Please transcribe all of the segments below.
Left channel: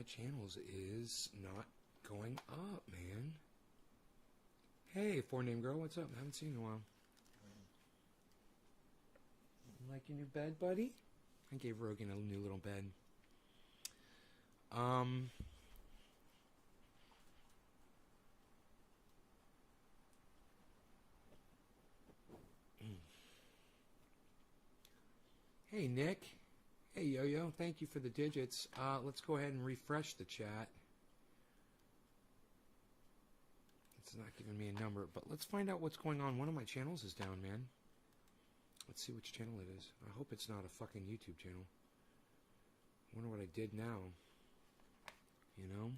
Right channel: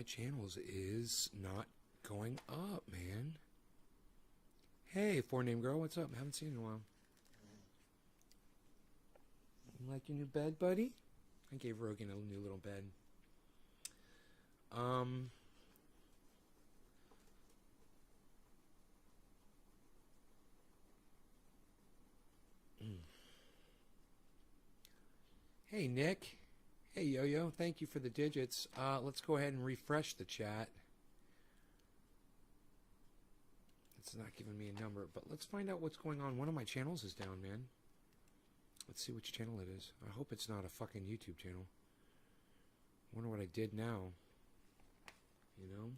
my channels is not going up, man. Hey, 4-name girl, what's up? I haven't seen you in a while. You like your new bed, buddy? I gave Rogan a new little bed. Hey, Nick. Hey, Yo-Yo. Thank you for the digits. Let's go ahead and refresh the chat. It's not giving me a number, but let's find out what's going on. One of my channels is down, man. Let's see which channel it is. I hope it's not a fucking YouTube channel. I wonder what I did now. You know?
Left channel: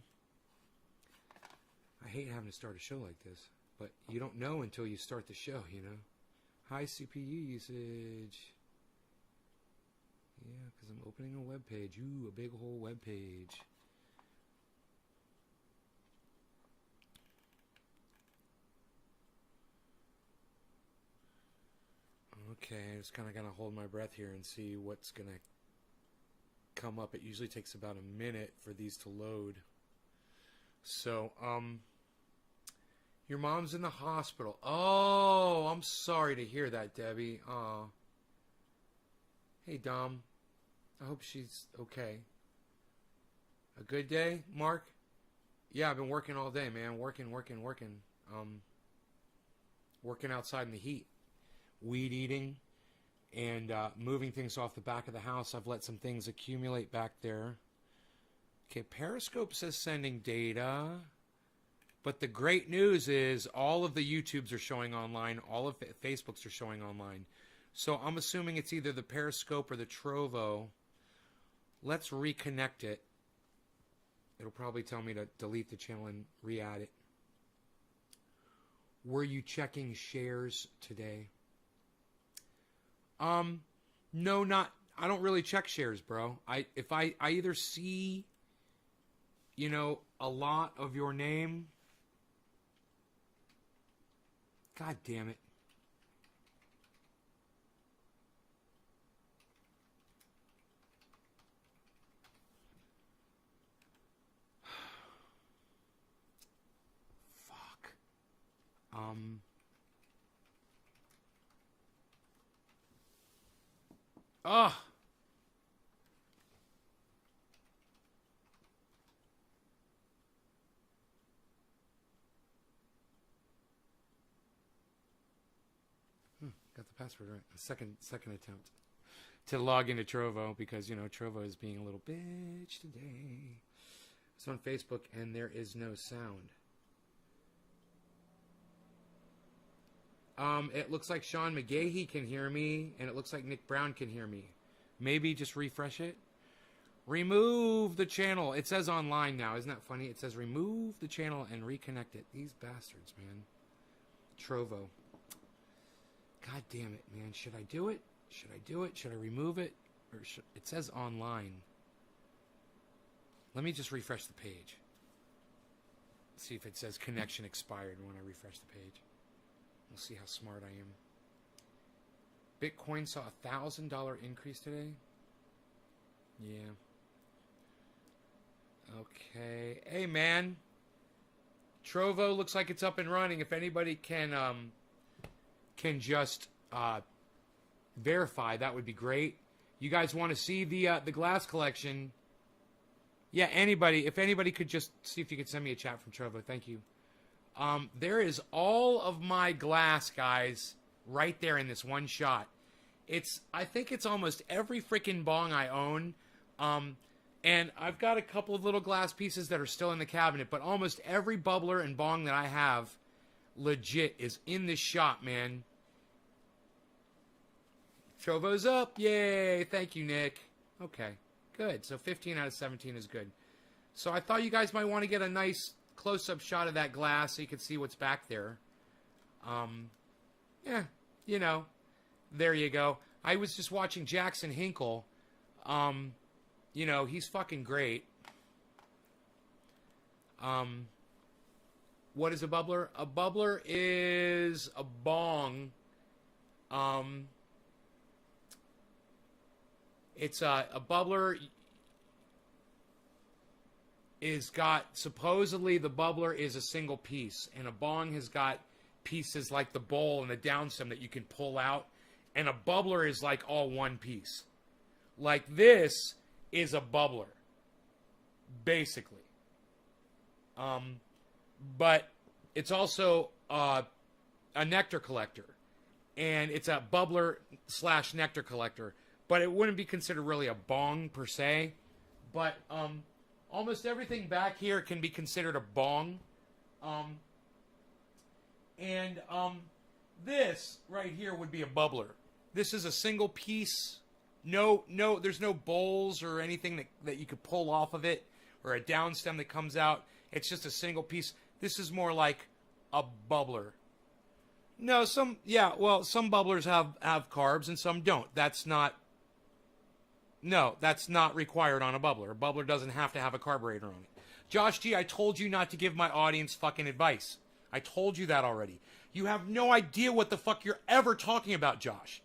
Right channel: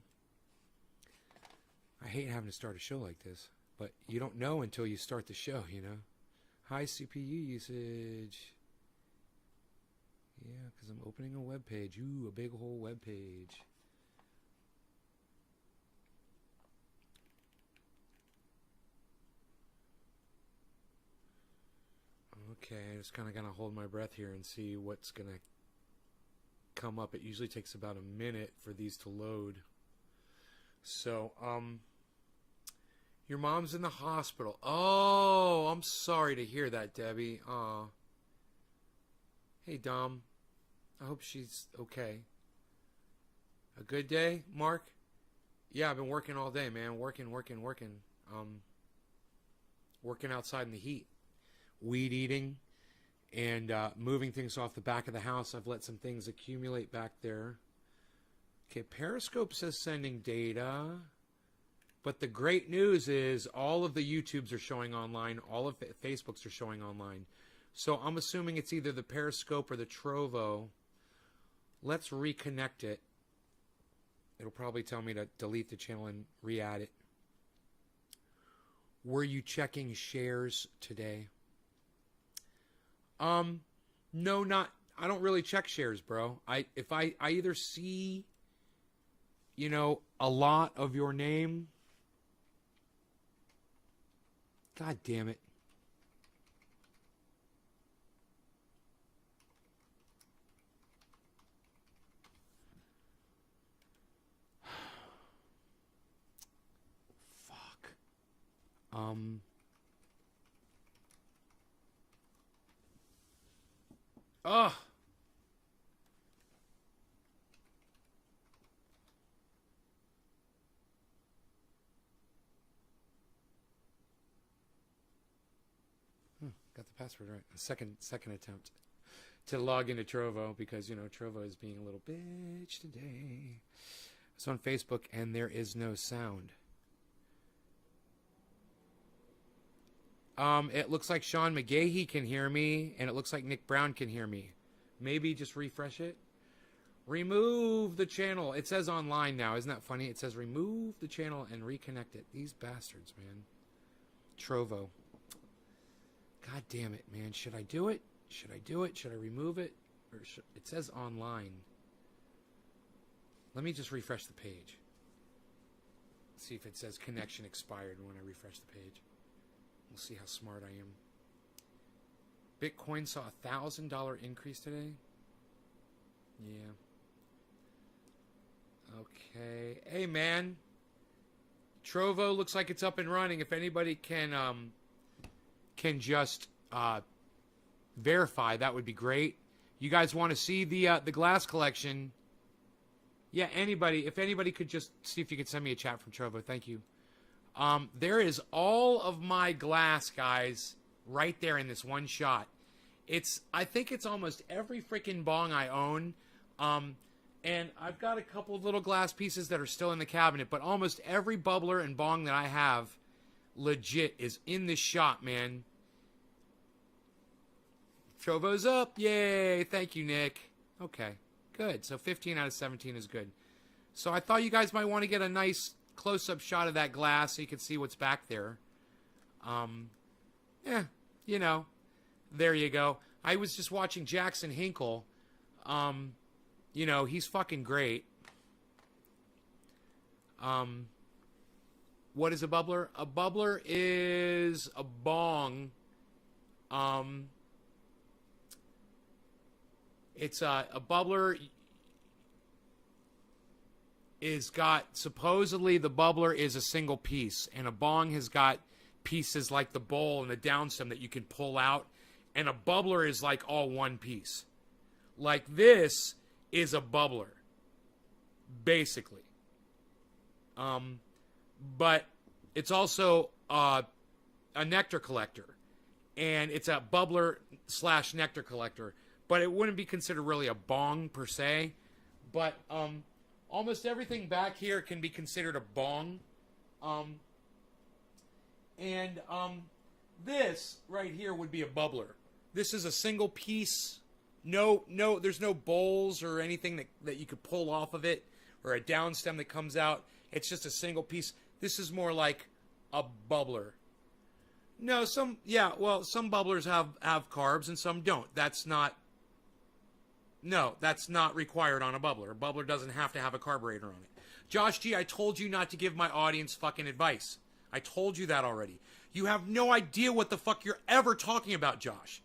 I hate having to start a show like this, but you don't know until you start the show, you know? High CPU usage. Yeah, because I'm opening a web page. Ooh, a big whole web page. Okay, I'm just kind of going to hold my breath here and see what's going to come up. It usually takes about a minute for these to load. So, your mom's in the hospital. Oh, I'm sorry to hear that, Debbie. Aw. Hey, Dom. I hope she's okay. A good day, Mark? Yeah, I've been working all day, man. Working. Working outside in the heat. Weed eating and moving things off the back of the house. I've let some things accumulate back there. Okay, Periscope says sending data. But the great news is all of the YouTubes are showing online. All of the Facebooks are showing online. So I'm assuming it's either the Periscope or the Trovo. Let's reconnect it. It'll probably tell me to delete the channel and re-add it. Were you checking shares today? No, not. I don't really check shares, bro. If I either see, you know, a lot of your name. God damn it. Fuck. Ugh. Got the password right. A second attempt to log into Trovo because, you know, Trovo is being a little bitch today. It's on Facebook and there is no sound. It looks like Sean McGahee can hear me, and it looks like Nick Brown can hear me. Maybe just refresh it. Remove the channel. It says online now. Isn't that funny? It says remove the channel and reconnect it. These bastards, man. Trovo. God damn it, man. Should I do it? Should I do it? Should I remove it? Or it says online. Let me just refresh the page. See if it says connection expired when I refresh the page. We'll see how smart I am. Bitcoin saw a $1,000 increase today. Yeah. Okay. Hey, man. Trovo looks like it's up and running. If anybody can just verify, that would be great. You guys want to see the glass collection? Yeah, anybody. If anybody could just see if you could send me a chat from Trovo. Thank you. There is all of my glass, guys, right there in this one shot. I think it's almost every freaking bong I own. And I've got a couple of little glass pieces that are still in the cabinet, but almost every bubbler and bong that I have legit is in this shot, man. Trovo's up. Yay. Thank you, Nick. Okay, good. So 15 out of 17 is good. So I thought you guys might want to get a nice close-up shot of that glass so you can see what's back there. Yeah, you know, there you go. I was just watching Jackson Hinkle. You know, he's fucking great. What is a bubbler? A bubbler is a bong. It's a bubbler. is got, supposedly the bubbler is a single piece, and a bong has got pieces like the bowl and the downstem that you can pull out, and a bubbler is like all one piece. Like this is a bubbler, basically. But it's also a nectar collector, and it's a bubbler / nectar collector, but it wouldn't be considered really a bong per se. But almost everything back here can be considered a bong. This right here would be a bubbler. This is a single piece. No, there's no bowls or anything that you could pull off of it, or a downstem that comes out. It's just a single piece. This is more like a bubbler. No, some bubblers have carbs and some don't. That's not required on a bubbler. A bubbler doesn't have to have a carburetor on it. Josh G, I told you not to give my audience fucking advice. I told you that already. You have no idea what the fuck you're ever talking about, Josh.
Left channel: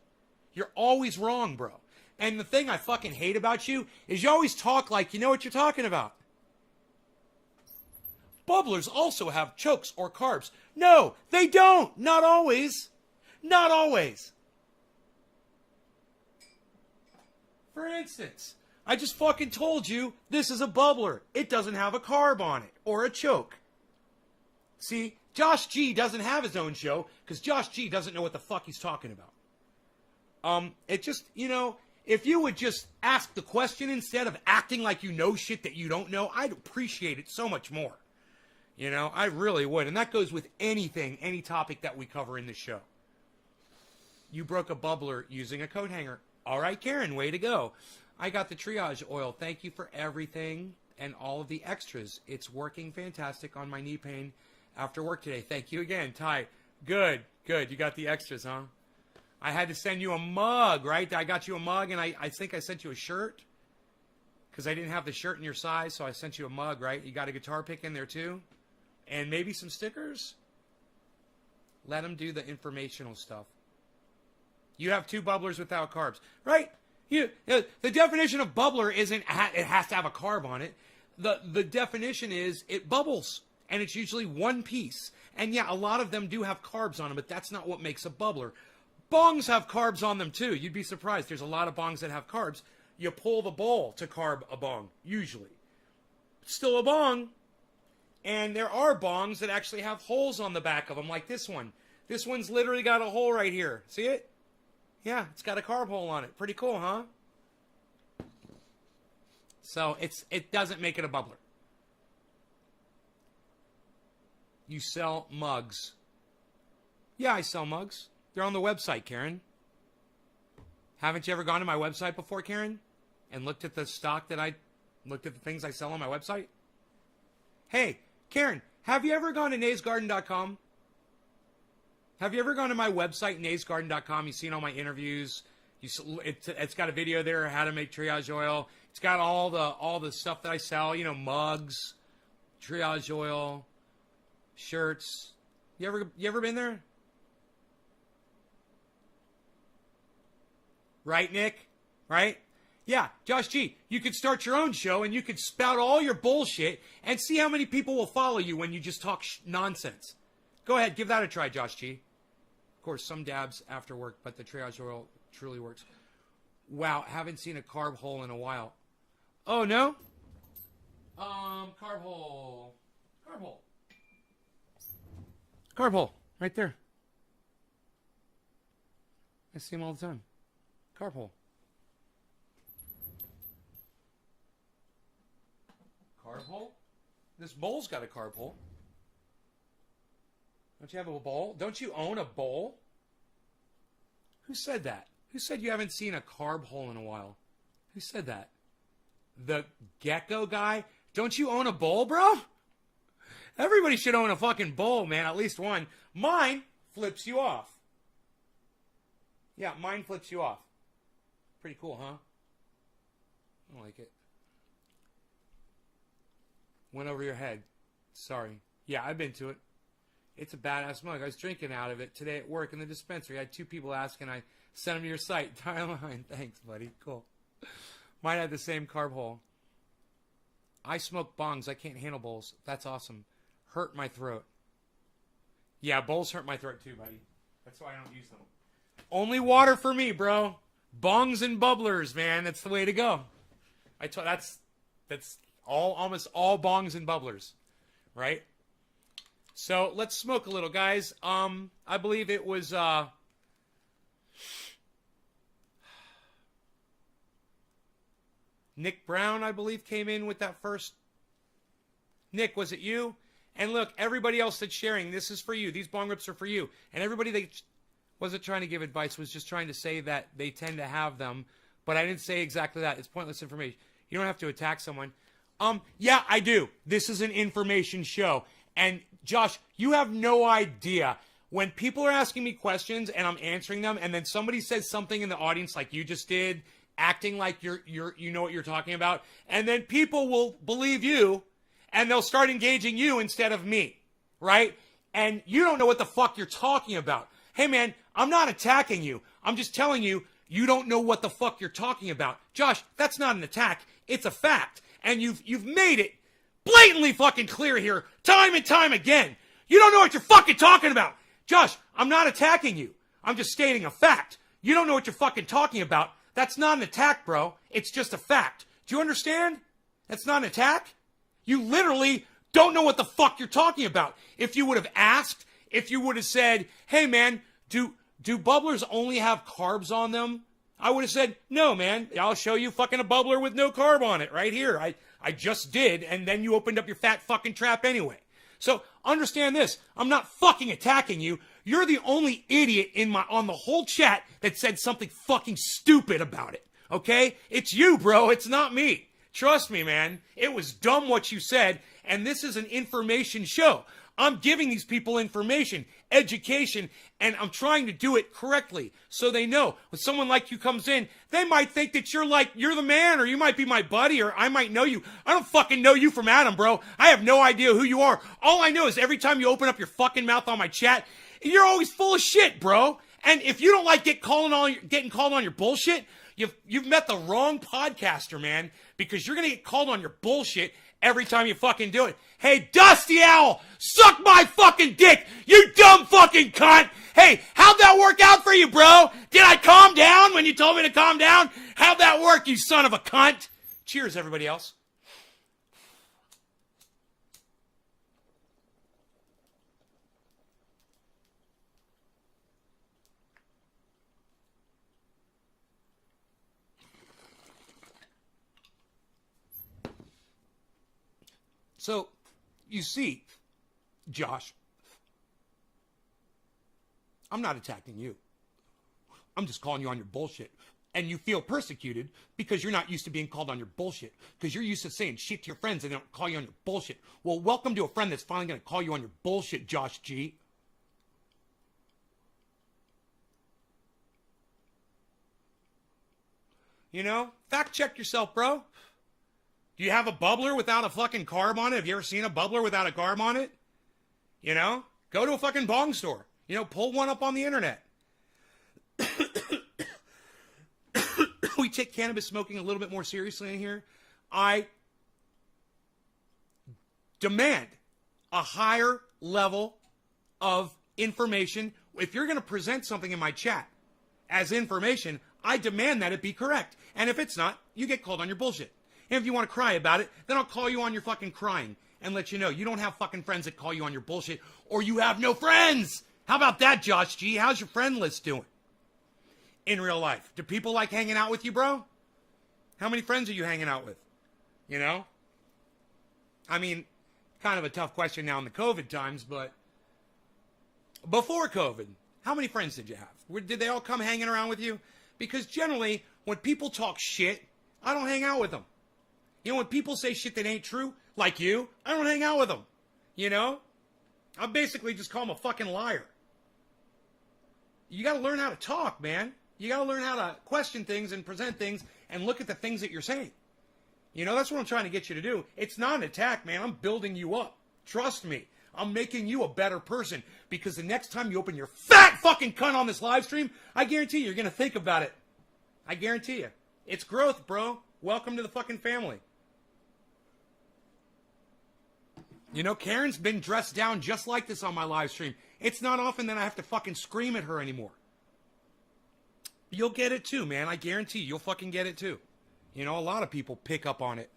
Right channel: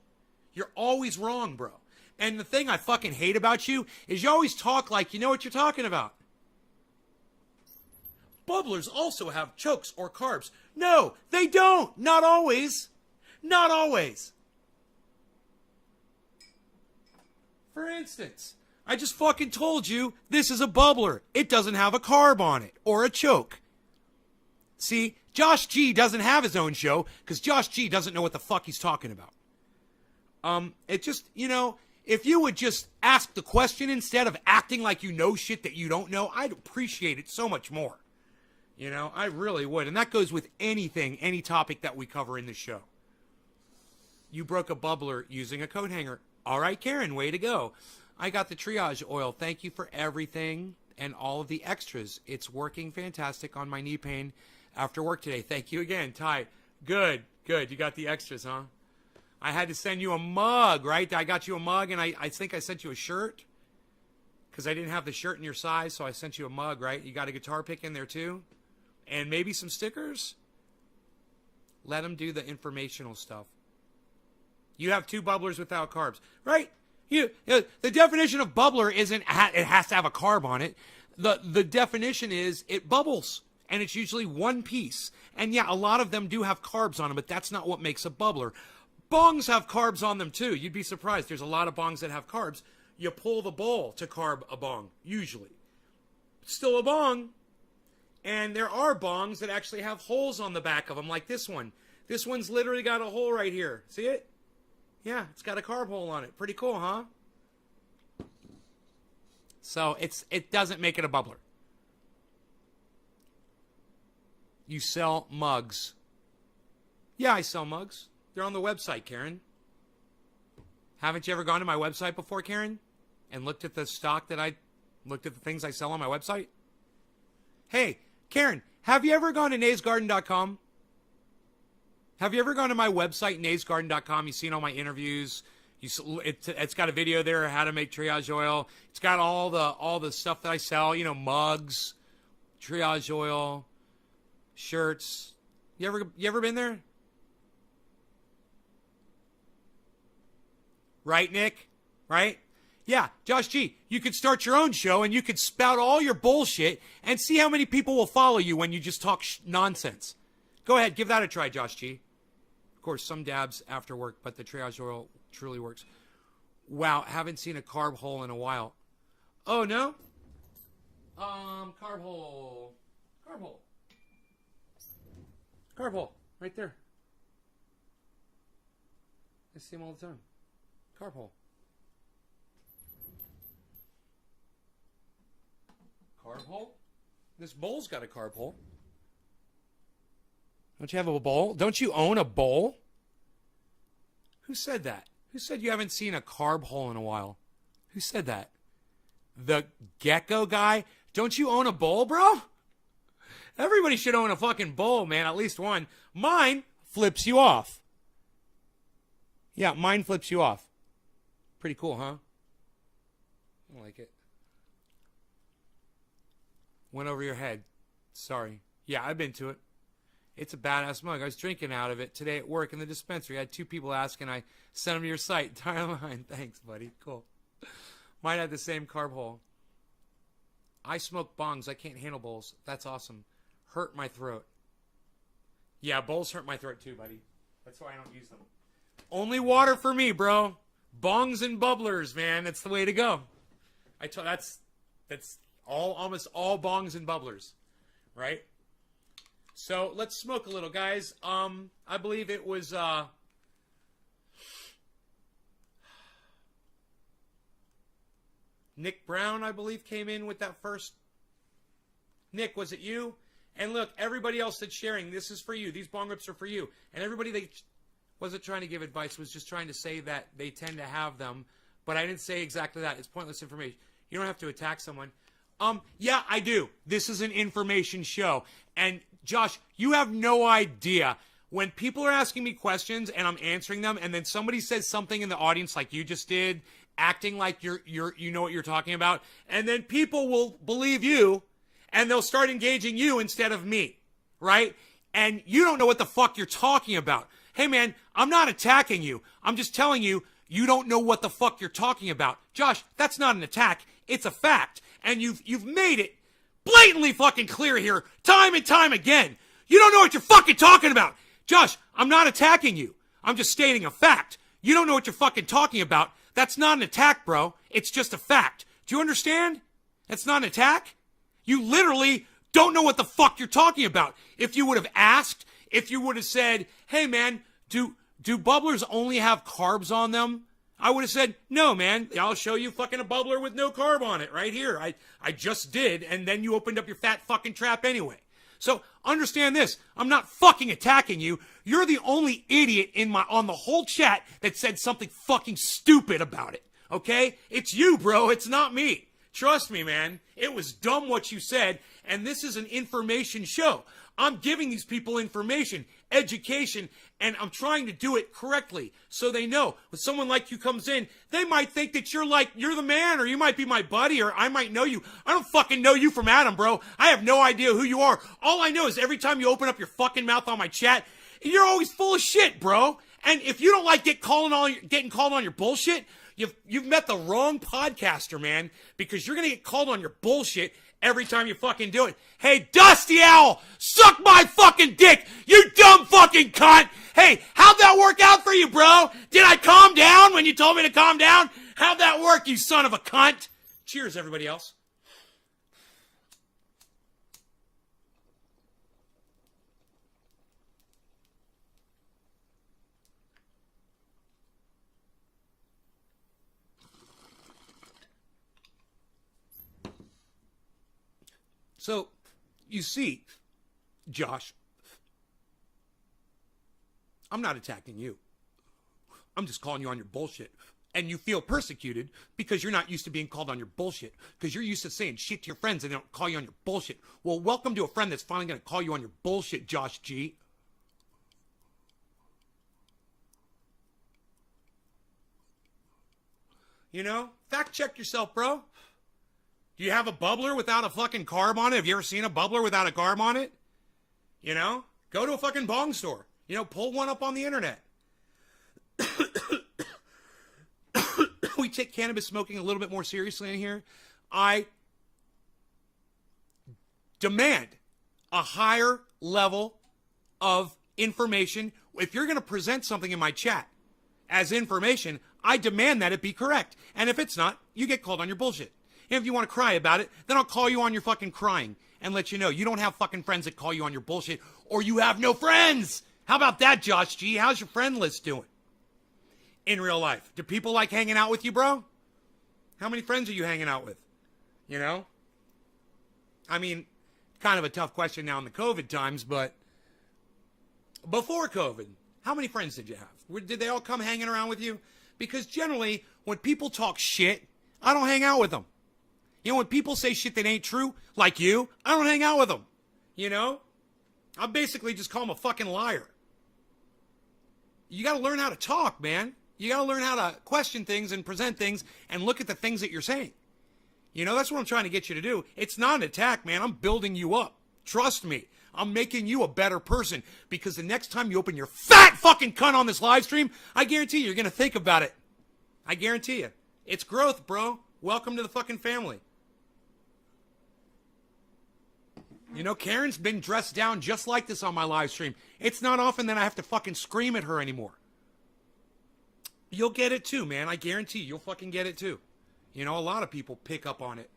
You're always wrong, bro. And the thing I fucking hate about you is you always talk like you know what you're talking about. Bubblers also have chokes or carbs. No, they don't. Not always. Not always. For instance, I just fucking told you this is a bubbler. It doesn't have a carb on it or a choke. See, Josh G doesn't have his own show because Josh G doesn't know what the fuck he's talking about. It just, if you would just ask the question instead of acting like you know shit that you don't know, I'd appreciate it so much more. I really would. And that goes with anything, any topic that we cover in the show. You broke a bubbler using a coat hanger. All right, Karen, way to go. I got the triage oil. Thank you for everything and all of the extras. It's working fantastic on my knee pain after work today. Thank you again, Ty. Good. You got the extras, huh? I had to send you a mug, right? I got you a mug, and I think I sent you a shirt because I didn't have the shirt in your size, so I sent you a mug, right? You got a guitar pick in there, too? And maybe some stickers? Let them do the informational stuff. You have 2 bubblers without carbs, right? The definition of bubbler isn't it has to have a carb on it. The definition is it bubbles, and it's usually one piece. And yeah, a lot of them do have carbs on them, but that's not what makes a bubbler. Bongs have carbs on them too. You'd be surprised. There's a lot of bongs that have carbs. You pull the bowl to carb a bong, usually. Still a bong. And there are bongs that actually have holes on the back of them, like this one. This one's literally got a hole right here. See it? Yeah, it's got a carb hole on it. Pretty cool, huh? So it doesn't make it a bubbler. You sell mugs. Yeah, I sell mugs. They're on the website, Karen. Haven't you ever gone to my website before, Karen? And looked at the stock looked at the things I sell on my website? Hey, Karen, have you ever gone to naysgarden.com? Have you ever gone to my website, naysgarden.com? You've seen all my interviews. It's got a video there, how to make triage oil. It's got all the stuff that I sell, mugs, triage oil, shirts. You ever been there? Right, Nick? Right? Yeah, Josh G, you could start your own show and you could spout all your bullshit and see how many people will follow you when you just talk nonsense. Go ahead, give that a try, Josh G. Of course, some dabs after work, but the triage oil truly works. Wow, haven't seen a carb hole in a while. Oh, no? Carb hole. Carb hole, right there. I see them all the time. Carb hole. Carb hole? This bowl's got a carb hole. Don't you have a bowl? Don't you own a bowl? Who said that? Who said you haven't seen a carb hole in a while? Who said that? The gecko guy? Don't you own a bowl, bro? Everybody should own a fucking bowl, man. At least one. Mine flips you off. Yeah, mine flips you off. Pretty cool, huh? I like it. Went over your head. Sorry. Yeah, I've been to it. It's a badass mug. I was drinking out of it today at work in the dispensary. I had 2 people asking. I sent them to your site. Entire line. Thanks, buddy. Cool. Might have the same carb hole. I smoke bongs. I can't handle bowls. That's awesome. Hurt my throat. Yeah, bowls hurt my throat too, buddy. That's why I don't use them. Only water for me, bro. Bongs and bubblers, man. That's the way to go. That's almost all bongs and bubblers, right? So let's smoke a little, guys. I believe it was Nick Brown, I believe, came in with that first. Nick, was it you? And look, everybody else that's sharing, this is for you. These bong rips are for you. And everybody that wasn't trying to give advice was just trying to say that they tend to have them. But I didn't say exactly that. It's pointless information. You don't have to attack someone. Yeah, I do. This is an information show. And Josh, you have no idea. When people are asking me questions and I'm answering them, and then somebody says something in the audience like you just did, acting like you know what you're talking about, and then people will believe you, and they'll start engaging you instead of me, right? And you don't know what the fuck you're talking about. Hey, man, I'm not attacking you. I'm just telling you, you don't know what the fuck you're talking about. Josh, that's not an attack. It's a fact. And you've made it blatantly fucking clear here, time and time again. You don't know what you're fucking talking about. Josh, I'm not attacking you. I'm just stating a fact. You don't know what you're fucking talking about. That's not an attack, bro. It's just a fact. Do you understand? It's not an attack. You literally don't know what the fuck you're talking about. If you would have asked, if you would have said, hey, man, do bubblers only have carbs on them? I would have said, no, man, I'll show you fucking a bubbler with no carb on it right here. I just did, and then you opened up your fat fucking trap anyway. So understand this. I'm not fucking attacking you. You're the only idiot on the whole chat that said something fucking stupid about it. Okay? It's you, bro. It's not me. Trust me, man. It was dumb what you said, and this is an information show. I'm giving these people information, education, and I'm trying to do it correctly so they know. When someone like you comes in, they might think that you're the man, or you might be my buddy, or I might know you. I don't fucking know you from Adam, bro. I have no idea who you are. All I know is every time you open up your fucking mouth on my chat, you're always full of shit, bro. And if you don't like getting called on your bullshit, you've met the wrong podcaster, man, because you're going to get called on your bullshit every time you fucking do it. Hey, Dusty Owl, suck my fucking dick, you dumb fucking cunt. Hey, how'd that work out for you, bro? Did I calm down when you told me to calm down? How'd that work, you son of a cunt? Cheers, everybody else. So, you see, Josh, I'm not attacking you. I'm just calling you on your bullshit. And you feel persecuted because you're not used to being called on your bullshit. Because you're used to saying shit to your friends and they don't call you on your bullshit. Well, welcome to a friend that's finally going to call you on your bullshit, Josh G. You know, fact check yourself, bro. Do you have a bubbler without a fucking carb on it? Have you ever seen a bubbler without a carb on it? You know? Go to a fucking bong store. You know, pull one up on the internet. We take cannabis smoking a little bit more seriously in here. I demand a higher level of information. If you're going to present something in my chat as information, I demand that it be correct. And if it's not, you get called on your bullshit. And if you want to cry about it, then I'll call you on your fucking crying and let you know you don't have fucking friends that call you on your bullshit, or you have no friends. How about that, Josh G? How's your friend list doing in real life? Do people like hanging out with you, bro? How many friends are you hanging out with? You know? I mean, kind of a tough question now in the COVID times, but before COVID, how many friends did you have? Did they all come hanging around with you? Because generally, when people talk shit, I don't hang out with them. You know, when people say shit that ain't true, like you, I don't hang out with them. You know? I basically just call them a fucking liar. You got to learn how to talk, man. You got to learn how to question things and present things and look at the things that you're saying. You know, that's what I'm trying to get you to do. It's not an attack, man. I'm building you up. Trust me. I'm making you a better person, because the next time you open your fat fucking cunt on this live stream, I guarantee you're going to think about it. I guarantee you. It's growth, bro. Welcome to the fucking family. You know, Karen's been dressed down just like this on my live stream. It's not often that I have to fucking scream at her anymore. You'll get it too, man. I guarantee you'll fucking get it too. You know, a lot of people pick up on it.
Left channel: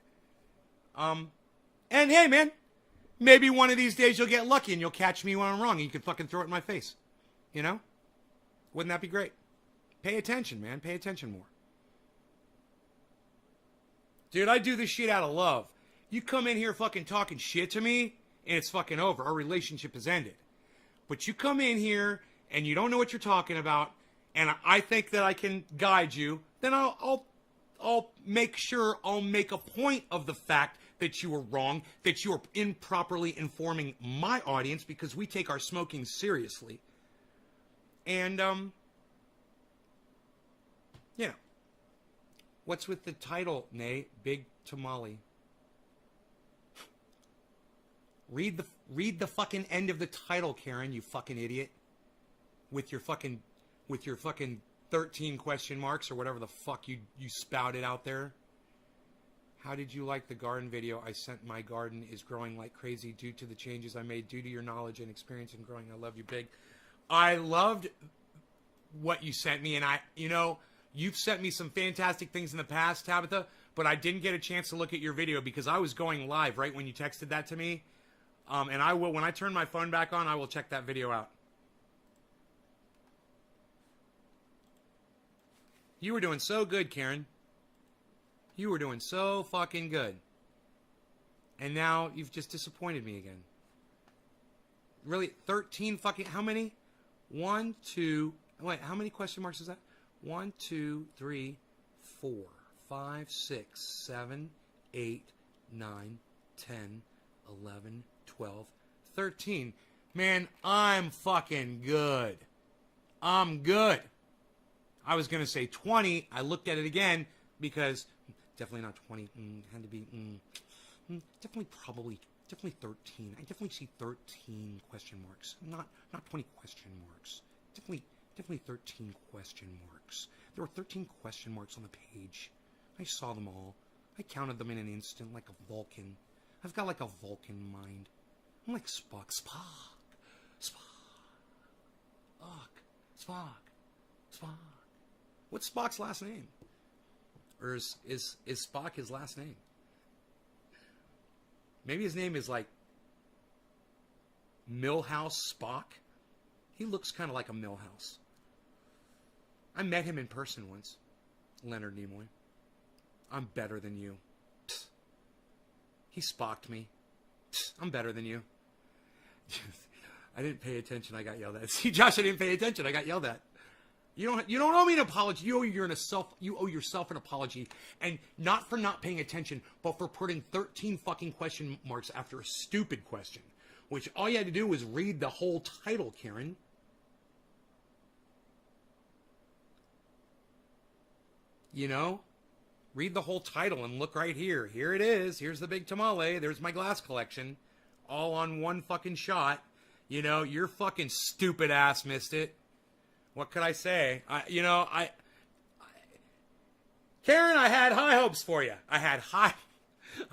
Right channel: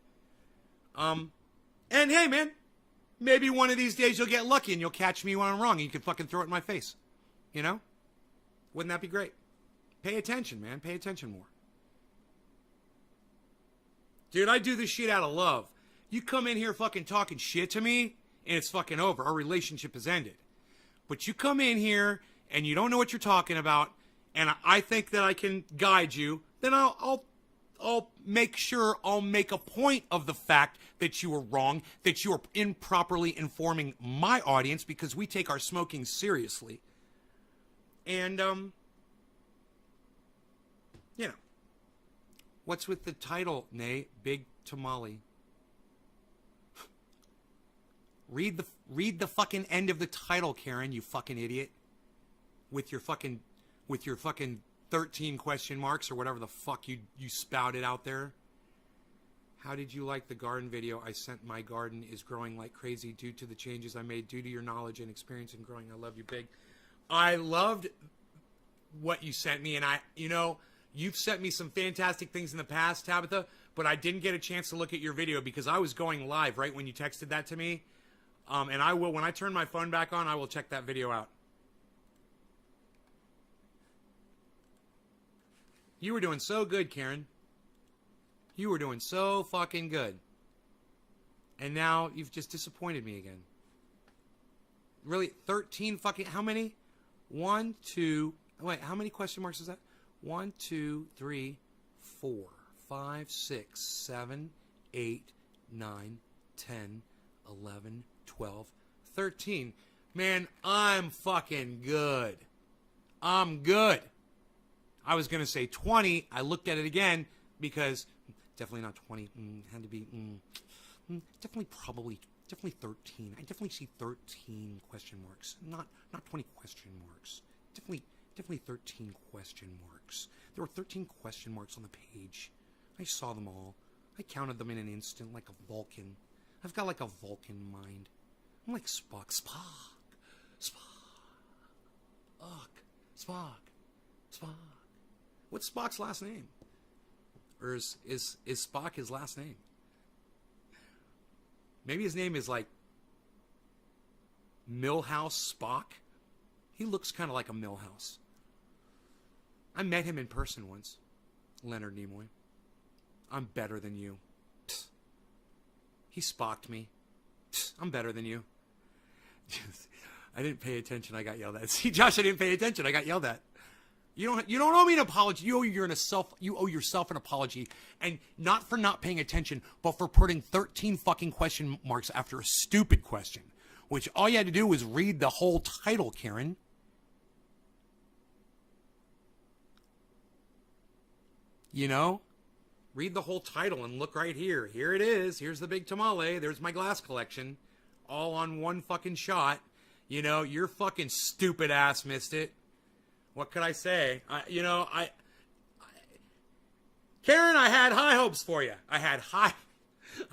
And hey, man, maybe one of these days you'll get lucky and you'll catch me when I'm wrong and you can fucking throw it in my face. You know? Wouldn't that be great? Pay attention, man. Pay attention more. Dude, I do this shit out of love. You come in here fucking talking shit to me, and it's fucking over. Our relationship has ended. But you come in here, and you don't know what you're talking about, and I think that I can guide you, then I'll make sure I'll make a point of the fact that you were wrong, that you are improperly informing my audience, because we take our smoking seriously. And, you know. What's with the title, Nay? Big Tamale. Read the fucking end of the title, Karen, you fucking idiot. With your fucking 13 question marks or whatever the fuck you spouted out there. How did you like the garden video I sent? My garden is growing like crazy due to the changes I made, due to your knowledge and experience in growing. I love you, big. I loved what you sent me, and you've sent me some fantastic things in the past, Tabitha, but I didn't get a chance to look at your video because I was going live right when you texted that to me. And I will, when I turn my phone back on, I will check that video out. You were doing so good, Karen. You were doing so fucking good. And now you've just disappointed me again. Really? 13 fucking, how many? 1, 2, wait, how many question marks is that? 1, 2, 3, 4, 5, 6, 7, 8, 9, 10, 11, 12, 13. Man, I'm fucking good. I'm good. I was going to say 20. I looked at it again because definitely not 20. Had to be definitely 13. I definitely see 13 question marks. Not 20 question marks. Definitely 13 question marks. There were 13 question marks on the page. I saw them all. I counted them in an instant like a Vulcan. I've got like a Vulcan mind. I'm like Spock. Spock. What's Spock's last name? Or is Spock his last name? Maybe his name is like Milhouse Spock. He looks kind of like a Milhouse. I met him in person once. Leonard Nimoy. I'm better than you. Psst. He Spocked me. Psst. I'm better than you. I didn't pay attention. I got yelled at. See, Josh, I didn't pay attention. I got yelled at. You don't owe me an apology. You owe yourself an apology, and not for not paying attention, but for putting 13 fucking question marks after a stupid question, which all you had to do was read the whole title, Karen. You know? Read the whole title and look right here. Here it is. Here's the big tamale. There's my glass collection. All on one fucking shot. You know, your fucking stupid ass missed it. What could I say? Karen, I had high hopes for you. I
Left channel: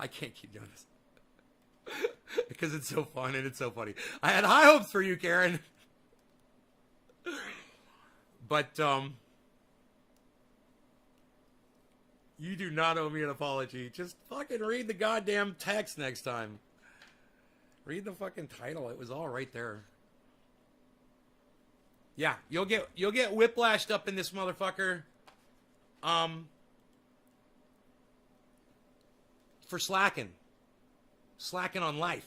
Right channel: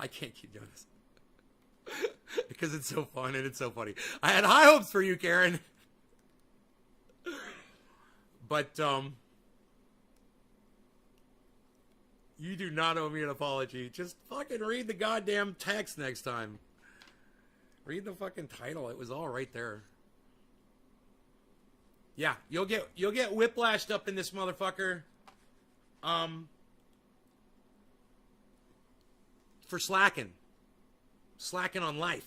can't keep doing this. Because it's so fun and it's so funny. I had high hopes for you, Karen. But, you do not owe me an apology. Just fucking read the goddamn text next time. Read the fucking title. It was all right there. Yeah, you'll get whiplashed up in this motherfucker. For slacking on life.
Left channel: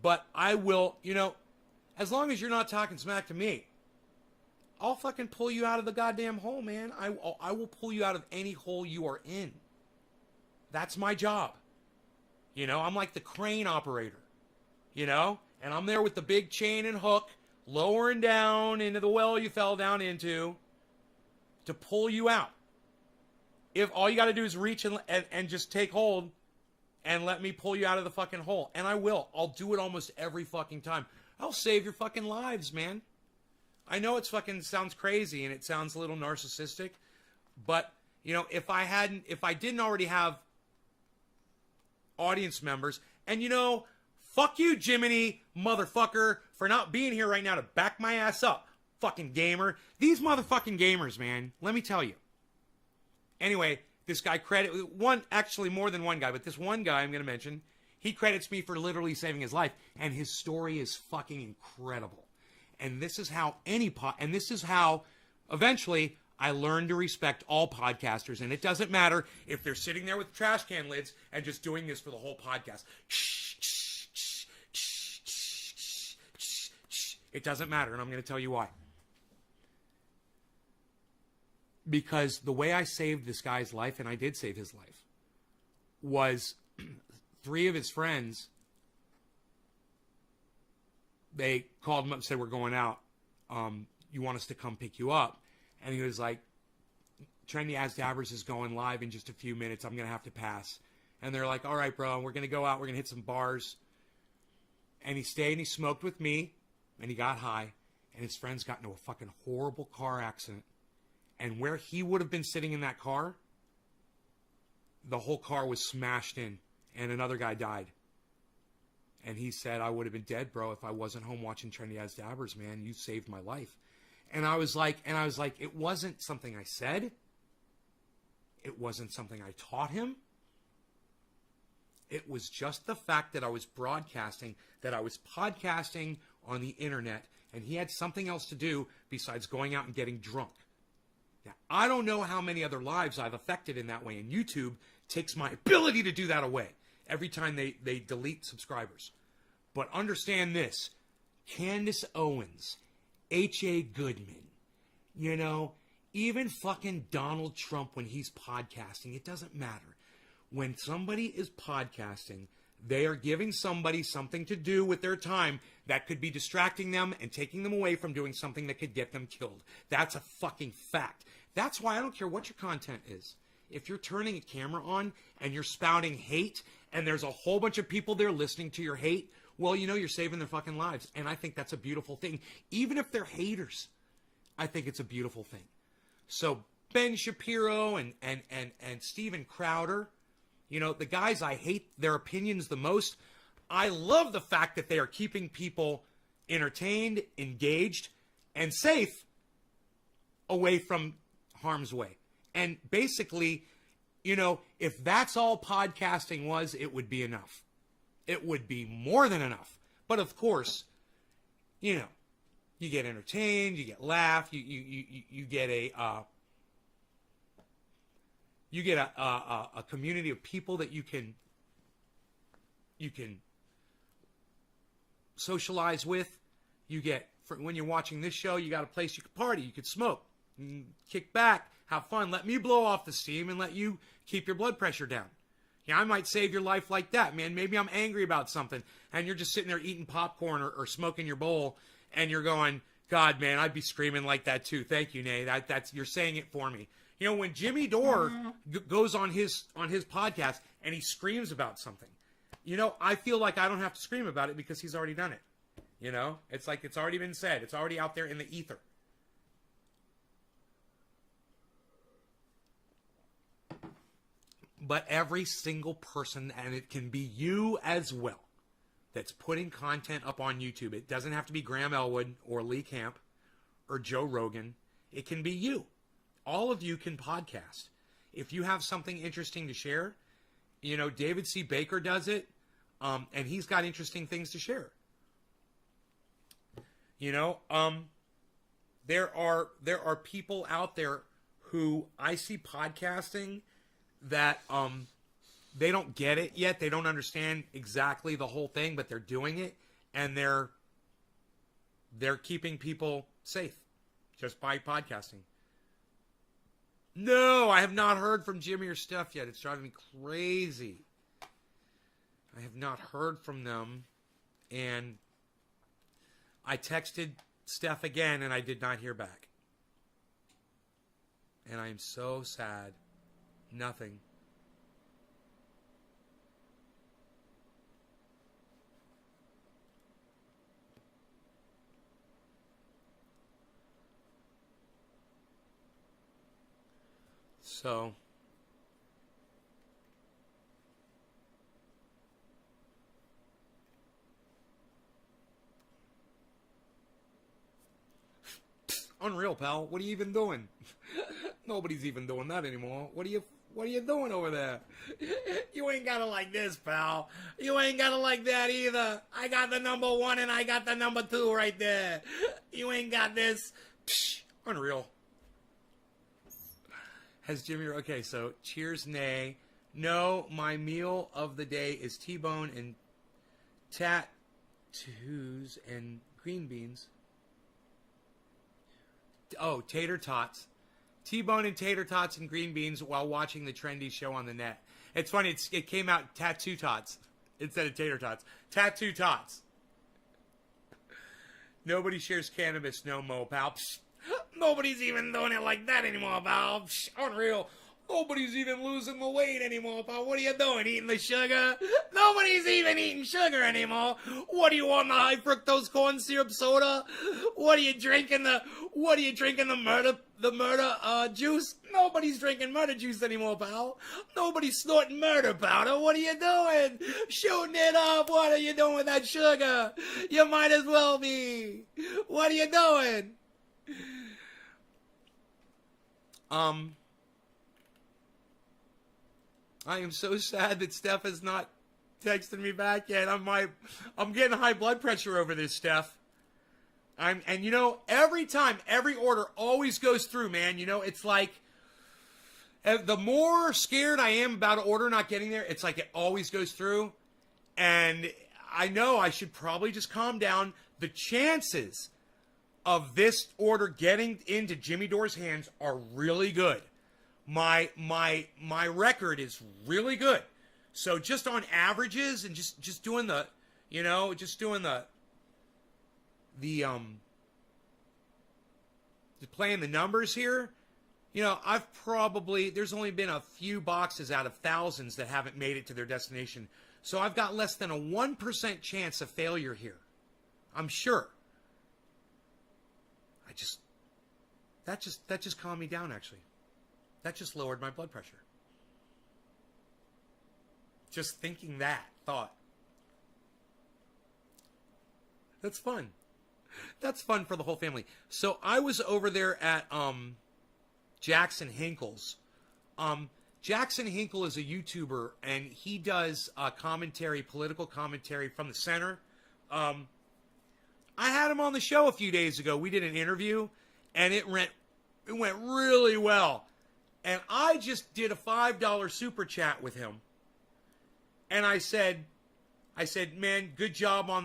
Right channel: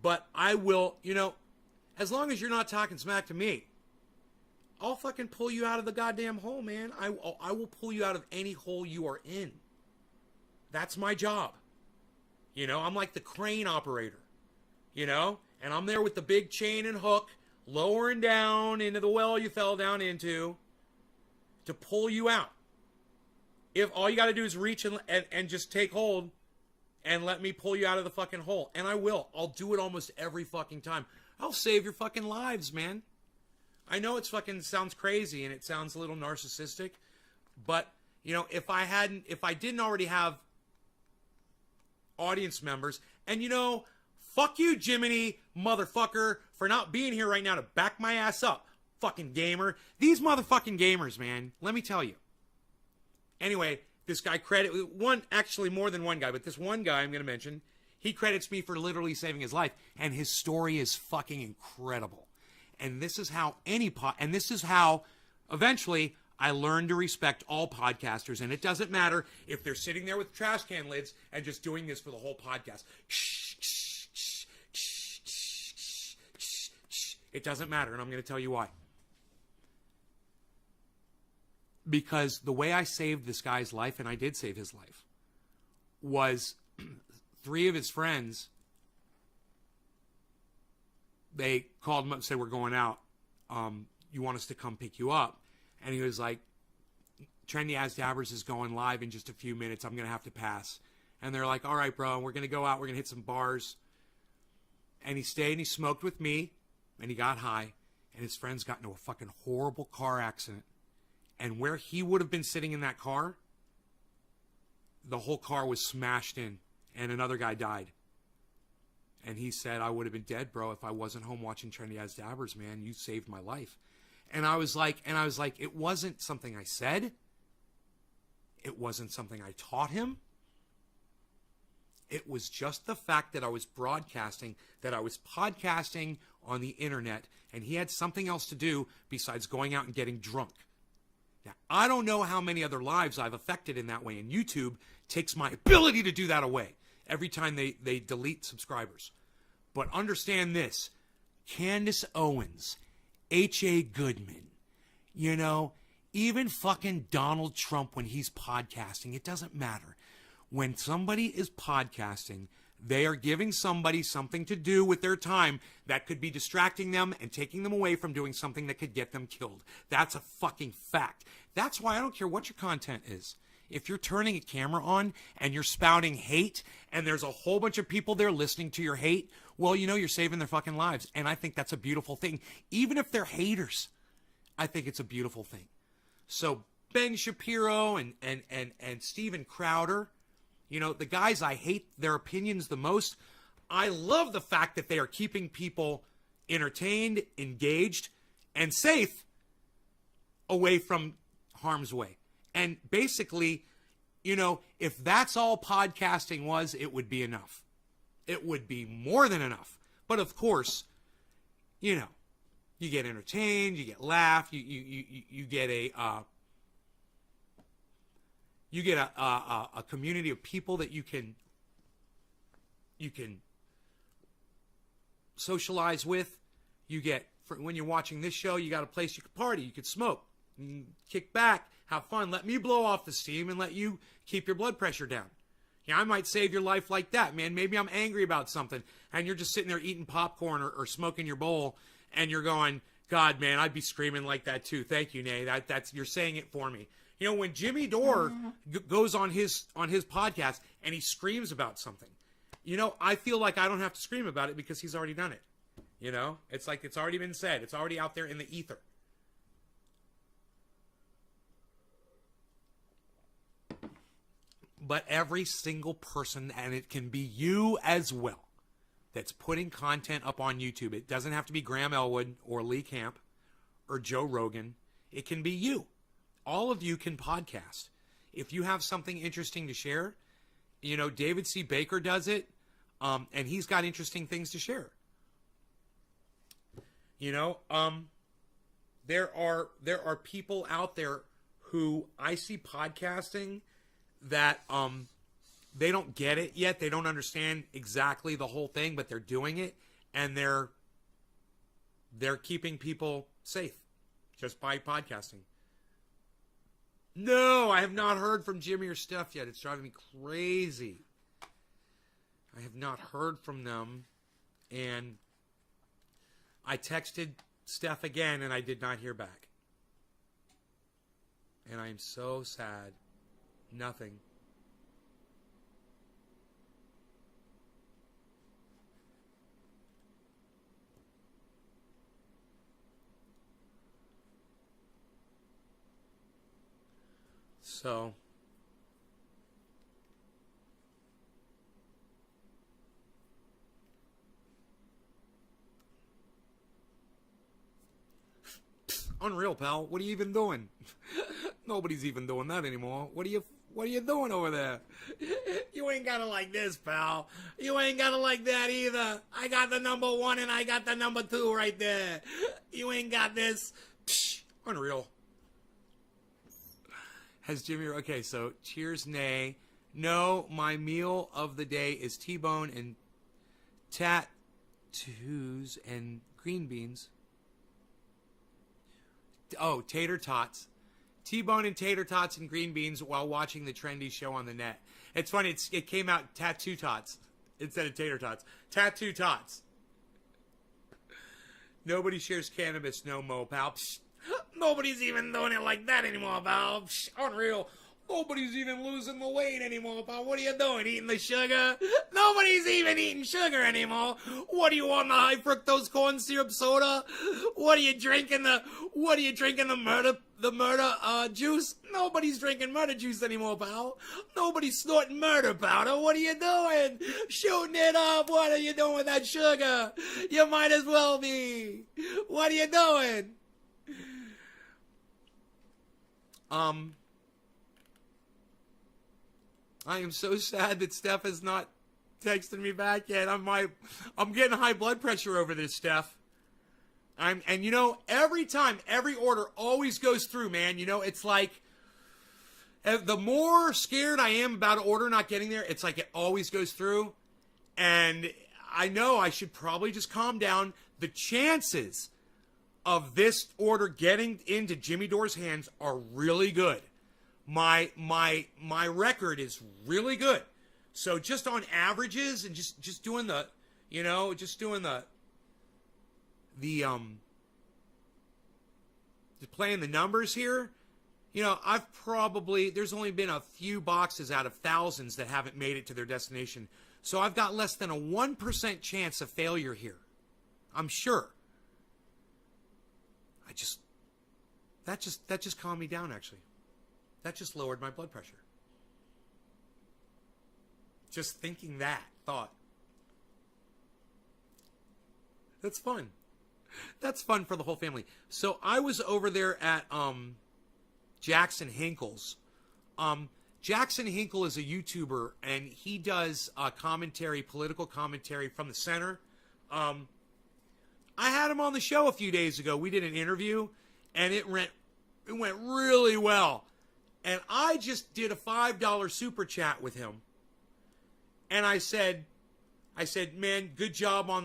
But I will, as long as you're not talking smack to me, I'll fucking pull you out of the goddamn hole, man. I will pull you out of any hole you are in. That's my job. I'm like the crane operator, and I'm there with the big chain and hook, lowering down into the well you fell down into to pull you out. If all you got to do is reach and just take hold and let me pull you out of the fucking hole. And I will. I'll do it almost every fucking time. I'll save your fucking lives, man. I know it's fucking sounds crazy and it sounds a little narcissistic, but if I didn't already have audience members, and Fuck you, Jiminy, motherfucker, for not being here right now to back my ass up. Fucking gamer. These motherfucking gamers, man. Let me tell you. Anyway, this guy actually more than one guy, but this one guy I'm going to mention, he credits me for literally saving his life. And his story is fucking incredible. And this is how eventually I learned to respect all podcasters. And it doesn't matter if they're sitting there with trash can lids and just doing this for the whole podcast. It doesn't matter, and I'm going to tell you why. Because the way I saved this guy's life, and I did save his life, was 3 of his friends, they called him up and said, we're going out. You want us to come pick you up? And he was like, Trendy As Dabbers is going live in just a few minutes. I'm going to have to pass. And they're like, all right, bro, we're going to go out. We're going to hit some bars. And he stayed and he smoked with me. And he got high. And his friends got into a fucking horrible car accident. And where he would have been sitting in that car, the whole car was smashed in. And another guy died. And he said, I would have been dead, bro, if I wasn't home watching Trendy As Dabbers, man. You saved my life. And I was like, it wasn't something I said. It wasn't something I taught him. It was just the fact that I was broadcasting, that I was podcasting on the internet, and he had something else to do besides going out and getting drunk. Now, I don't know how many other lives I've affected in that way, and YouTube takes my ability to do that away every time they delete subscribers. But understand this, Candace Owens, H.A. Goodman, even fucking Donald Trump when he's podcasting, it doesn't matter. When somebody is podcasting, they are giving somebody something to do with their time that could be distracting them and taking them away from doing something that could get them killed. That's a fucking fact. That's why I don't care what your content is. If you're turning a camera on and you're spouting hate and there's a whole bunch of people there listening to your hate, well, you're saving their fucking lives. And I think that's a beautiful thing. Even if they're haters, I think it's a beautiful thing. So Ben Shapiro and Steven Crowder, the guys I hate their opinions the most, I love the fact that they are keeping people entertained, engaged, and safe away from harm's way. And basically, if that's all podcasting was, it would be enough. It would be more than enough. But of course, you get entertained, you get laughed, you get a community of people that you can socialize with. You get, when you're watching this show, you got a place you could party, you could smoke, kick back, have fun. Let me blow off the steam and let you keep your blood pressure down. I might save your life like that, man. Maybe I'm angry about something, and you're just sitting there eating popcorn or smoking your bowl, and you're going, God, man, I'd be screaming like that too. Thank you, Nay. That's you're saying it for me. When Jimmy Dore goes on his podcast and he screams about something, I feel like I don't have to scream about it because he's already done it. It's like it's already been said. It's already out there in the ether. But every single person, and it can be you as well, that's putting content up on YouTube. It doesn't have to be Graham Elwood or Lee Camp or Joe Rogan. It can be you. All of you can podcast. If you have something interesting to share, David C. Baker does it, and he's got interesting things to share. There are people out there who I see podcasting that they don't get it yet. They don't understand exactly the whole thing, but they're doing it, and they're keeping people safe just by podcasting. No, I have not heard from Jimmy or Steph yet. It's driving me crazy. I have not heard from them, and I texted Steph again, and I did not hear back. And I am so sad. Nothing. So, Unreal, pal. What are you even doing? Nobody's even doing that anymore. What are you doing over there? You ain't got it like this, pal. You ain't got it like that either. I got the number 1 and I got the number 2 right there. You ain't got this. Psh, unreal. Has Jimmy... Okay, so cheers, nay. No, my meal of the day is T-bone and tattoos and green beans. Oh, tater tots. T-bone and tater tots and green beans while watching the trendy show on the net. It's funny, it came out tattoo tots instead of tater tots. Tattoo tots. Nobody shares cannabis no mo, pal. Psh, nobody's even doing it like that anymore, pal. Psh, unreal. Nobody's even losing the weight anymore, pal. What are you doing? Eating the sugar? Nobody's even eating sugar anymore. What are you on, the high fructose corn syrup soda? What are you drinking? The murder juice? Nobody's drinking murder juice anymore, pal. Nobody's snorting murder powder. What are you doing? Shooting it up. What are you doing with that sugar? You might as well be. What are you doing? I am so sad that Steph has not texted me back yet. I'm getting high blood pressure over this, Steph. And you know, every time, every order always goes through, man. You know, it's like the more scared I am about an order not getting there, it's like it always goes through. And I know I should probably just calm down. The chances of this order getting into Jimmy Dore's hands are really good. My record is really good. So just on averages and just doing the, you know, playing the numbers here, you know, there's only been a few boxes out of thousands that haven't made it to their destination. So I've got less than a 1% chance of failure here. I'm sure. That just calmed me down, actually. That just lowered my blood pressure. Just thinking that thought. That's fun. That's fun for the whole family. So I was over there at Jackson Hinkle's. Jackson Hinkle is a YouTuber, and he does commentary, political commentary from the center. I had him on the show a few days ago. We did an interview, and it went really well. And I just did a $5 super chat with him. And I said, man, good job on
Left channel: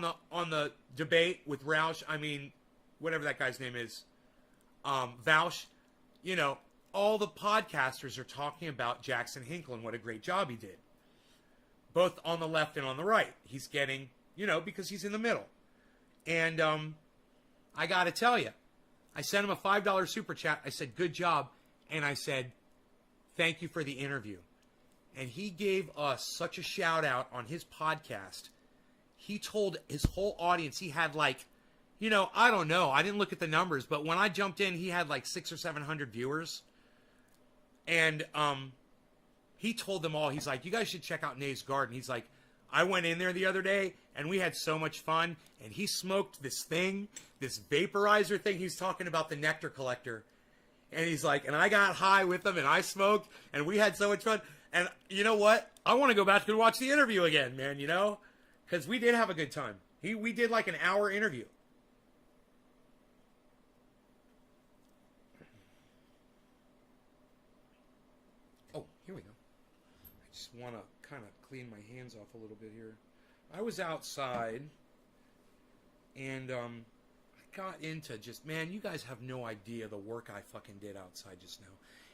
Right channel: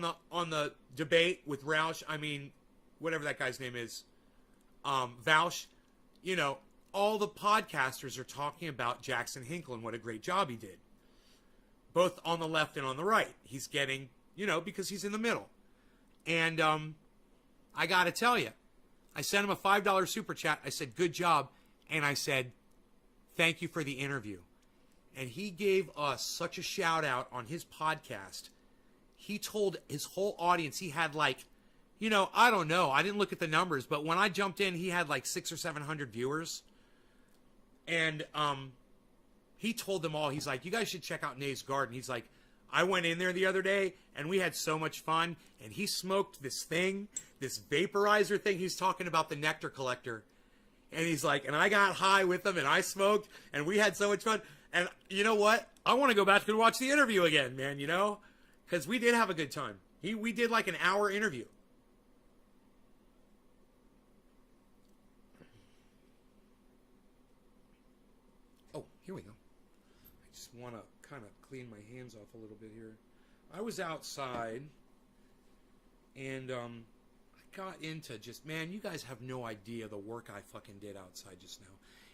the debate with Roush. I mean, whatever that guy's name is. Vouch. You know, all the podcasters are talking about Jackson Hinkle and what a great job he did. Both on the left and on the right. He's getting, you know, because he's in the middle. And I got to tell you, I sent him a $5 super chat. I said, good job. And I said, thank you for the interview. And he gave us such a shout out on his podcast. He told his whole audience he had like, you know, I don't know. I didn't look at the numbers, but when I jumped in, he had like 600 or 700 viewers. And he told them all, he's like, you guys should check out Nate's Garden. He's like, I went in there the other day and we had so much fun. And he smoked this thing, this vaporizer thing. He's talking about the nectar collector. And he's like, and I got high with him and I smoked and we had so much fun. And you know what? I want to go back and watch the interview again, man, you know? Because we did have a good time. We did like an hour interview. Oh, here we go. I just want to kind of clean my hands off a little bit here. I was outside and I got into just, man, you guys have no idea the work I fucking did outside just now.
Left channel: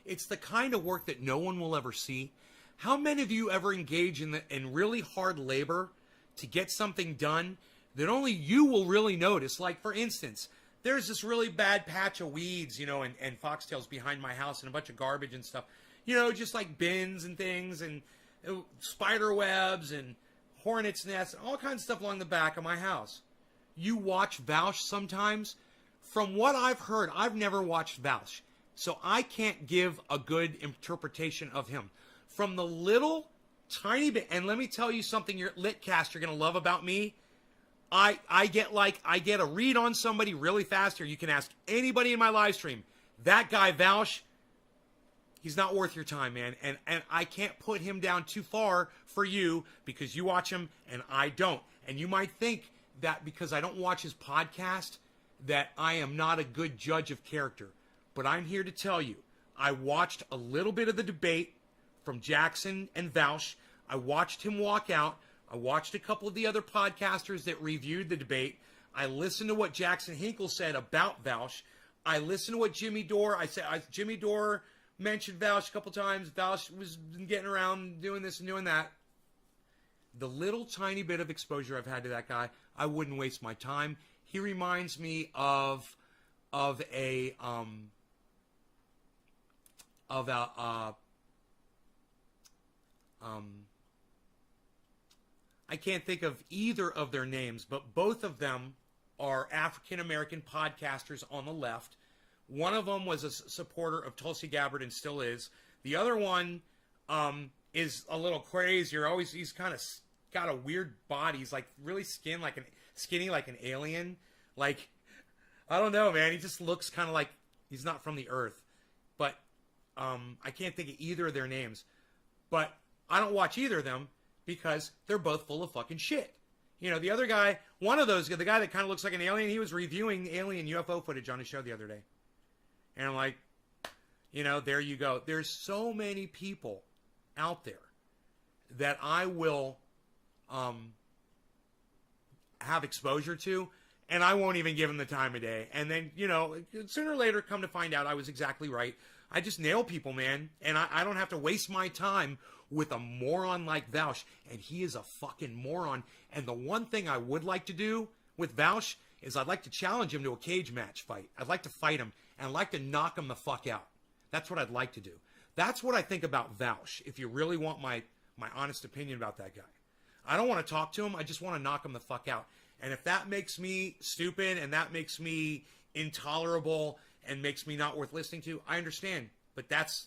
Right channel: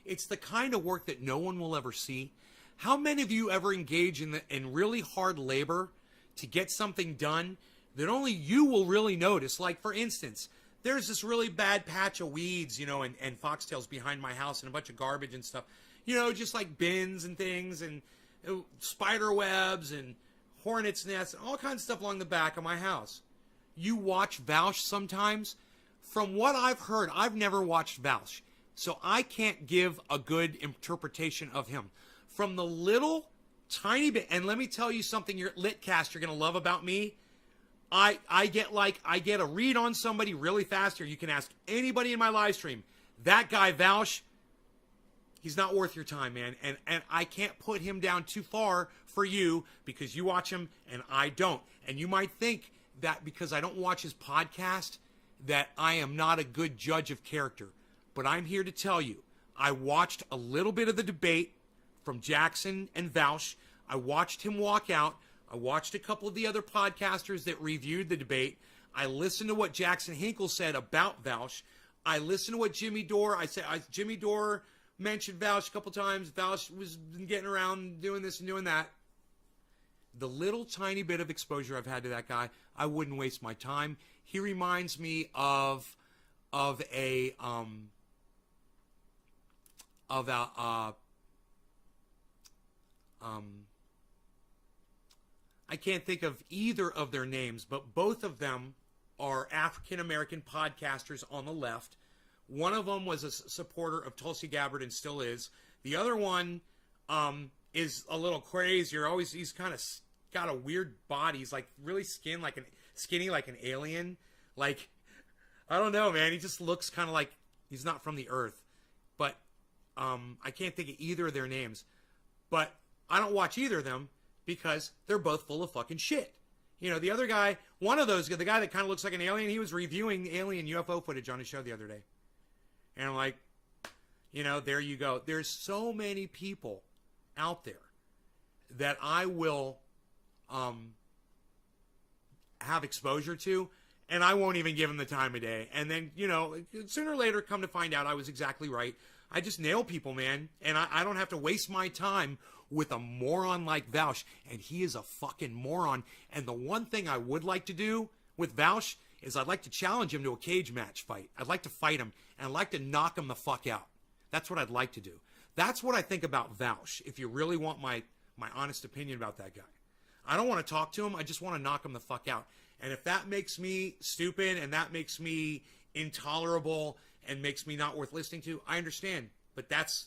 It's the kind of work that no one will ever see. How many of you ever engage in really hard labor to get something done that only you will really notice? Like, for instance, there's this really bad patch of weeds, you know, and foxtails behind my house and a bunch of garbage and stuff. You know, just like bins and things and spider webs and hornets' nests, all kinds of stuff along the back of my house. You watch Vouch sometimes. From what I've heard, I've never watched Vouch, so I can't give a good interpretation of him. From the little tiny bit, and let me tell you something, your Litcast, you're going to love about me. I get a read on somebody really fast, or you can ask anybody in my live stream. That guy, Vaush, he's not worth your time, man. And I can't put him down too far for you because you watch him and I don't. And you might think that because I don't watch his podcast that I am not a good judge of character. But I'm here to tell you, I watched a little bit of the debate from Jackson and Vaush. I watched him walk out. I watched a couple of the other podcasters that reviewed the debate. I listened to what Jackson Hinkle said about Vaush. I listened to what Jimmy Dore, Jimmy Dore mentioned Vaush a couple times. Vaush was getting around doing this and doing that. The little tiny bit of exposure I've had to that guy, I wouldn't waste my time. He reminds me of a I can't think of either of their names, but both of them are African-American podcasters on the left. One of them was a supporter of Tulsi Gabbard and still is. The other one is a little crazier. He's kind of got a weird body. He's like really skinny like an alien. Like, I don't know, man. He just looks kind of like he's not from the earth. But I can't think of either of their names. But I don't watch either of them because they're both full of fucking shit. You know, the other guy, one of those, the guy that kind of looks like an alien, he was reviewing alien UFO footage on his show the other day. And I'm like, you know, there you go. There's so many people out there that I will have exposure to, and I won't even give them the time of day. And then, you know, sooner or later, come to find out I was exactly right. I just nail people, man. And I don't have to waste my time with a moron like Vaush. And he is a fucking moron. And the one thing I would like to do with Vaush is I'd like to challenge him to a cage match fight. I'd like to fight him, and I'd like to knock him the fuck out. That's what I'd like to do. That's what I think about Vaush, if you really want my honest opinion about that guy. I don't want to talk to him. I just want to knock him the fuck out. And if that makes me stupid and that makes me intolerable and makes me not worth listening to, I understand. But that's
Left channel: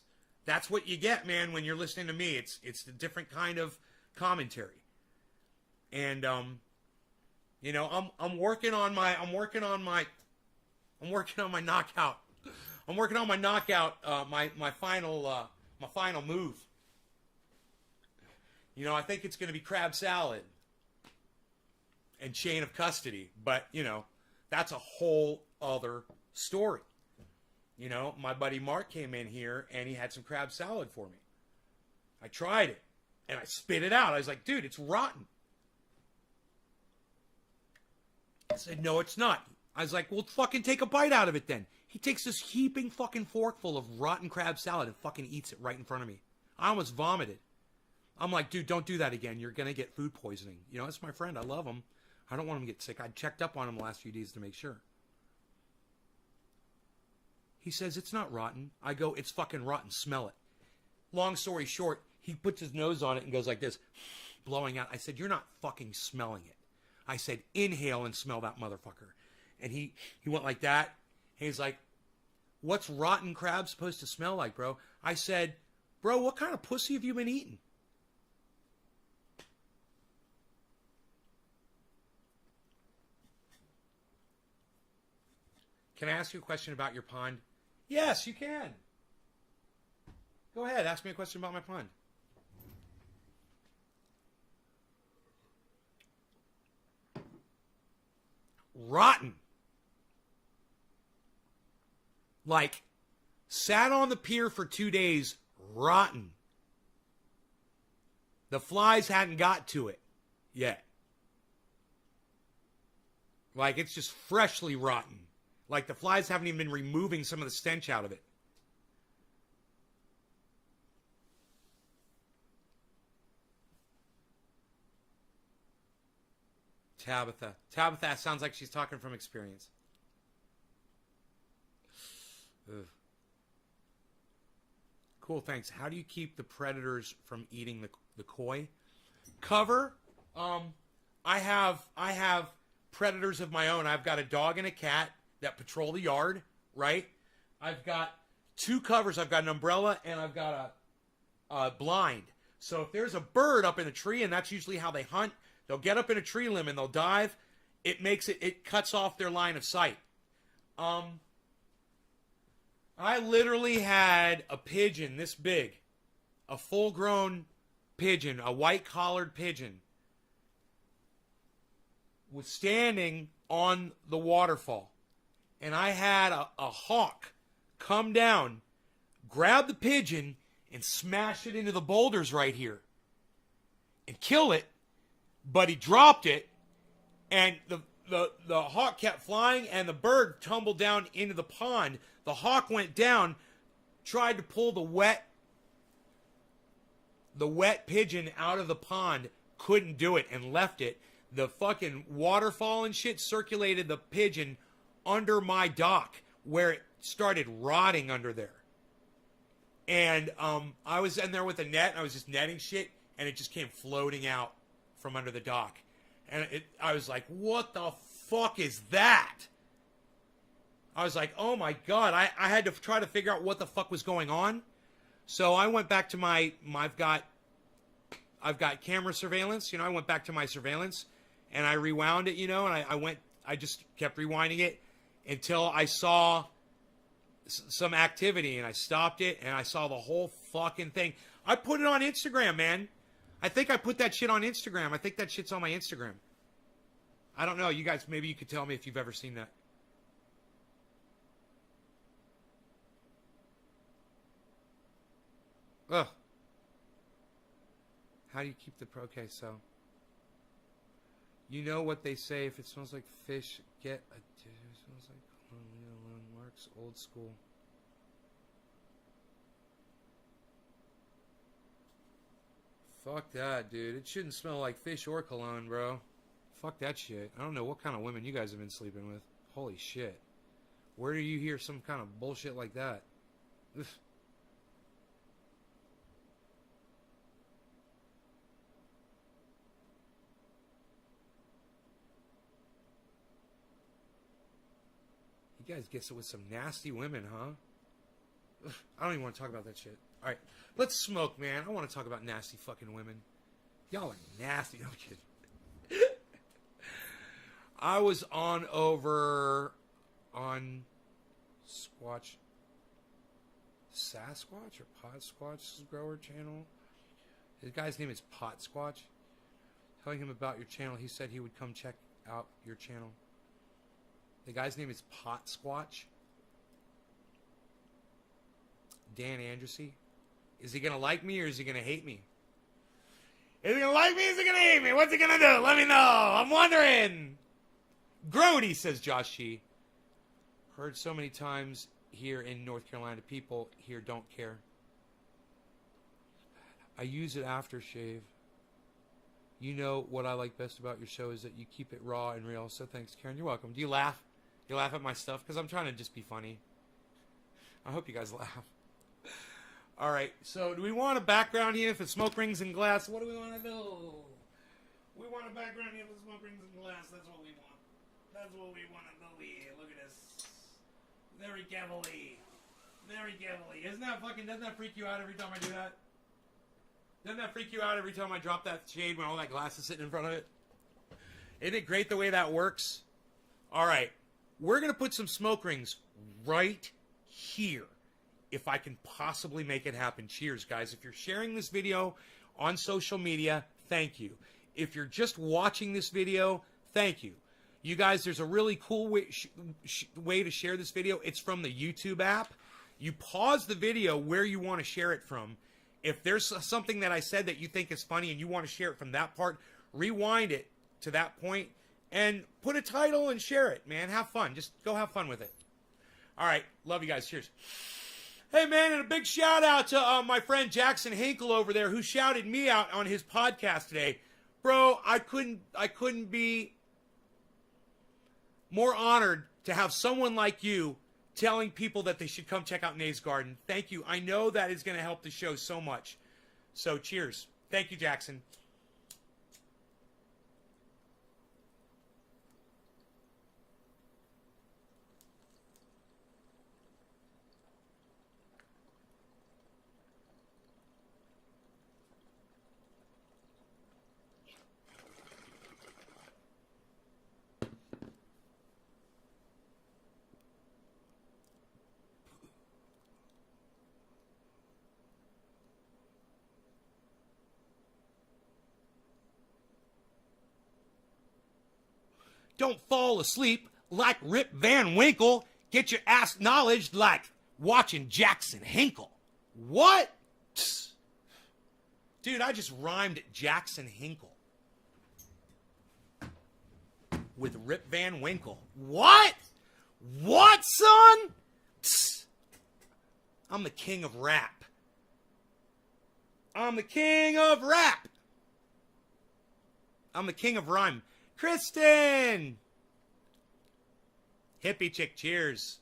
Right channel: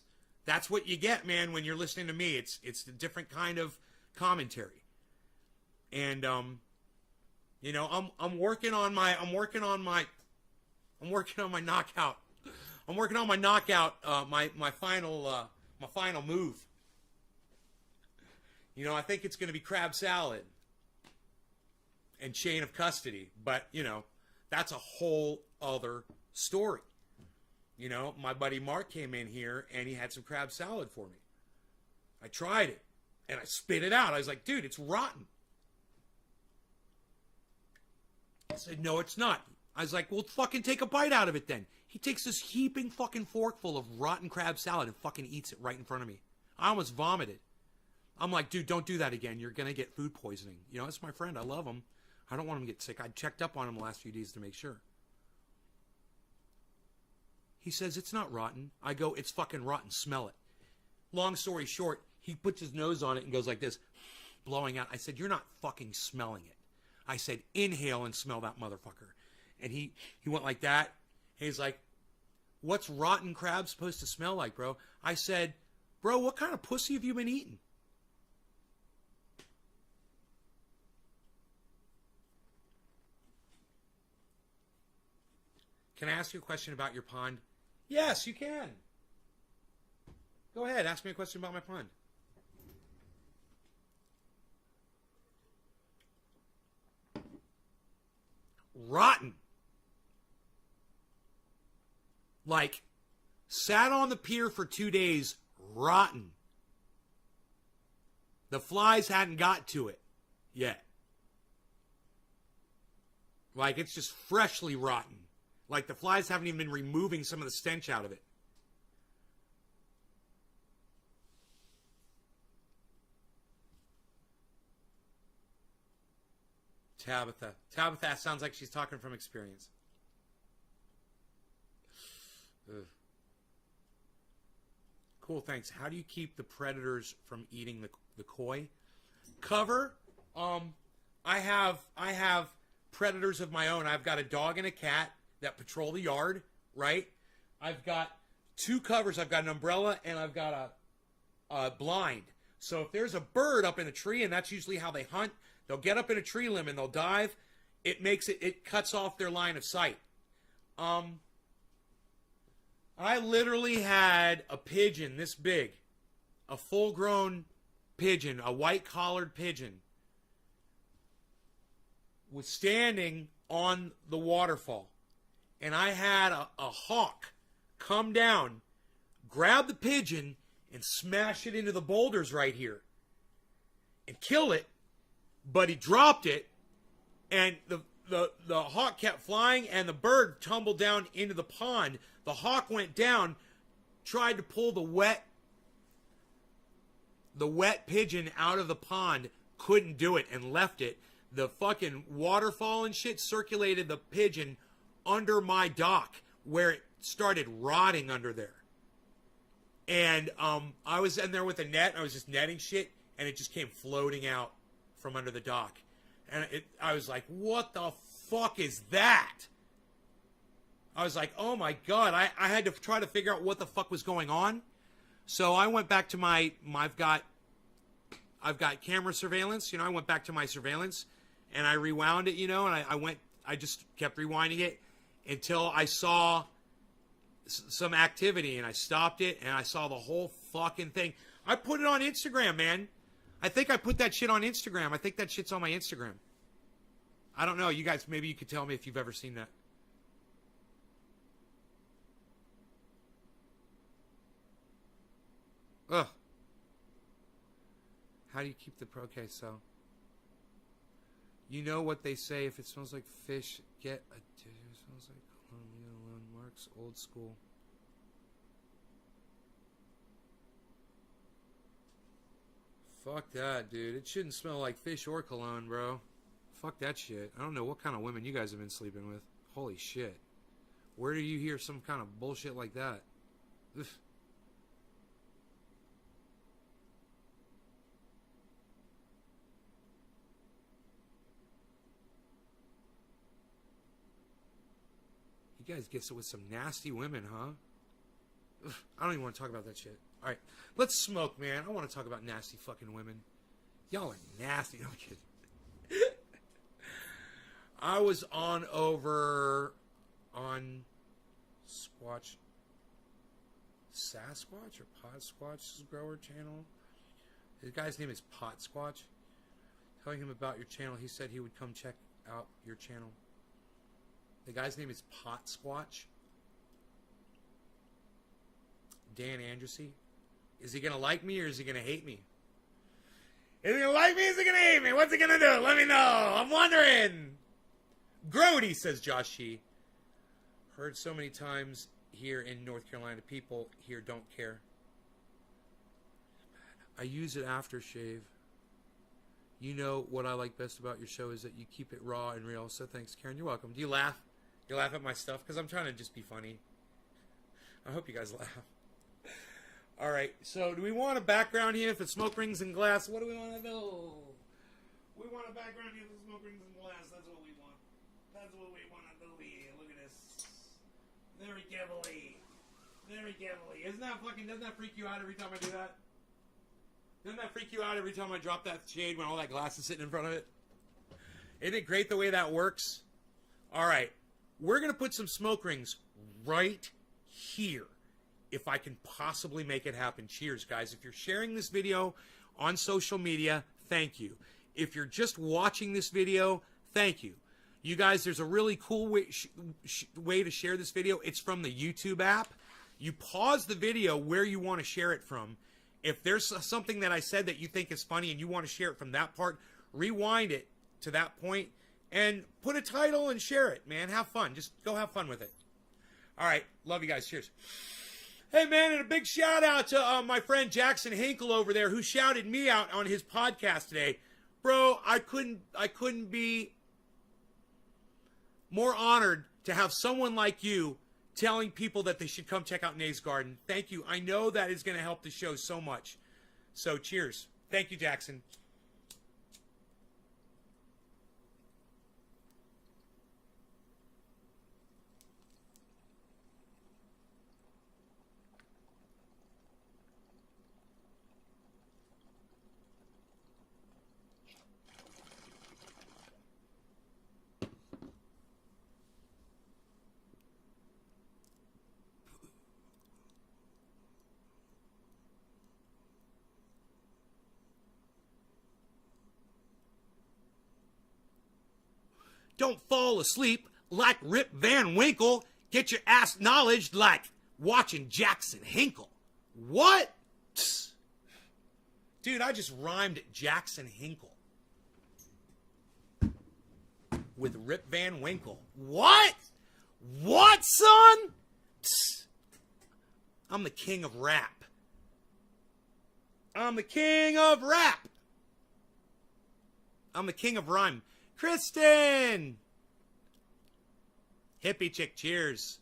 what you get, man, when you're listening to me. It's a different kind of commentary. And you know, I'm working on my knockout. I'm working on my knockout, my final move. You know, I think it's going to be crab salad and chain of custody, but you know, that's a whole other story. You know, my buddy Mark came in here and he had some crab salad for me. I tried it and I spit it out. I was like, dude, it's rotten. I said, no, it's not. I was like, well, fucking take a bite out of it then. He takes this heaping fucking forkful of rotten crab salad and fucking eats it right in front of me. I almost vomited. I'm like, dude, don't do that again. You're going to get food poisoning. You know, it's my friend. I love him. I don't want him to get sick. I checked up on him the last few days to make sure. He says, it's not rotten. I go, it's fucking rotten. Smell it. Long story short, he puts his nose on it and goes like this, blowing out. I said, you're not fucking smelling it. I said, inhale and smell that motherfucker. And he went like that. And he's like, what's rotten crab supposed to smell like, bro? I said, bro, what kind of pussy have you been eating? Can I ask you a question about your pond? Yes, you can. Go ahead, ask me a question about my pond. Rotten. Like, sat on the pier for 2 days, rotten. The flies hadn't got to it yet. Like, it's just freshly rotten. Like, the flies haven't even been removing some of the stench out of it. Tabitha. Tabitha sounds like she's talking from experience. Ugh. Cool, thanks. How do you keep the predators from eating the koi? Cover. I have predators of my own. I've got a dog and a cat that patrol the yard, right? I've got 2 covers. I've got an umbrella and I've got a blind. So if there's a bird up in a tree, and that's usually how they hunt, they'll get up in a tree limb and they'll dive. it cuts off their line of sight. I literally had a pigeon this big, a full-grown pigeon, a white-collared pigeon, was standing on the waterfall. And I had a hawk come down, grab the pigeon, and smash it into the boulders right here. And kill it, but he dropped it, and the hawk kept flying, and the bird tumbled down into the pond. The hawk went down, tried to pull the wet pigeon out of the pond, couldn't do it, and left it. The fucking waterfall and shit circulated the pigeon under my dock, where it started rotting under there. And I was in there with a net, and I was just netting shit, and it just came floating out from under the dock. And I was like, what the fuck is that? I was like, oh my God. I had to try to figure out what the fuck was going on. So I went back to I've got camera surveillance. I went back to my surveillance, and I rewound it, and I just kept rewinding it until I saw some activity, and I stopped it, and I saw the whole fucking thing. I put it on Instagram, man. I think I put that shit on Instagram. I think that shit's on my Instagram. I don't know. You guys, maybe you could tell me if you've ever seen that. Ugh. How do you keep the... Okay, so... You know what they say, if it smells like fish, get a... It smells like cologne, Mark's old school. Fuck that, dude. It shouldn't smell like fish or cologne, bro. Fuck that shit. I don't know what kind of women you guys have been sleeping with. Holy shit. Where do you hear some kind of bullshit like that? Ugh. You guys get with some nasty women, huh? Ugh, I don't even want to talk about that shit. All right, let's smoke, man. I want to talk about nasty fucking women. Y'all are nasty. No, I'm kidding. I was on Squatch, Sasquatch or Pot Squatch's grower channel. The guy's name is Pot Squatch. Telling him about your channel, he said he would come check out your channel. The guy's name is Pot Squatch. Dan Andressy. Is he going to like me or is he going to hate me? Is he going to like me or is he going to hate me? What's he going to do? Let me know. I'm wondering. Grody, says Josh Shee. Heard so many times here in North Carolina, people here don't care. I use it after shave. You know what I like best about your show is that you keep it raw and real. So thanks, Karen. You're welcome. Do you laugh? You laugh at my stuff? Because I'm trying to just be funny. I hope you guys laugh. All right. So do we want a background here for smoke rings and glass? What do we want to do? We want a background here for smoke rings and glass. That's what we want. That's what we want to do here. Look at this. Very carefully. Very carefully. Doesn't that freak you out every time I do that? Doesn't that freak you out every time I drop that shade when all that glass is sitting in front of it? Isn't it great the way that works? All right. We're going to put some smoke rings right here, if I can possibly make it happen. Cheers, guys. If you're sharing this video on social media, thank you. If you're just watching this video, thank you. You guys, there's a really cool way to share this video. It's from the YouTube app. You pause the video where you want to share it from. If there's something that I said that you think is funny and you want to share it from that part, rewind it to that point and put a title and share it, man. Have fun. Just go have fun with it. All right. Love you guys. Cheers. Hey, man, and a big shout out to my friend Jackson Hinkle over there who shouted me out on his podcast today. Bro, I couldn't be more honored to have someone like you telling people that they should come check out Nate's Garden. Thank you. I know that is going to help the show so much. So cheers. Thank you, Jackson. Don't fall asleep like Rip Van Winkle. Get your ass knowledge like watching Jackson Hinkle. What? Dude, I just rhymed Jackson Hinkle with Rip Van Winkle. What? What, son? I'm the king of rap. I'm the king of rap. I'm the king of rhyme. Kristen! Hippie chick, cheers.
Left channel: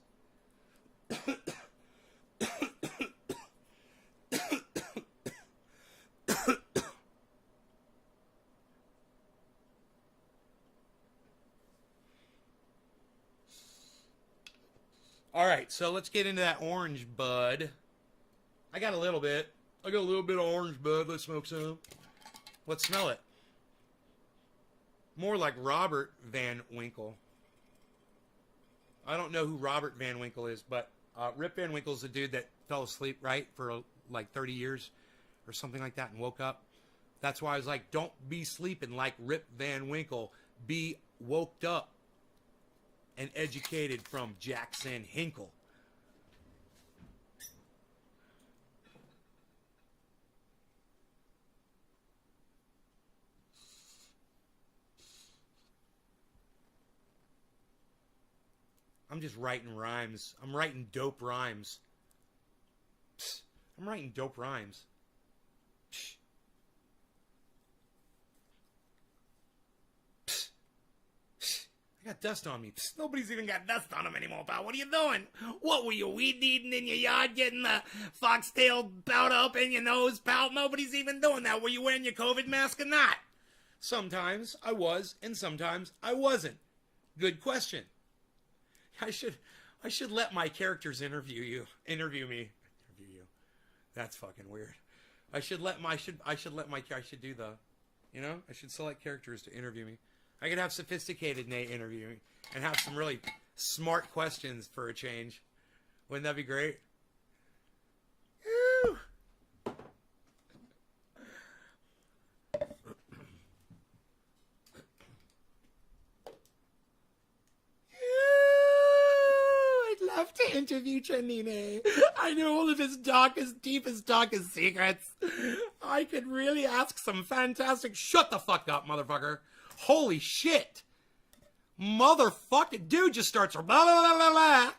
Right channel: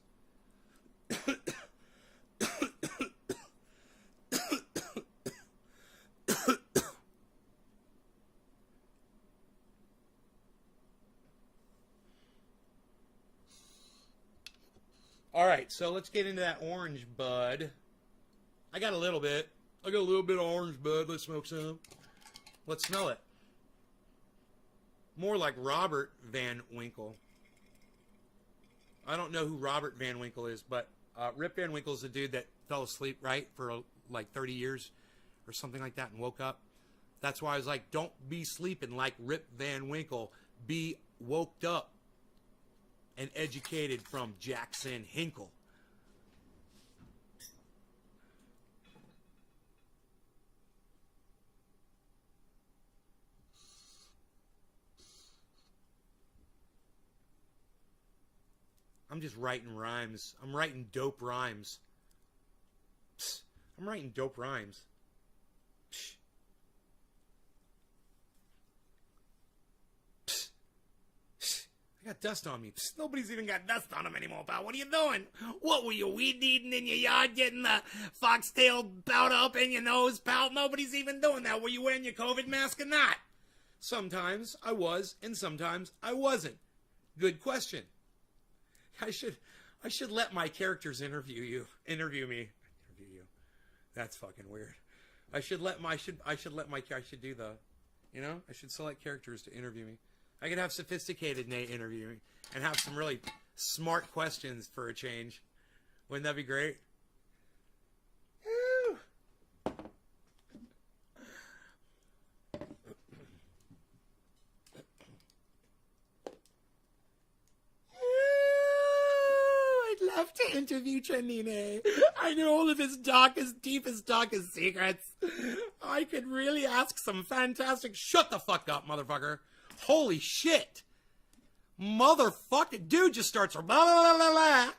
All right, so let's get into that orange, bud. I got a little bit. I got a little bit of orange, bud. Let's smoke some. Let's smell it. More like Robert Van Winkle. I don't know who Robert Van Winkle is, but Rip Van Winkle is the dude that fell asleep, right, for like 30 years or something like that and woke up. That's why I was like, don't be sleeping like Rip Van Winkle. Be woked up and educated from Jackson Hinkle. I'm just writing rhymes. I'm writing dope rhymes. I'm writing dope rhymes. I got dust on me. Nobody's even got dust on them anymore, pal. What are you doing? What were you, weed eating in your yard, getting the foxtail powder up in your nose, pal? Nobody's even doing that. Were you wearing your COVID mask or not? Sometimes I was, and sometimes I wasn't. Good question. I should let my characters interview me. That's fucking weird. I should select characters to interview me. I could have sophisticated Nate interview me and have some really smart questions for a change. Wouldn't that be great? Woo. I'd love to interview Chanine. I know all of his darkest, deepest, darkest secrets. I could really ask some fantastic... Shut the fuck up, motherfucker. Holy shit. Motherfucker. Dude just starts... Blah, blah, blah, blah,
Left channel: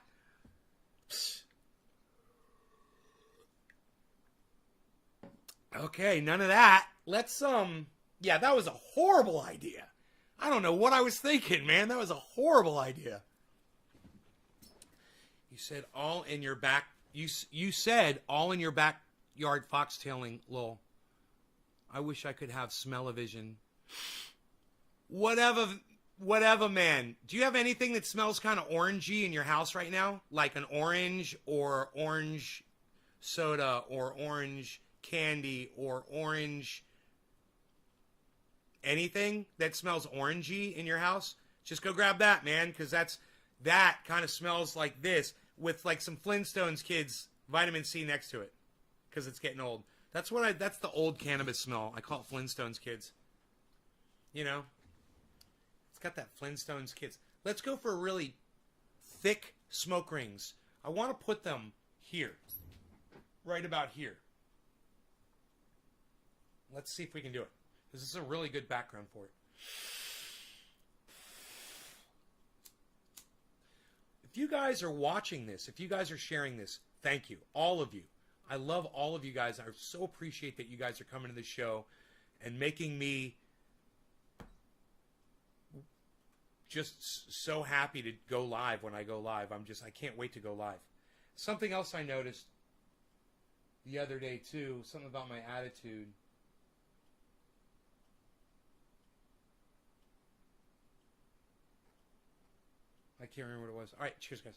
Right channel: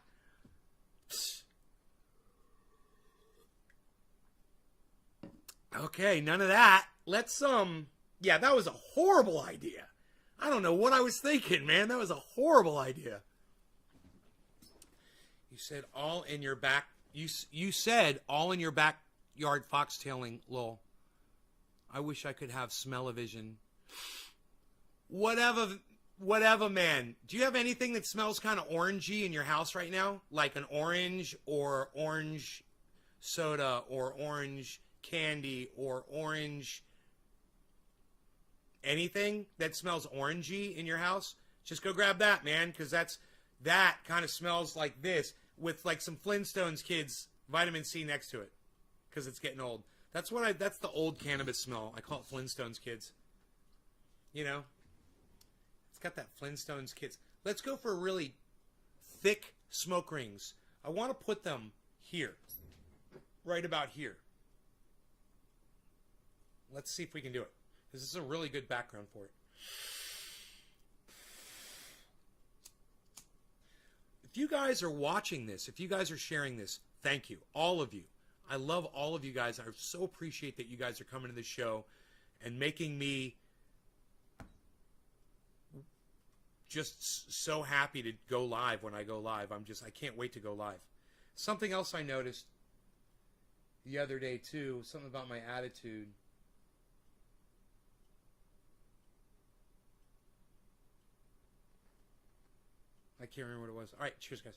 blah. Okay, none of that. Let's, yeah, that was a horrible idea. I don't know what I was thinking, man. That was a horrible idea. You said all in your back... You said all in your backyard foxtailing, lol. I wish I could have smell-o-vision. Whatever, man. Do you have anything that smells kind of orangey in your house right now? Like an orange or orange soda or orange candy or orange... Anything that smells orangey in your house? Just go grab that, man, because that kind of smells like this with like some Flintstones kids vitamin C next to it because it's getting old. That's the old cannabis smell. I call it Flintstones kids. You know? It's got that Flintstones kids. Let's go for really thick smoke rings. I want to put them here. Right about here. Let's see if we can do it. This is a really good background for it. If you guys are watching this, if you guys are sharing this, thank you. All of you. I love all of you guys. I so appreciate that you guys are coming to the show and making me just so happy to go live when I go live. I can't wait to go live. Something else I noticed the other day too, something about my attitude. I can't remember what it was. All right, cheers, guys.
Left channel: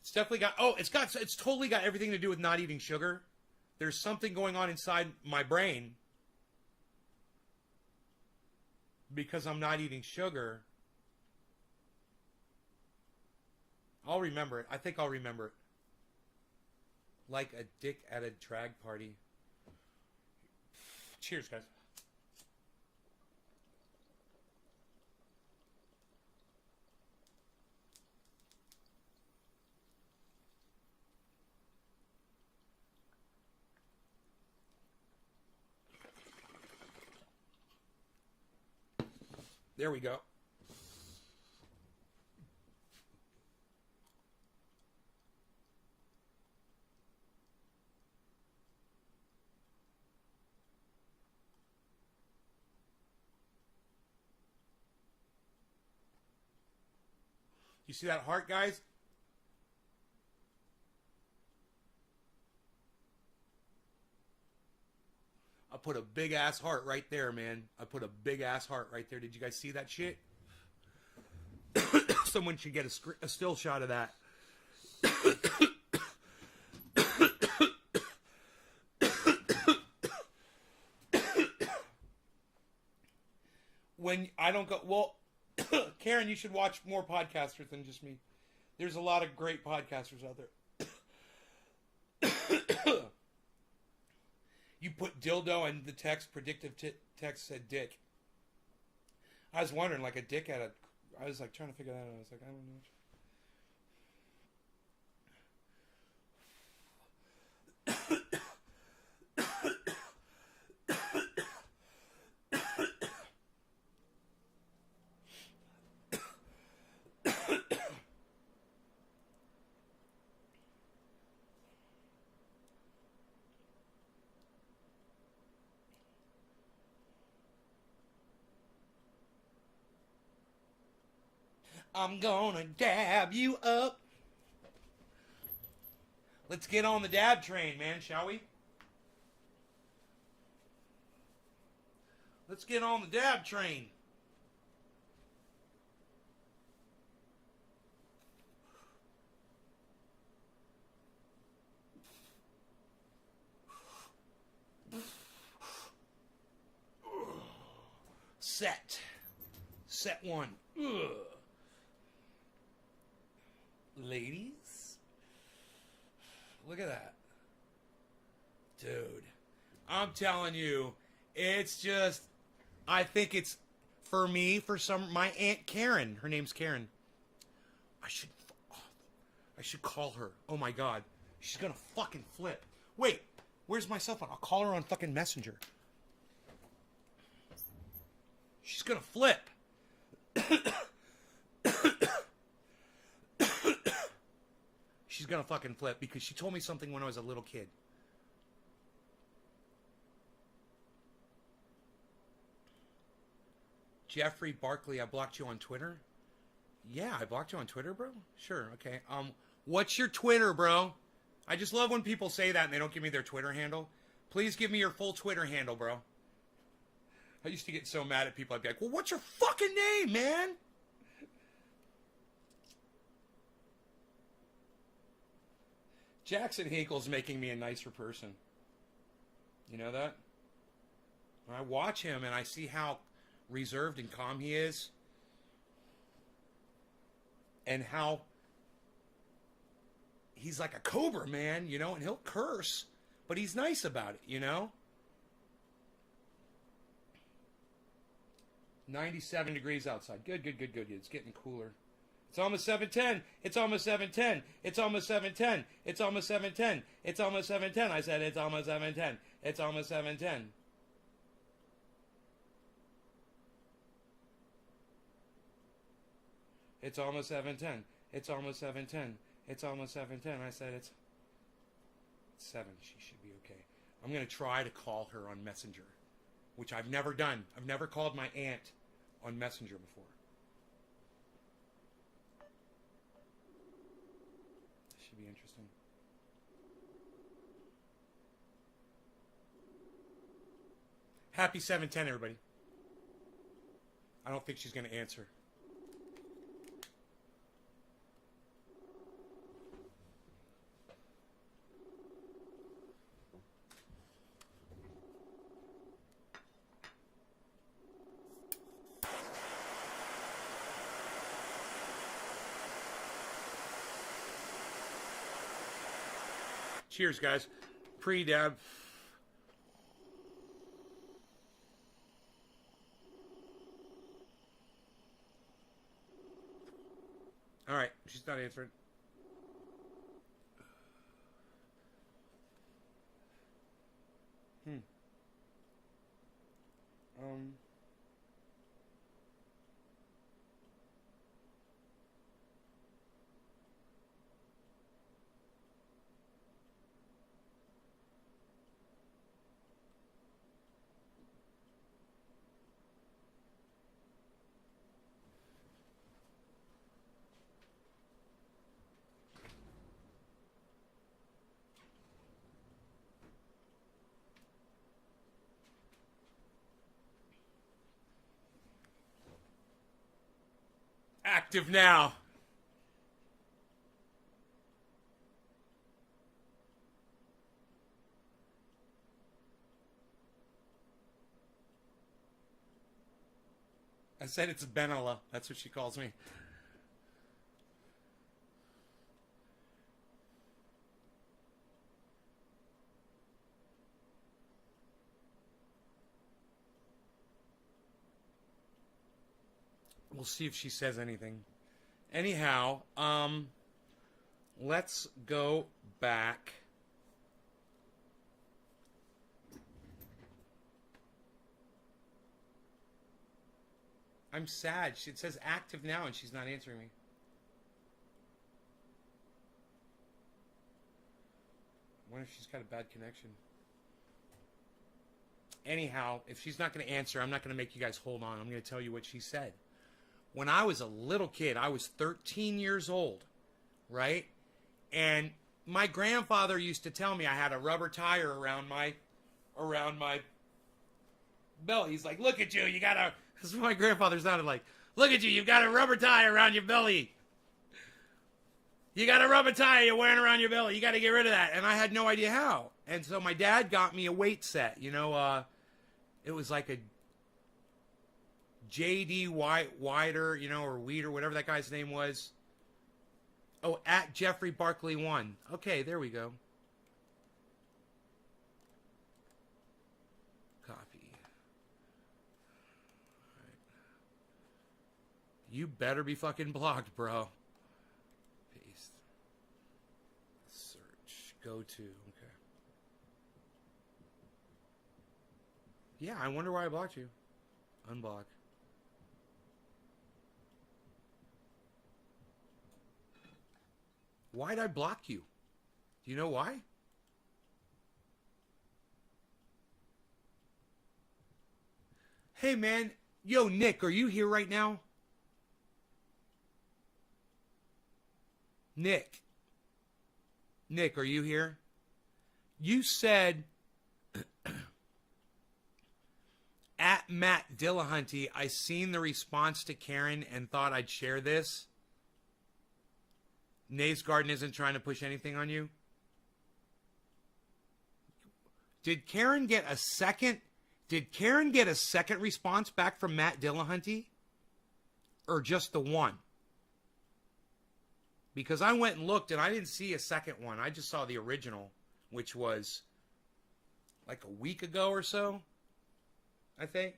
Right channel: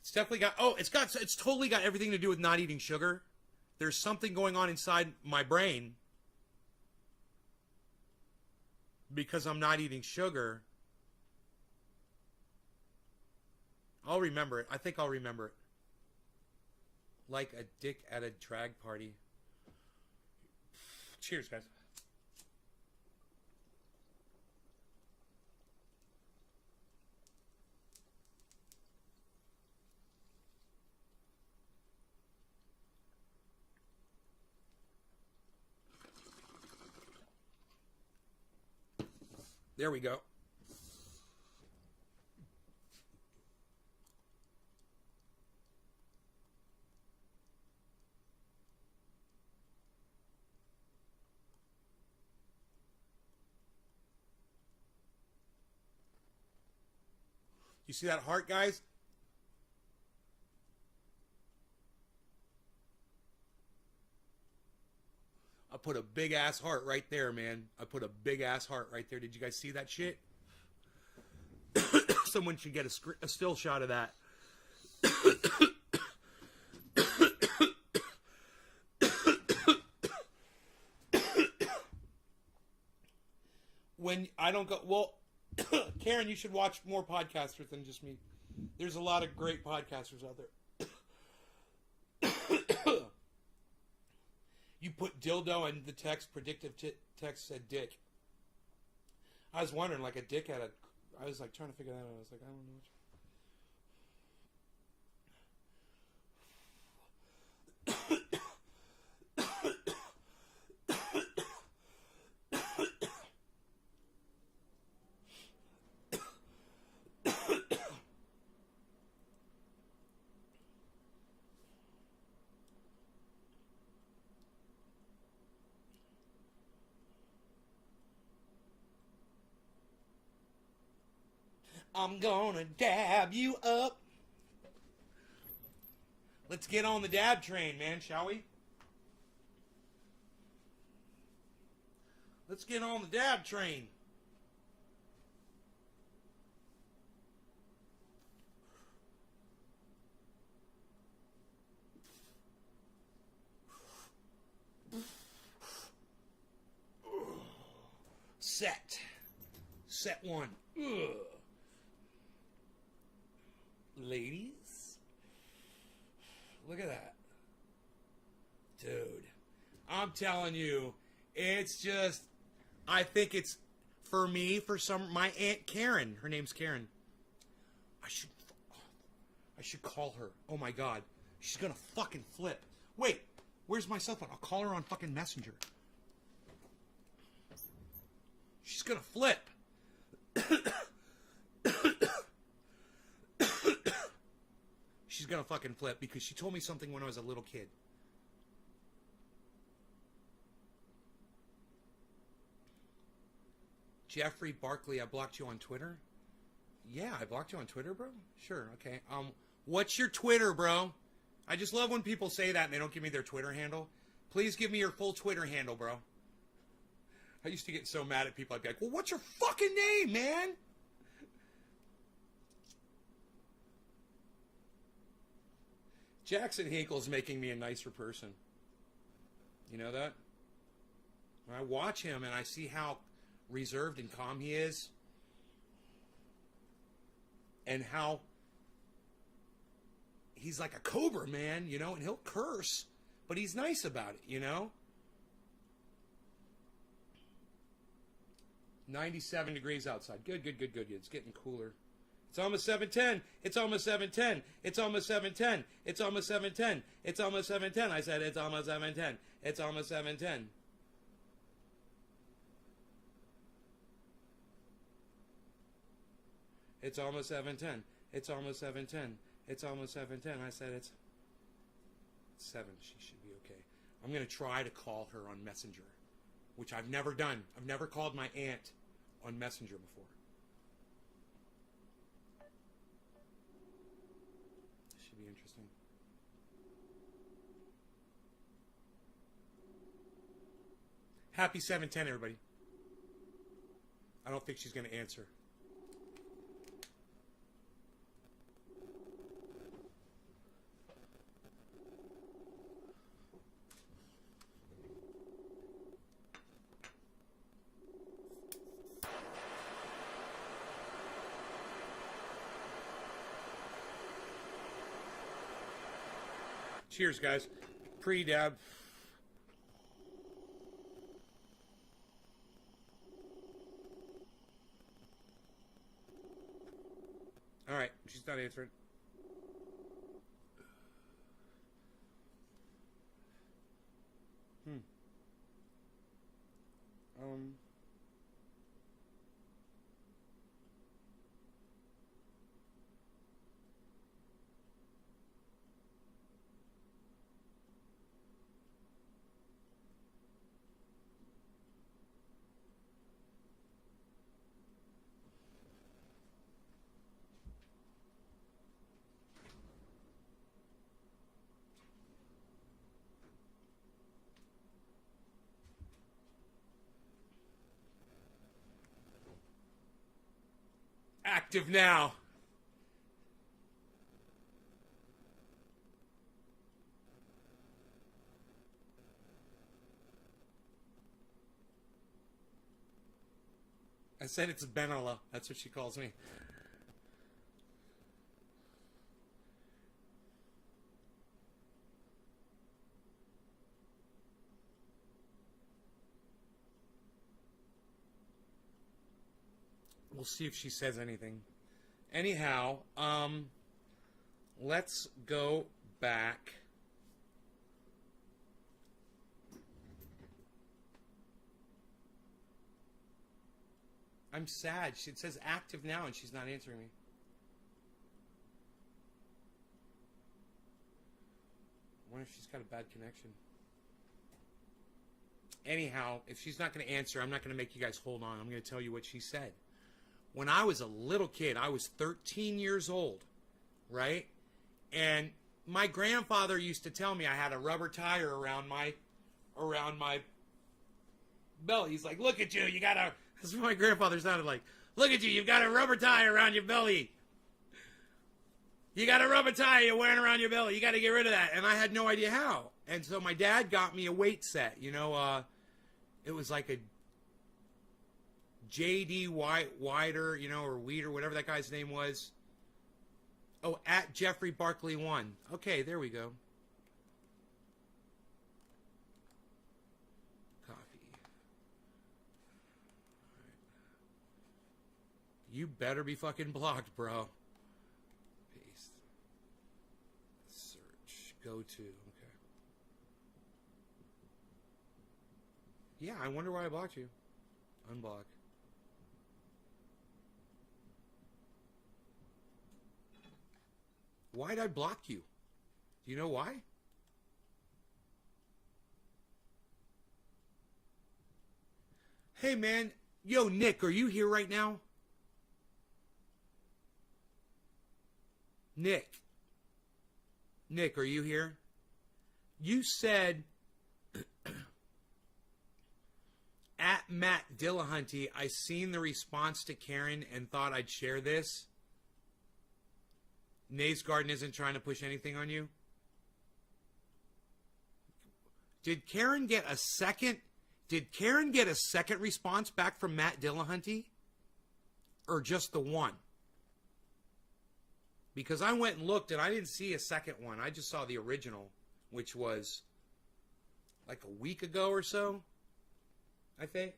It's definitely got... Oh, it's totally got everything to do with not eating sugar. There's something going on inside my brain because I'm not eating sugar. I'll remember it. I think I'll remember it. Like a dick at a drag party. Cheers, guys. There we go. You see that heart, guys? I put a big ass heart right there, man. I put a big ass heart right there. Did you guys see that shit? Someone should get a still shot of that. When I don't go, well, Karen, you should watch more podcasters than just me. There's a lot of great podcasters out there. You put dildo and the text, predictive text said dick. I was wondering, like a dick had a... I was like trying to figure that out. I was like, I don't know. I'm gonna dab you up. Let's get on the dab train, man, shall we? Let's get on the dab train. Set one. Ugh. Ladies, look at that. Dude, I'm telling you, it's just, I think it's, for me, my Aunt Karen, her name's Karen. I should call her. Oh my God. She's gonna fucking flip. Wait, where's my cell phone? I'll call her on fucking Messenger. She's gonna flip. She's gonna fucking flip because she told me something when I was a little kid. Jeffrey Barkley, I blocked you on Twitter. Yeah, I blocked you on Twitter, bro. Sure, okay. What's your Twitter, bro? I just love when people say that and they don't give me their Twitter handle. Please give me your full Twitter handle, bro. I used to get so mad at people. I'd be like, well, what's your fucking name, man? Jackson Hinkle's making me a nicer person. You know that? When I watch him and I see how reserved and calm he is, and how he's like a cobra, man, you know, and he'll curse, but he's nice about it, you know? 97 degrees outside. Good. It's getting cooler. It's almost 7:10. It's almost 7:10. It's almost 7:10. It's almost 7:10. It's almost 7:10. I said it's almost 7:10. It's almost 7:10. It's almost 7:10. It's almost 7:10. It's almost 7:10. I said it's 7. She should be okay. I'm going to try to call her on Messenger, which I've never done. I've never called my aunt on Messenger before. Should be interesting. Happy 7:10, everybody. I don't think she's going to answer. Cheers, guys. Pre-dab. All right, she's not answering. Active now. I said it's Benella. That's what she calls me. We'll see if she says anything. Anyhow, let's go back. I'm sad. It says active now and she's not answering me. I wonder if she's got a bad connection. Anyhow, if she's not going to answer, I'm not going to make you guys hold on. I'm going to tell you what she said. When I was a little kid, I was 13 years old, right? And my grandfather used to tell me I had a rubber tire around my belly. He's like, look at you, you got a... This is what my grandfather sounded like. Look at you, you've got a rubber tire around your belly. You got a rubber tire you're wearing around your belly. You got to get rid of that. And I had no idea how. And so my dad got me a weight set. You know, it was like a J.D. Wider, you know, or Weeder, whatever that guy's name was. Oh, at Jeffrey Barkley 1. Okay, there we go. Copy. Right. You better be fucking blocked, bro. Paste. Search. Go to. Okay. Yeah, I wonder why I blocked you. Unblock. Why'd I block you? Do you know why? Hey, man. Yo, Nick, are you here right now? Nick. Nick, are you here? You said... At Matt Dillahunty, I seen the response to Karen and thought I'd share this. Nave's Garden isn't trying to push anything on you. Did Karen get a second? Did Karen get a second response back from Matt Dillahunty? Or just the one? Because I went and looked and I didn't see a second one. I just saw the original, which was like a week ago or so, I think.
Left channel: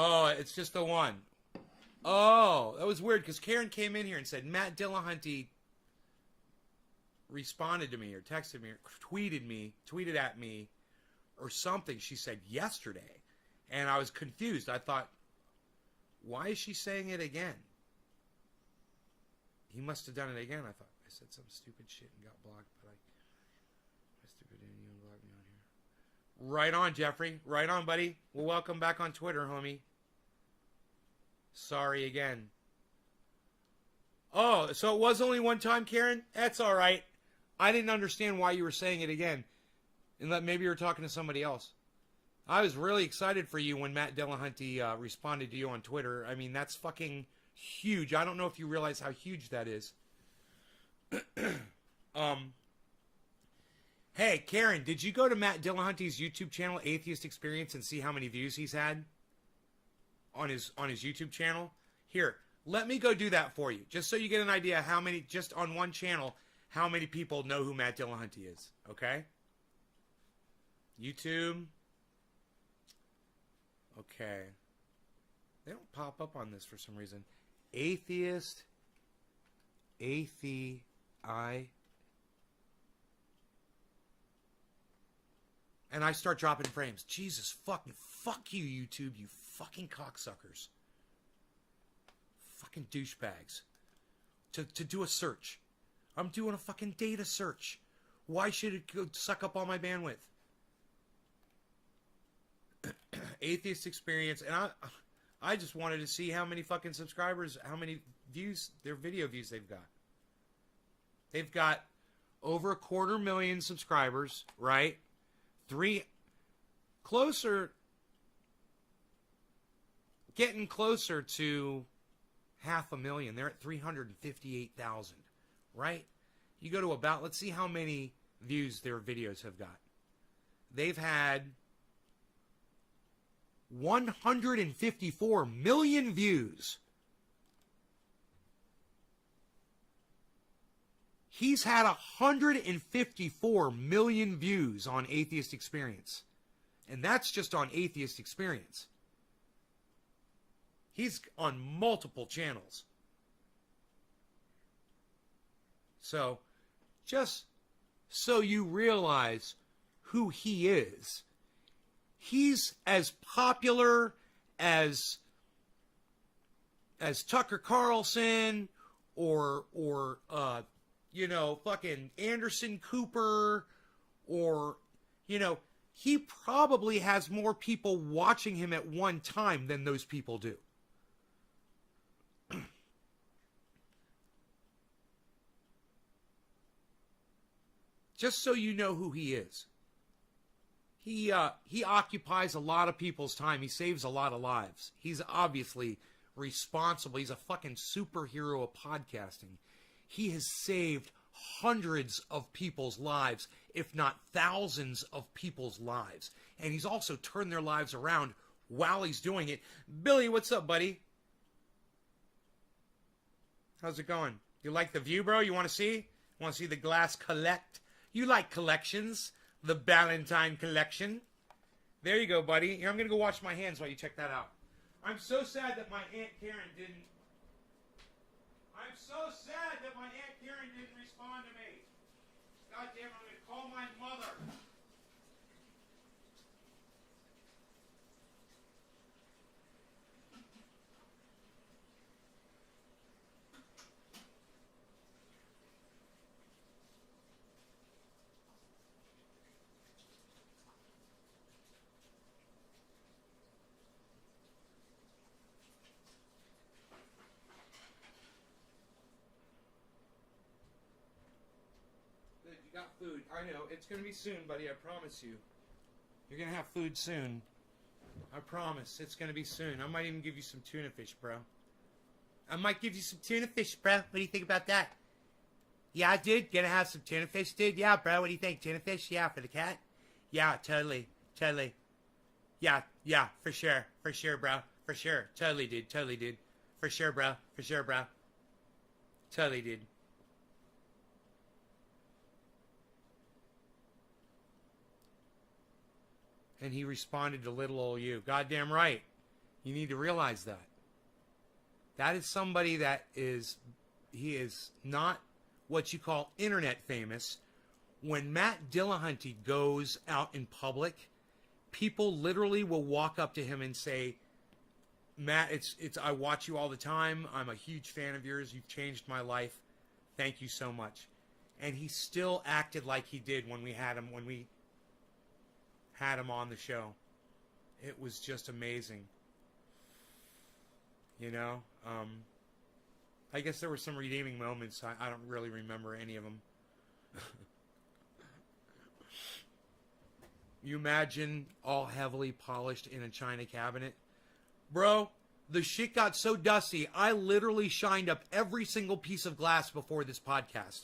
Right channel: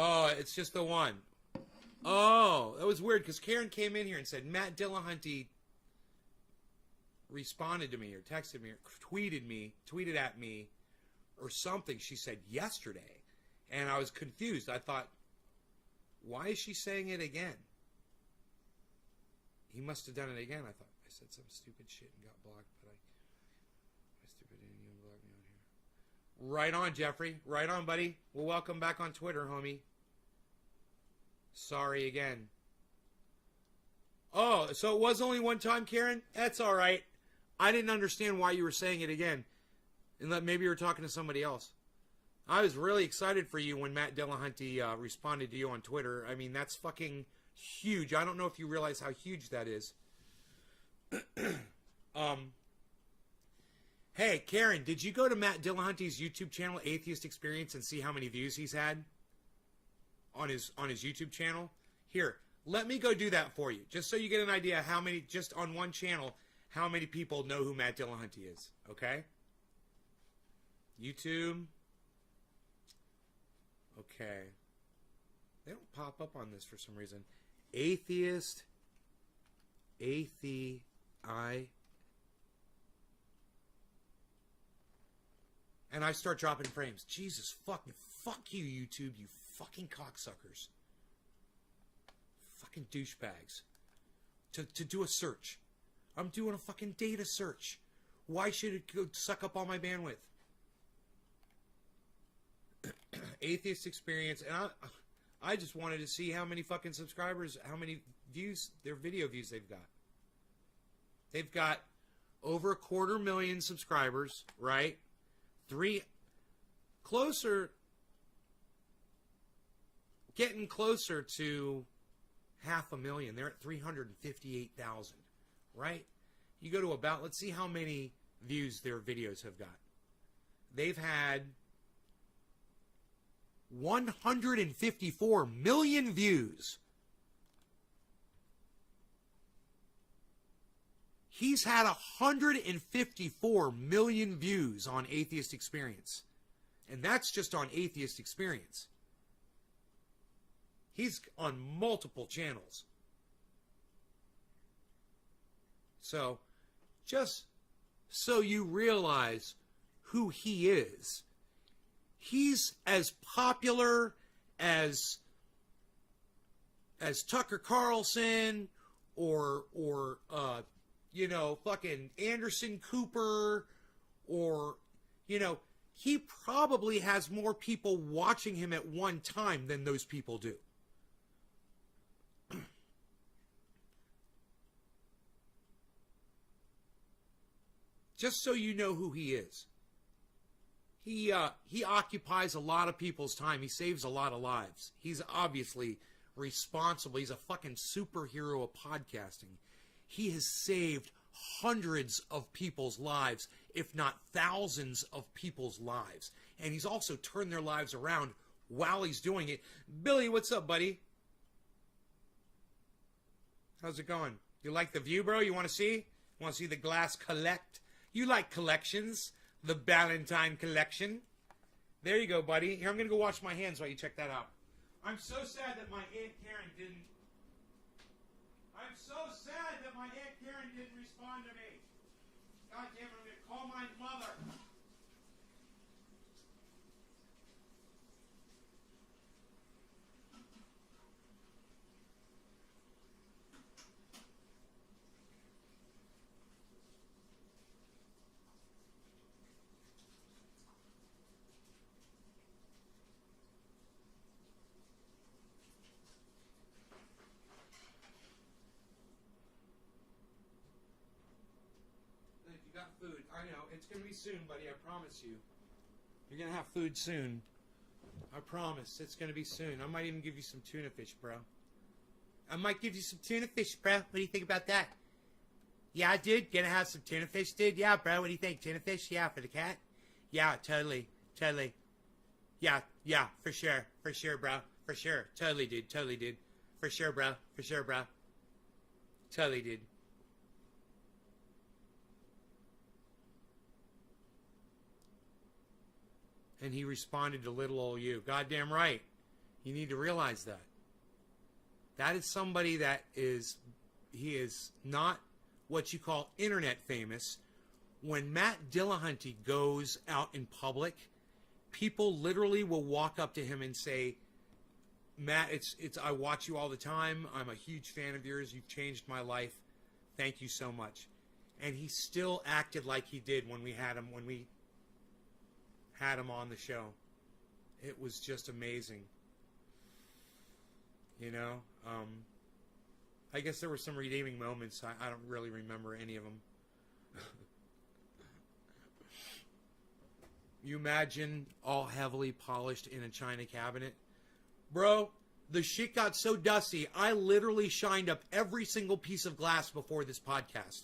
Oh, it's just the one. Oh, that was weird because Karen came in here and said Matt Dillahunty responded to me or texted me or tweeted at me or something. She said yesterday. And I was confused. I thought, why is she saying it again? He must have done it again. I thought I said some stupid shit and got blocked, but right on, Jeffrey. Right on, buddy. Well, welcome back on Twitter, homie. Sorry again. Oh, so it was only one time, Karen? That's all right. I didn't understand why you were saying it again. And that maybe you were talking to somebody else. I was really excited for you when Matt Dillahunty responded to you on Twitter. I mean, that's fucking huge. I don't know if you realize how huge that is. Hey, Karen, did you go to Matt Dillahunty's YouTube channel, Atheist Experience, and see how many views he's had on his YouTube channel? Here, let me go do that for you, just so you get an idea how many, just on one channel, how many people know who Matt Dillahunty is, okay? YouTube. Okay. They don't pop up on this for some reason. Atheist. And I start dropping frames. Jesus fuck you, YouTube, you fucking cocksuckers. Fucking douchebags. To do a search. I'm doing a fucking data search. Why should it go suck up all my bandwidth? Atheist Experience, and I just wanted to see how many fucking subscribers, how many views, their video views they've got. They've got over 250,000 subscribers, right? Closer, getting closer to 500,000. They're at 358,000, right? You go to about, let's see how many views their videos have got. They've had 154 million views. He's had 154 million views on Atheist Experience. And that's just on Atheist Experience. He's on multiple channels. So, just so you realize who he is, he's as popular as Tucker Carlson or fucking Anderson Cooper, or, he probably has more people watching him at one time than those people do. Just so you know who he is. He occupies a lot of people's time. He saves a lot of lives. He's obviously responsible. He's a fucking superhero of podcasting. He has saved hundreds of people's lives, if not thousands of people's lives. And he's also turned their lives around while he's doing it. Billy, what's up, buddy? How's it going? You like the view, bro? You want to see? Want to see the glass collect? You like collections. The Ballantine collection. There you go, buddy. Here, I'm going to go wash my hands while you check that out. I'm so sad that my Aunt Karen didn't... I'm so sad that my Aunt Karen didn't respond to me. God damn, I'm going to call my mother. Food. I know. It's going to be soon, buddy. I promise you. You're going to have food soon. I promise. It's going to be soon. I might even give you some tuna fish, bro. I might give you some tuna fish, bro. What do you think about that? Yeah, dude. Gonna have some tuna fish, dude? Yeah, bro. What do you think? Tuna fish? Yeah, for the cat? Yeah, totally. Totally. Yeah, for sure. For sure, bro. For sure. Totally, dude. Totally, dude. For sure, bro. For sure, bro. Totally, dude. And he responded to little old you. Goddamn right. You need to realize that. That is somebody that he is not what you call internet famous. When Matt Dillahunty goes out in public, people literally will walk up to him and say, Matt, I watch you all the time. I'm a huge fan of yours. You've changed my life. Thank you so much. And he still acted like he did when we had him on the show. It was just amazing. I guess there were some redeeming moments. I don't really remember any of them. You imagine all heavily polished in a china cabinet? Bro, the shit got so dusty, I literally shined up every single piece of glass before this podcast.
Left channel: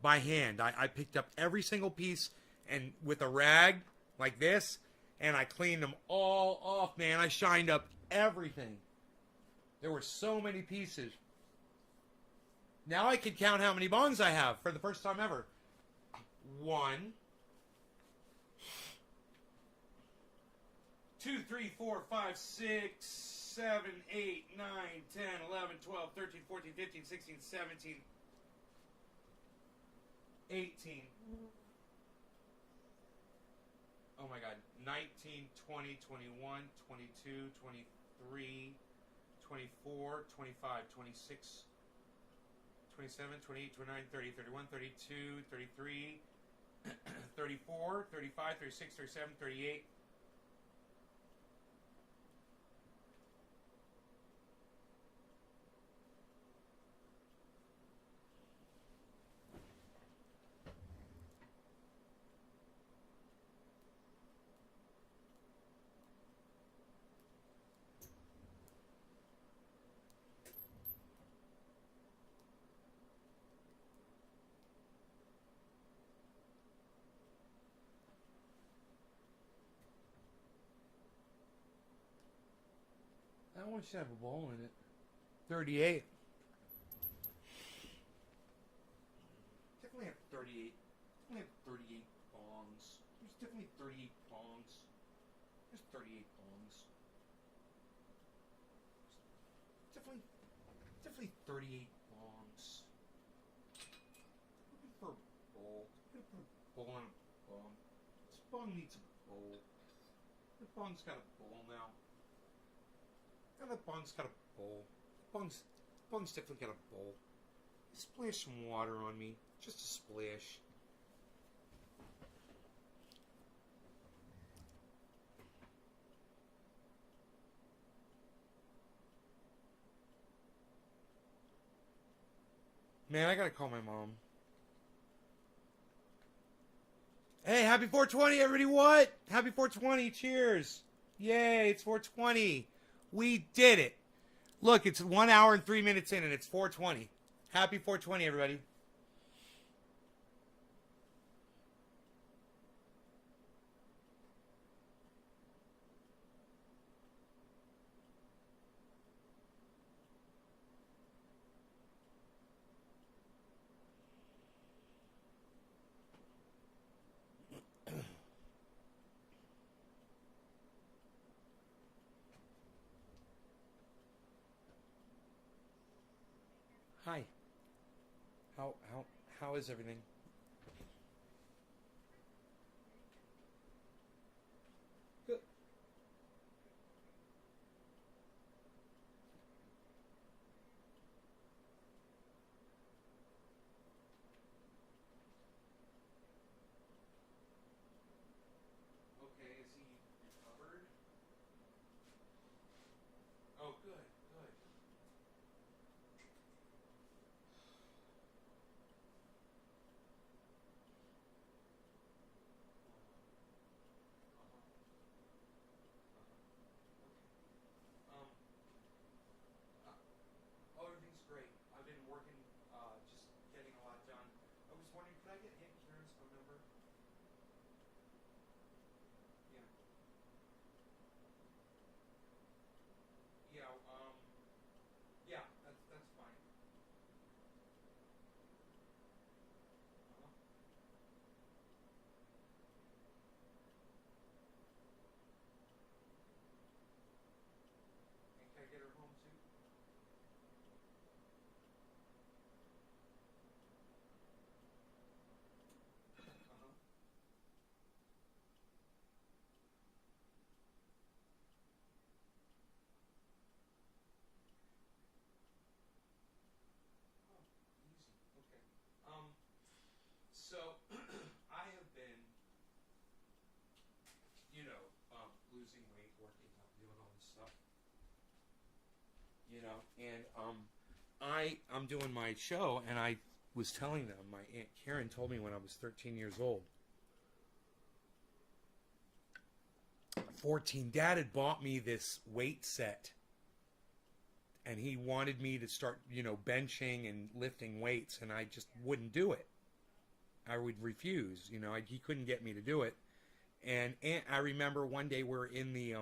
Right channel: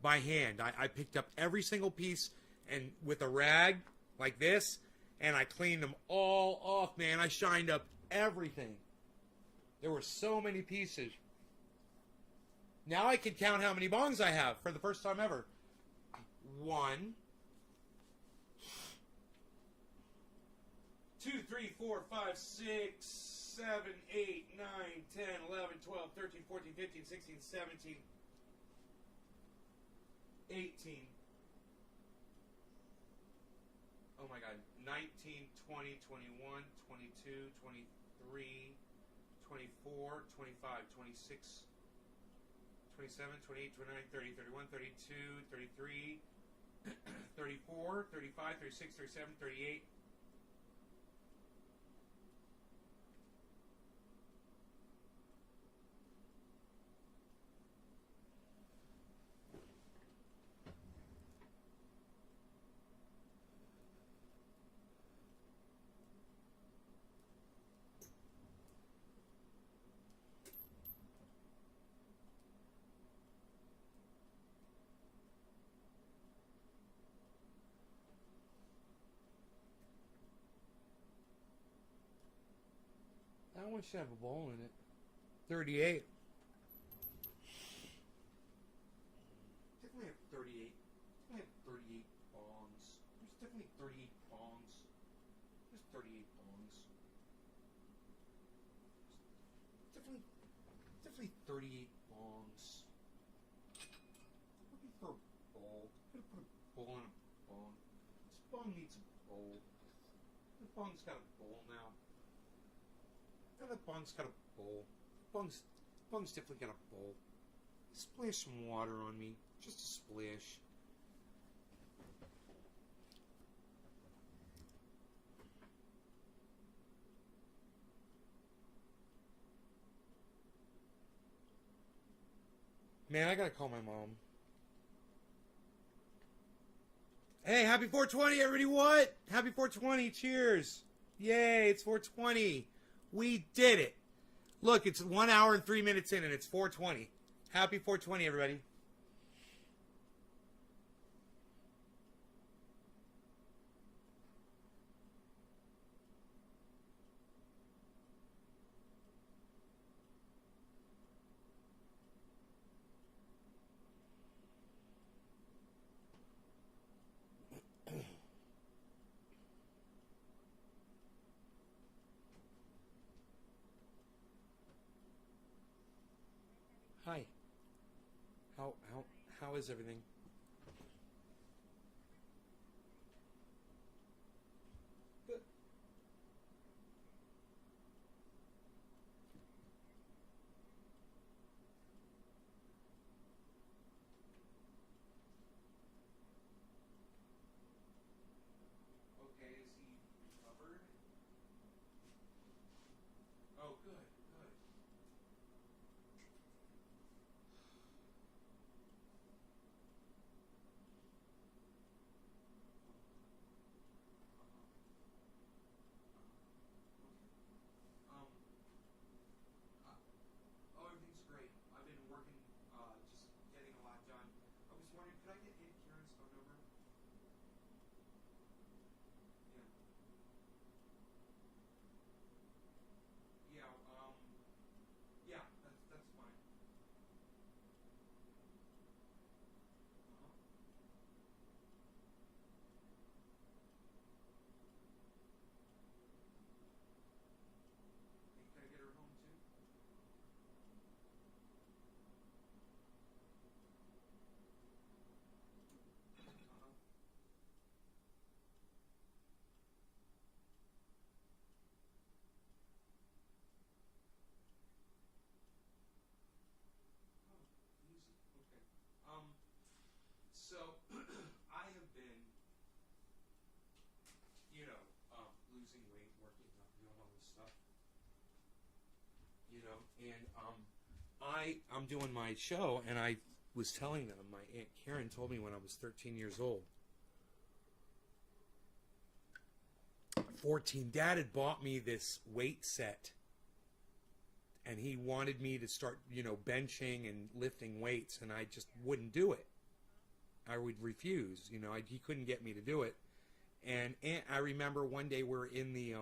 By hand. I picked up every single piece and with a rag like this, and I cleaned them all off, man. I shined up everything. There were so many pieces. Now I can count how many bongs I have for the first time ever. 1, 2, 3, 4, 5, 6, 7, 8, 9, 10, 11, 12, 13, 14, 15, 16, 17, 18. Oh my God. 19, 20, 21, 22, 23, 24, 25, 26, 27, 28, 29, 30, 31, 32, 33, 34, 35, 36, 37, 38. That one should have a bowl in it. 38. Definitely have 38. Definitely have 38 bongs. There's definitely 38 bongs. There's 38 bongs. Definitely 38 bongs. Looking for a bowl. I'm gonna put a bowl on a bong. This bong needs a bowl. The bong's got a bowl now. Now that bong's got a bowl. Bong's definitely got a bowl. Splash some water on me. Just a splash. Man, I gotta call my mom. Hey, happy 420, everybody. What? Happy 420. Cheers. Yay, it's 420. We did it. Look, it's 1 hour and 3 minutes in, and it's 420. Happy 420, everybody. Hi. How how is everything? Good. Okay, is he recovered? Oh, good, good. Um, oh, everything's great. I've been working, just getting a lot done. I was wondering, could I get Aunt Karen's phone number? Yeah. Yeah, yeah, that's fine. Uh-huh. And can I get her home too? Uh-huh. Oh, easy. Okay. So I have been, losing weight, working out, doing all this stuff, and I'm doing my show, and I was telling them my Aunt Karen told me when I was 13 years old. 14, Dad had bought me this weight set, and he wanted me to start, benching and lifting weights, and I just wouldn't do it. I would refuse. He couldn't get me to do it. And I remember one day we were in the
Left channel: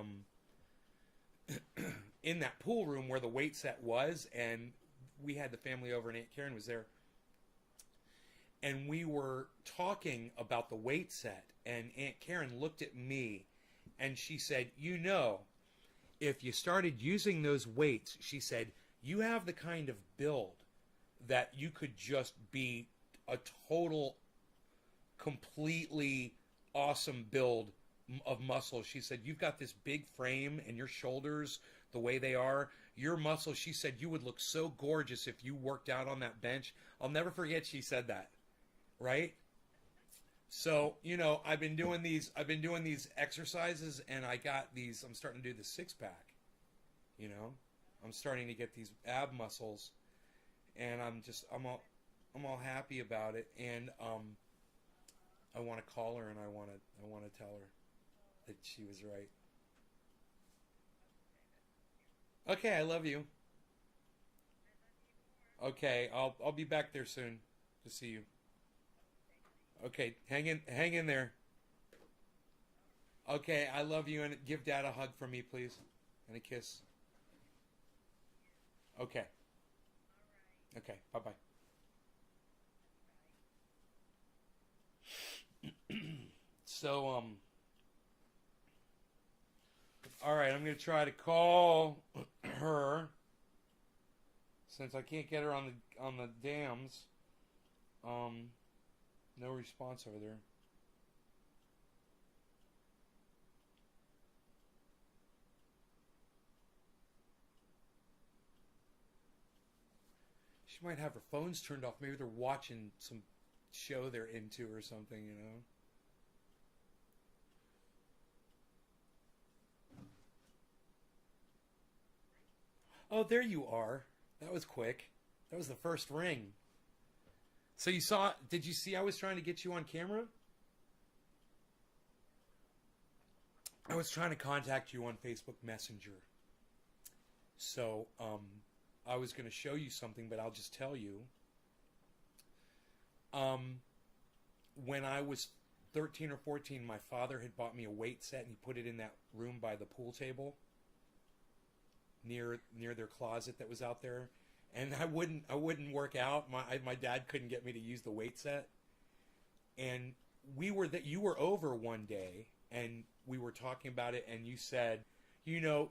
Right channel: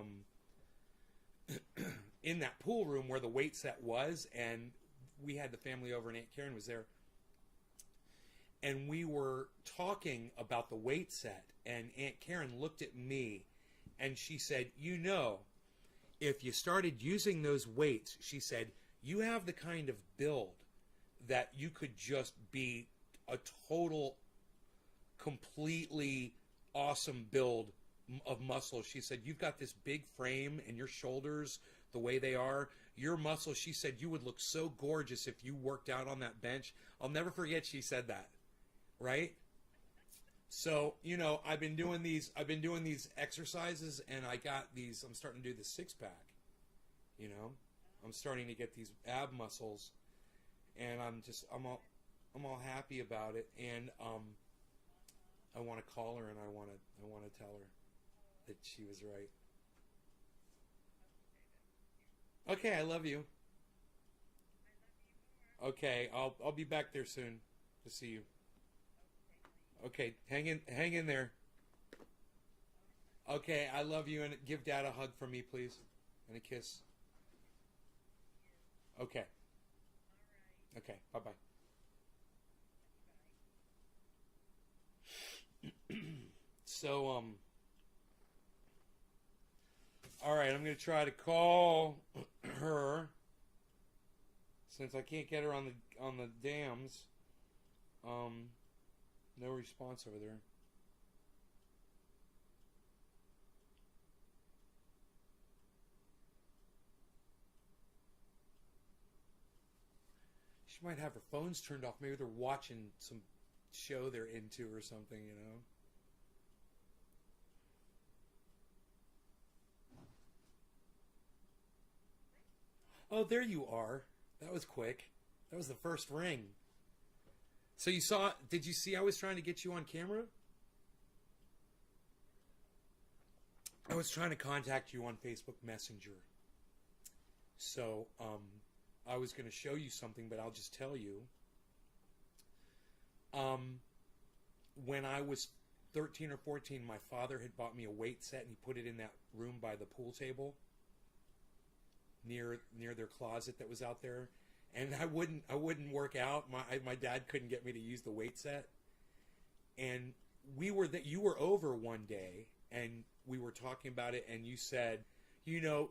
in that pool room where the weight set was, and we had the family over, and Aunt Karen was there, and we were talking about the weight set, and Aunt Karen looked at me, and she said, if you started using those weights, she said, you have the kind of build that you could just be a total, completely awesome build of muscle. She said, you've got this big frame and your shoulders, the way they are, your muscles, she said, you would look so gorgeous if you worked out on that bench. I'll never forget she said that, right? So, I've been doing these exercises, and I'm starting to do the six pack, you know, I'm starting to get these ab muscles, and I'm all happy about it. And, I want to call her, and I want to tell her that she was right. Okay, I love you. Okay, I'll be back there soon to see you. Okay, hang in there. Okay, I love you, and give Dad a hug for me, please, and a kiss. Okay. Okay. Bye bye. So all right, I'm gonna try to call her since I can't get her on the dams. Um, no response over there. She might have her phones turned off. Maybe they're watching some show they're into or something, you know. Oh, there you are. That was quick. That was the first ring. So you saw? Did you see? I was trying to get you on camera. I was trying to contact you on Facebook Messenger. So I was going to show you something, but I'll just tell you. Um, when I was 13 or 14, my father had bought me a weight set and he put it in that room by the pool table near their closet that was out there. And I wouldn't work out. My dad couldn't get me to use the weight set. And you were over one day and we were talking about it and you said, you know,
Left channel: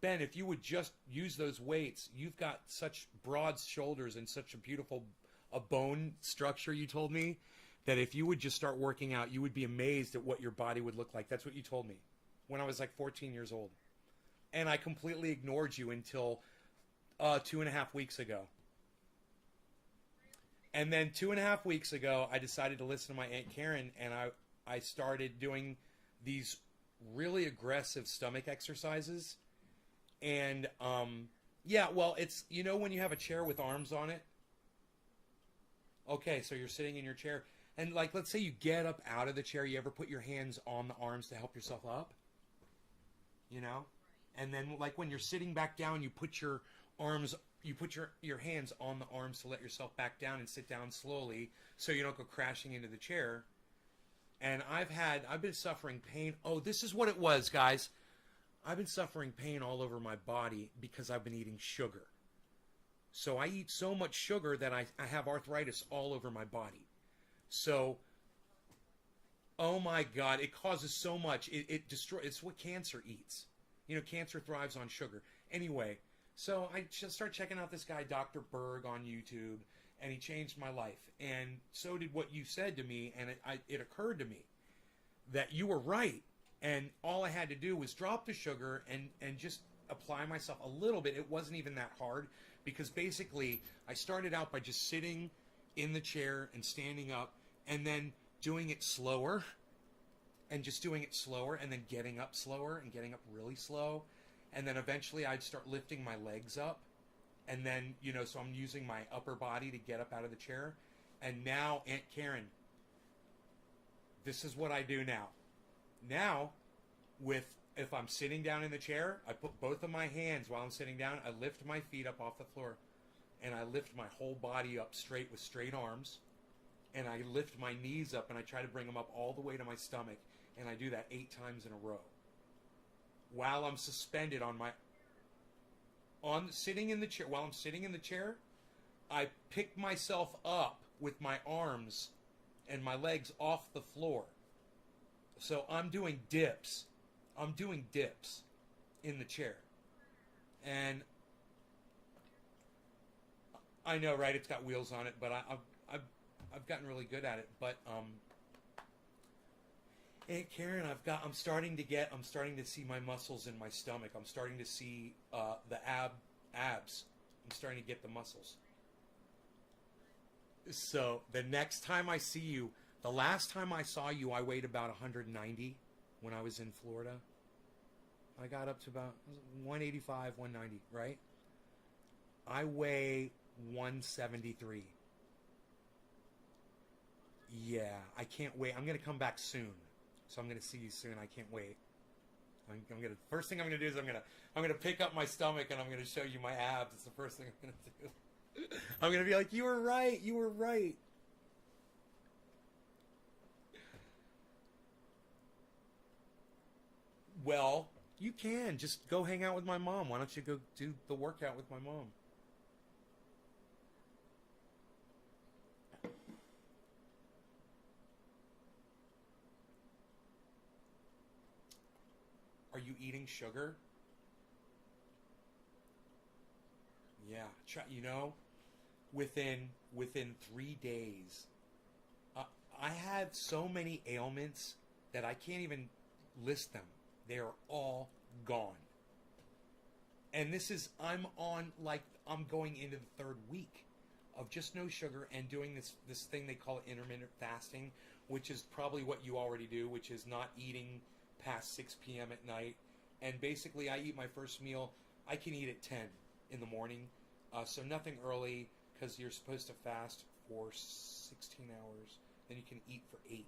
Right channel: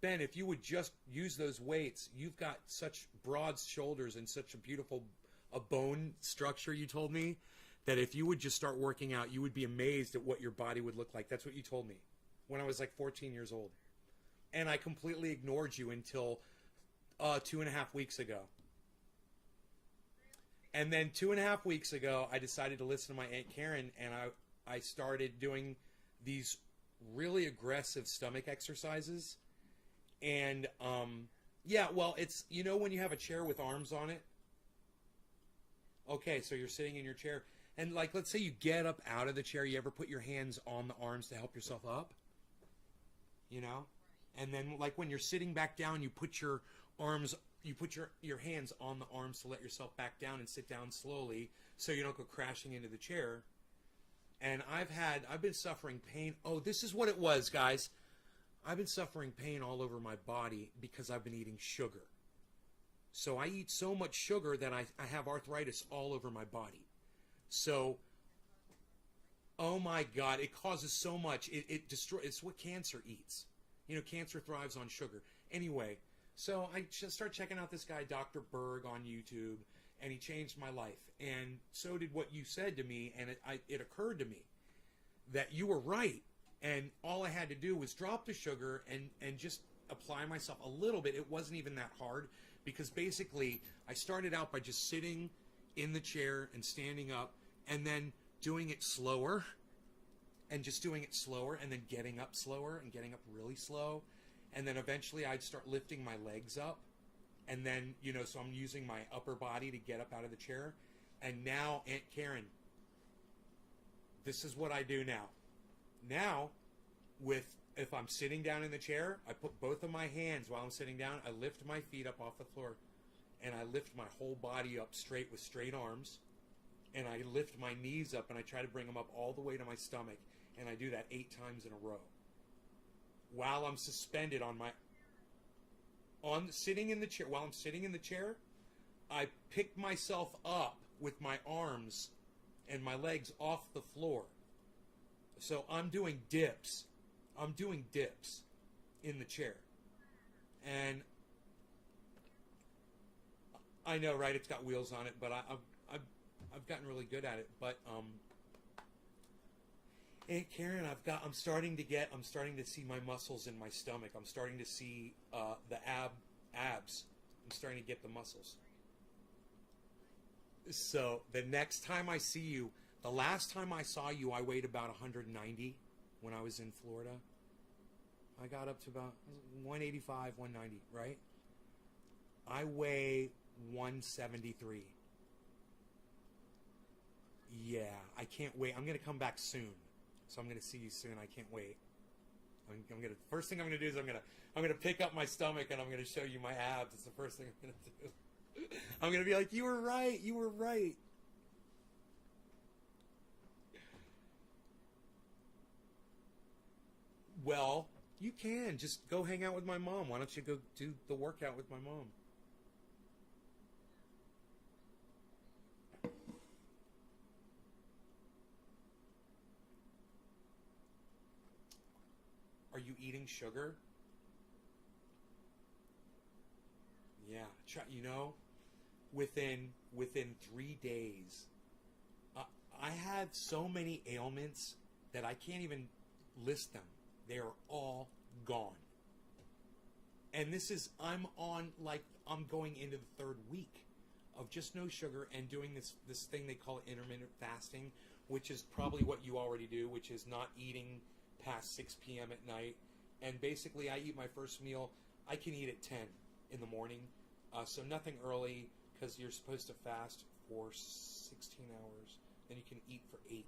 Ben, if you would just use those weights, you've got such broad shoulders and such a beautiful a bone structure, you told me, that if you would just start working out, you would be amazed at what your body would look like. That's what you told me when I was like 14 years old. And I completely ignored you until 2.5 weeks ago. And then 2.5 weeks ago, I decided to listen to my Aunt Karen, and I started doing these really aggressive stomach exercises. And yeah, well, it's, you know, when you have a chair with arms on it. Okay, so you're sitting in your chair, and like, let's say you get up out of the chair. You ever put your hands on the arms to help yourself up? You know, and then like when you're sitting back down, you put your arms, you put your hands on the arms to let yourself back down and sit down slowly, so you don't go crashing into the chair. And I've been suffering pain. Oh, this is what it was, guys. I've been suffering pain all over my body because I've been eating sugar. So I eat so much sugar that I have arthritis all over my body. So, oh my God, it causes so much. It destroys, it's what cancer eats. You know, cancer thrives on sugar. Anyway, so I just started checking out this guy, Dr. Berg, on YouTube, and he changed my life. And so did what you said to me, and it occurred to me that you were right. And all I had to do was drop the sugar and just apply myself a little bit. It wasn't even that hard because basically I started out by just sitting in the chair and standing up and then doing it slower and just doing it slower and then getting up slower and getting up really slow. And then eventually I'd start lifting my legs up. And then, you know, so I'm using my upper body to get up out of the chair. And now, Aunt Karen, this is what I do now. Now, if I'm sitting down in the chair, I put both of my hands while I'm sitting down. I lift my feet up off the floor, and I lift my whole body up straight with straight arms, and I lift my knees up, and I try to bring them up all the way to my stomach, and I do that 8 times in a row while I'm suspended on sitting in the chair. While I'm sitting in the chair, I pick myself up with my arms and my legs off the floor. So I'm doing dips. I'm doing dips in the chair. And I know, right? It's got wheels on it, but I've gotten really good at it. But Aunt Karen, I'm starting to see my muscles in my stomach. I'm starting to see the abs. I'm starting to get the muscles. So the next time I see you, the last time I saw you, I weighed about 190 when I was in Florida. I got up to about 185, 190, right? I weigh 173. Yeah, I can't wait. I'm going to come back soon. So I'm going to see you soon. I can't wait. I'm going to, first thing I'm going to do is I'm going to pick up my stomach and I'm going to show you my abs. It's the first thing I'm going to do. I'm going to be like, you were right. You were right. Well, you can just go hang out with my mom. Why don't you go do the workout with my mom? you eating sugar? Yeah, you know, within 3 days, I had so many ailments that I can't even list them. They are all gone. And I'm going into the third week of just no sugar and doing this thing they call intermittent fasting, which is probably what you already do, which is not eating past 6 p.m. at night. And basically, I eat my first meal. I can eat at 10 in the morning, so nothing early, because you're supposed to fast for 16 hours. Then you can eat for 8.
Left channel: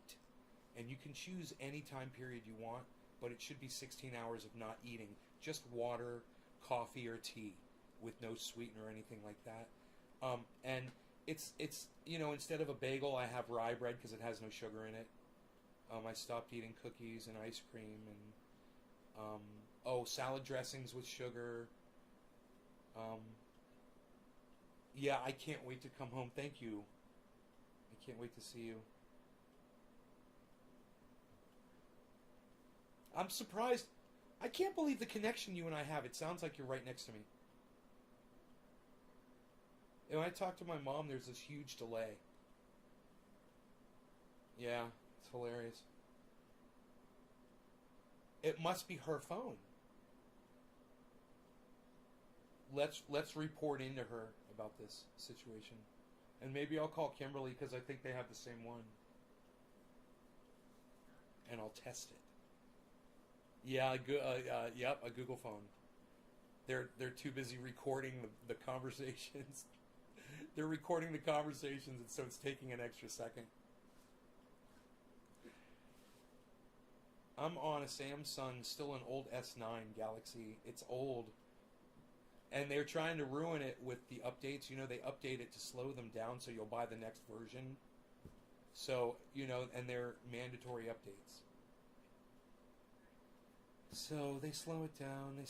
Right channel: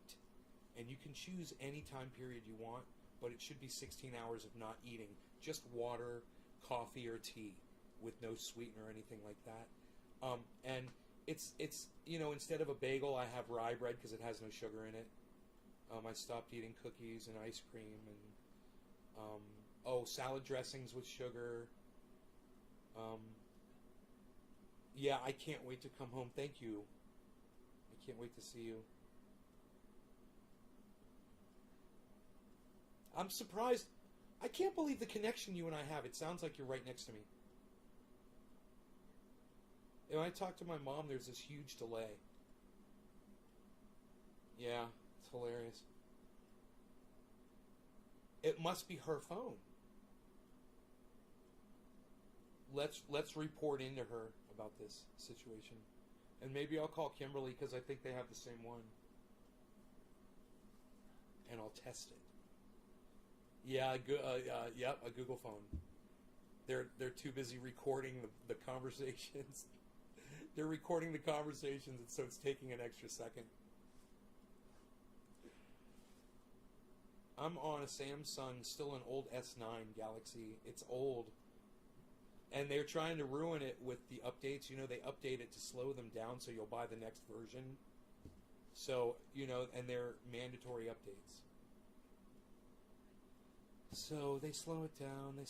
And you can choose any time period you want, but it should be 16 hours of not eating. Just water, coffee, or tea with no sweetener or anything like that. And it's instead of a bagel, I have rye bread because it has no sugar in it. I stopped eating cookies and ice cream and salad dressings with sugar. Yeah, I can't wait to come home. Thank you. I can't wait to see you. I'm surprised. I can't believe the connection you and I have. It sounds like you're right next to me. And when I talk to my mom, there's this huge delay. Yeah, it's hilarious. It must be her phone. Let's report into her about this situation. And maybe I'll call Kimberly because I think they have the same one. And I'll test it. Yeah, yep, a Google phone. They're too busy recording the conversations. They're recording the conversations, and so it's taking an extra second. I'm on a Samsung, still an old S9 Galaxy. It's old. And they're trying to ruin it with the updates. You know, they update it to slow them down so you'll buy the next version. So, and they're mandatory updates. So they slow it down.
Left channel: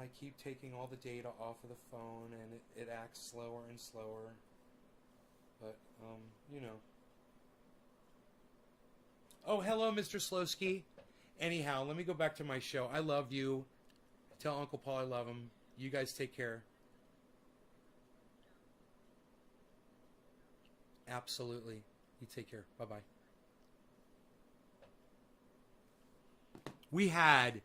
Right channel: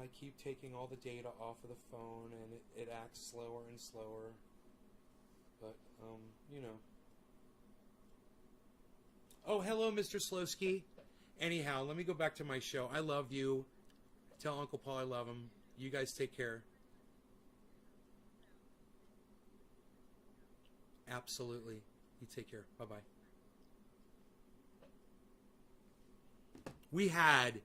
I keep taking all the data off of the phone, and it acts slower and slower. But, Oh, hello, Mr. Slowski. Anyhow, let me go back to my show. I love you. Tell Uncle Paul I love him. You guys take care. Absolutely. You take care. Bye-bye. We had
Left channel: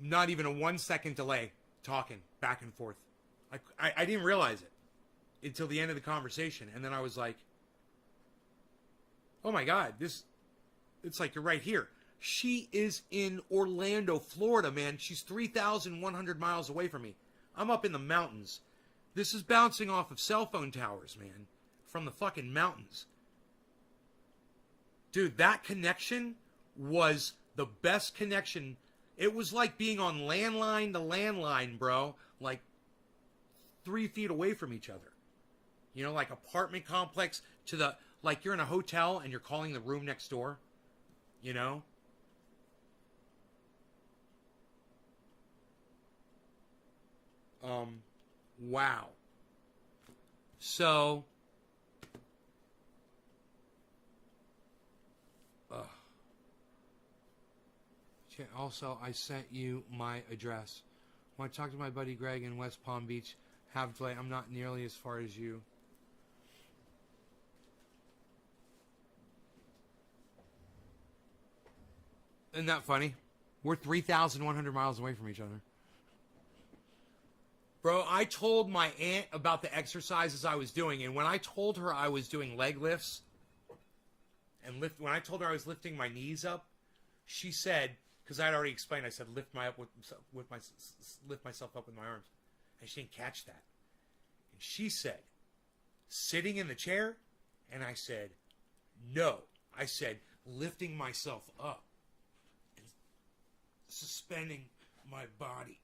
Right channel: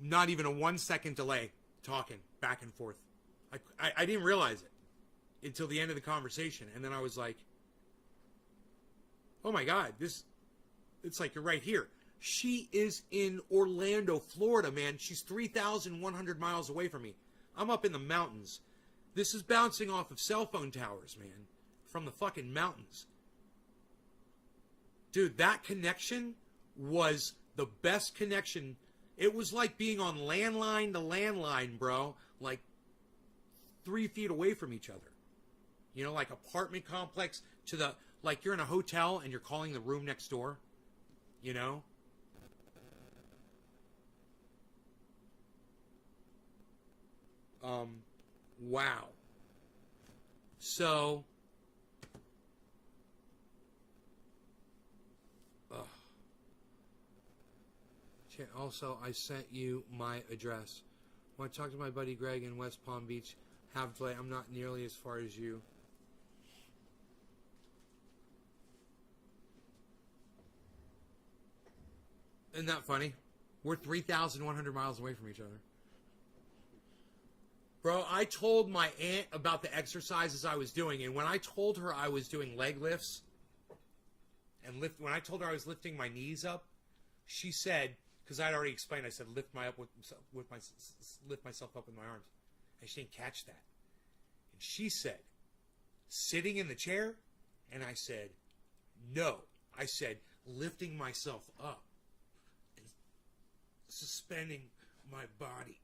not even a 1-second delay talking back and forth. I didn't realize it until the end of the conversation. And then I was like, oh my God, it's like you're right here. She is in Orlando, Florida, man. She's 3,100 miles away from me. I'm up in the mountains. This is bouncing off of cell phone towers, man, from the fucking mountains. Dude, that connection was the best connection. It was like being on landline to landline, bro. Like 3 feet away from each other. Like apartment complex to like you're in a hotel and you're calling the room next door. Wow. So, also, I sent you my address. Want to talk to my buddy Greg in West Palm Beach? Have delay. I'm not nearly as far as you. Isn't that funny? We're 3,100 miles away from each other. Bro, I told my aunt about the exercises I was doing, and when I told her I was doing leg lifts, and when I told her I was lifting my knees up, she said, because I had already explained, I said lift myself up with my arms, and she didn't catch that. And she said, sitting in the chair, and I said, no. I said lifting myself up and suspending my body.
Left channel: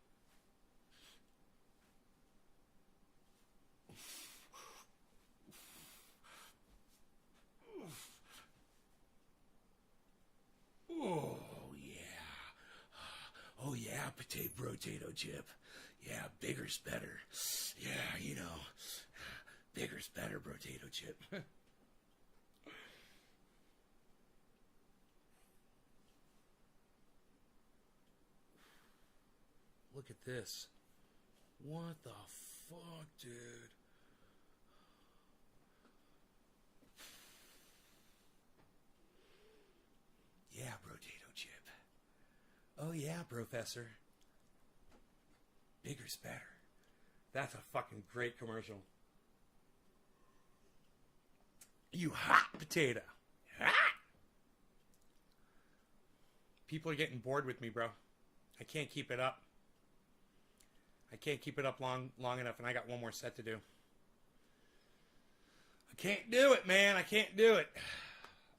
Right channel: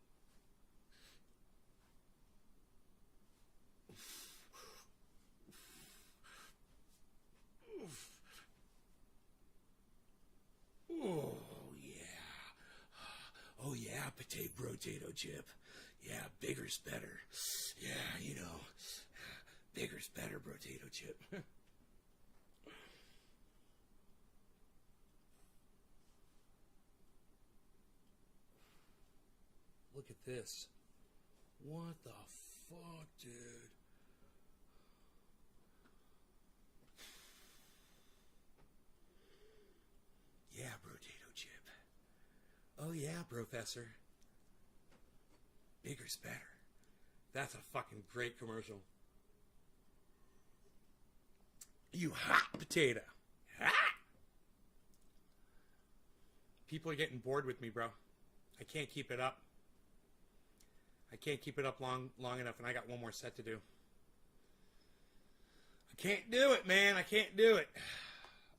Oh, yeah. Oh, yeah, potato chip. Yeah, bigger's better. Yeah, bigger's better, potato chip. look at this. What the fuck, dude? Yeah, potato chip. Oh yeah, Professor. Bigger's better. That's a fucking great commercial. You hot potato. Hot. People are getting bored with me, bro. I can't keep it up. I can't keep it up long enough, and I got one more set to do. I can't do it, man. I can't do it.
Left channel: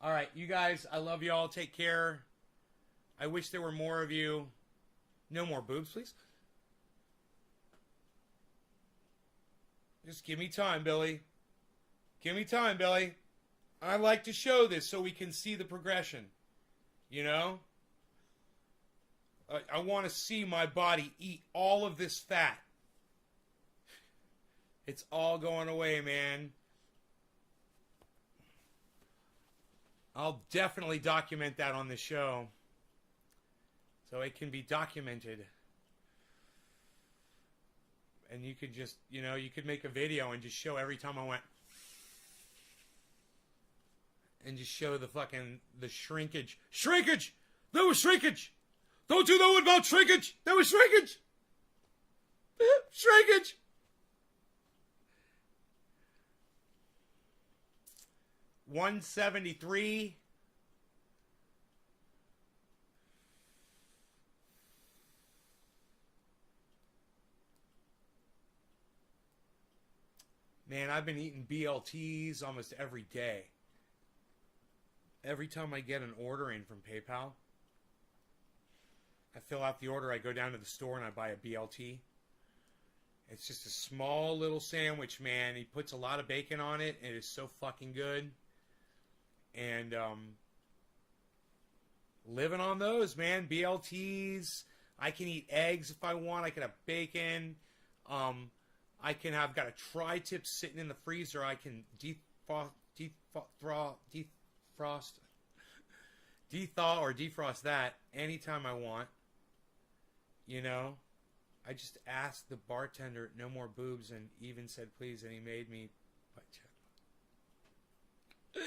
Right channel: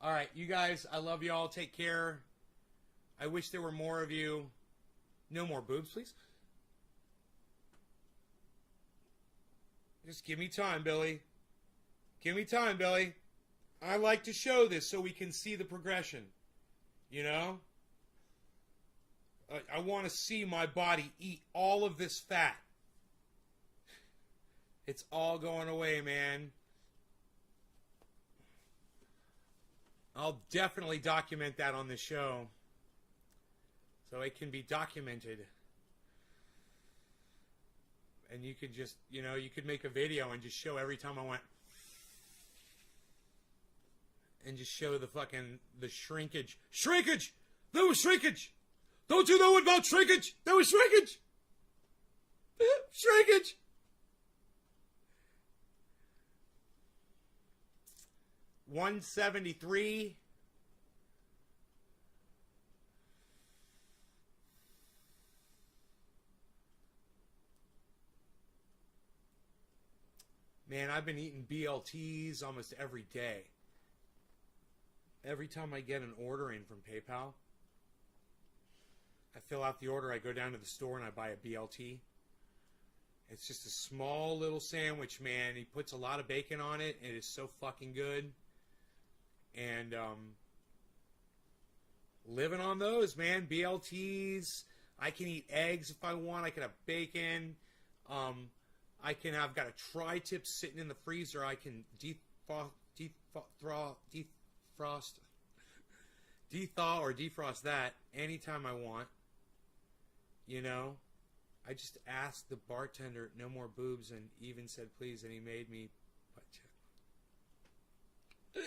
All right, you guys, I love you all. Take care. I wish there were more of you. No more boobs, please. Just give me time, Billy. Give me time, Billy. I like to show this so we can see the progression. You know? I want to see my body eat all of this fat. It's all going away, man. I'll definitely document that on the show. So it can be documented. And you could just, you know, you could make a video and just show every time I went. And just show the fucking, the shrinkage. Shrinkage! There was shrinkage! Don't you know about shrinkage? There was shrinkage! Shrinkage! $173. Man, I've been eating BLTs almost every day. Every time I get an order in from PayPal, I fill out the order, I go down to the store and I buy a BLT. It's just a small little sandwich, man. He puts a lot of bacon on it, and it is so fucking good. And living on those, man. BLTs. I can eat eggs if I want. I can have bacon. I've got a tri-tip sitting in the freezer. I can dethaw or defrost that anytime I want. You know, I just asked the bartender, no more boobs, and even said please, and he made me butt check.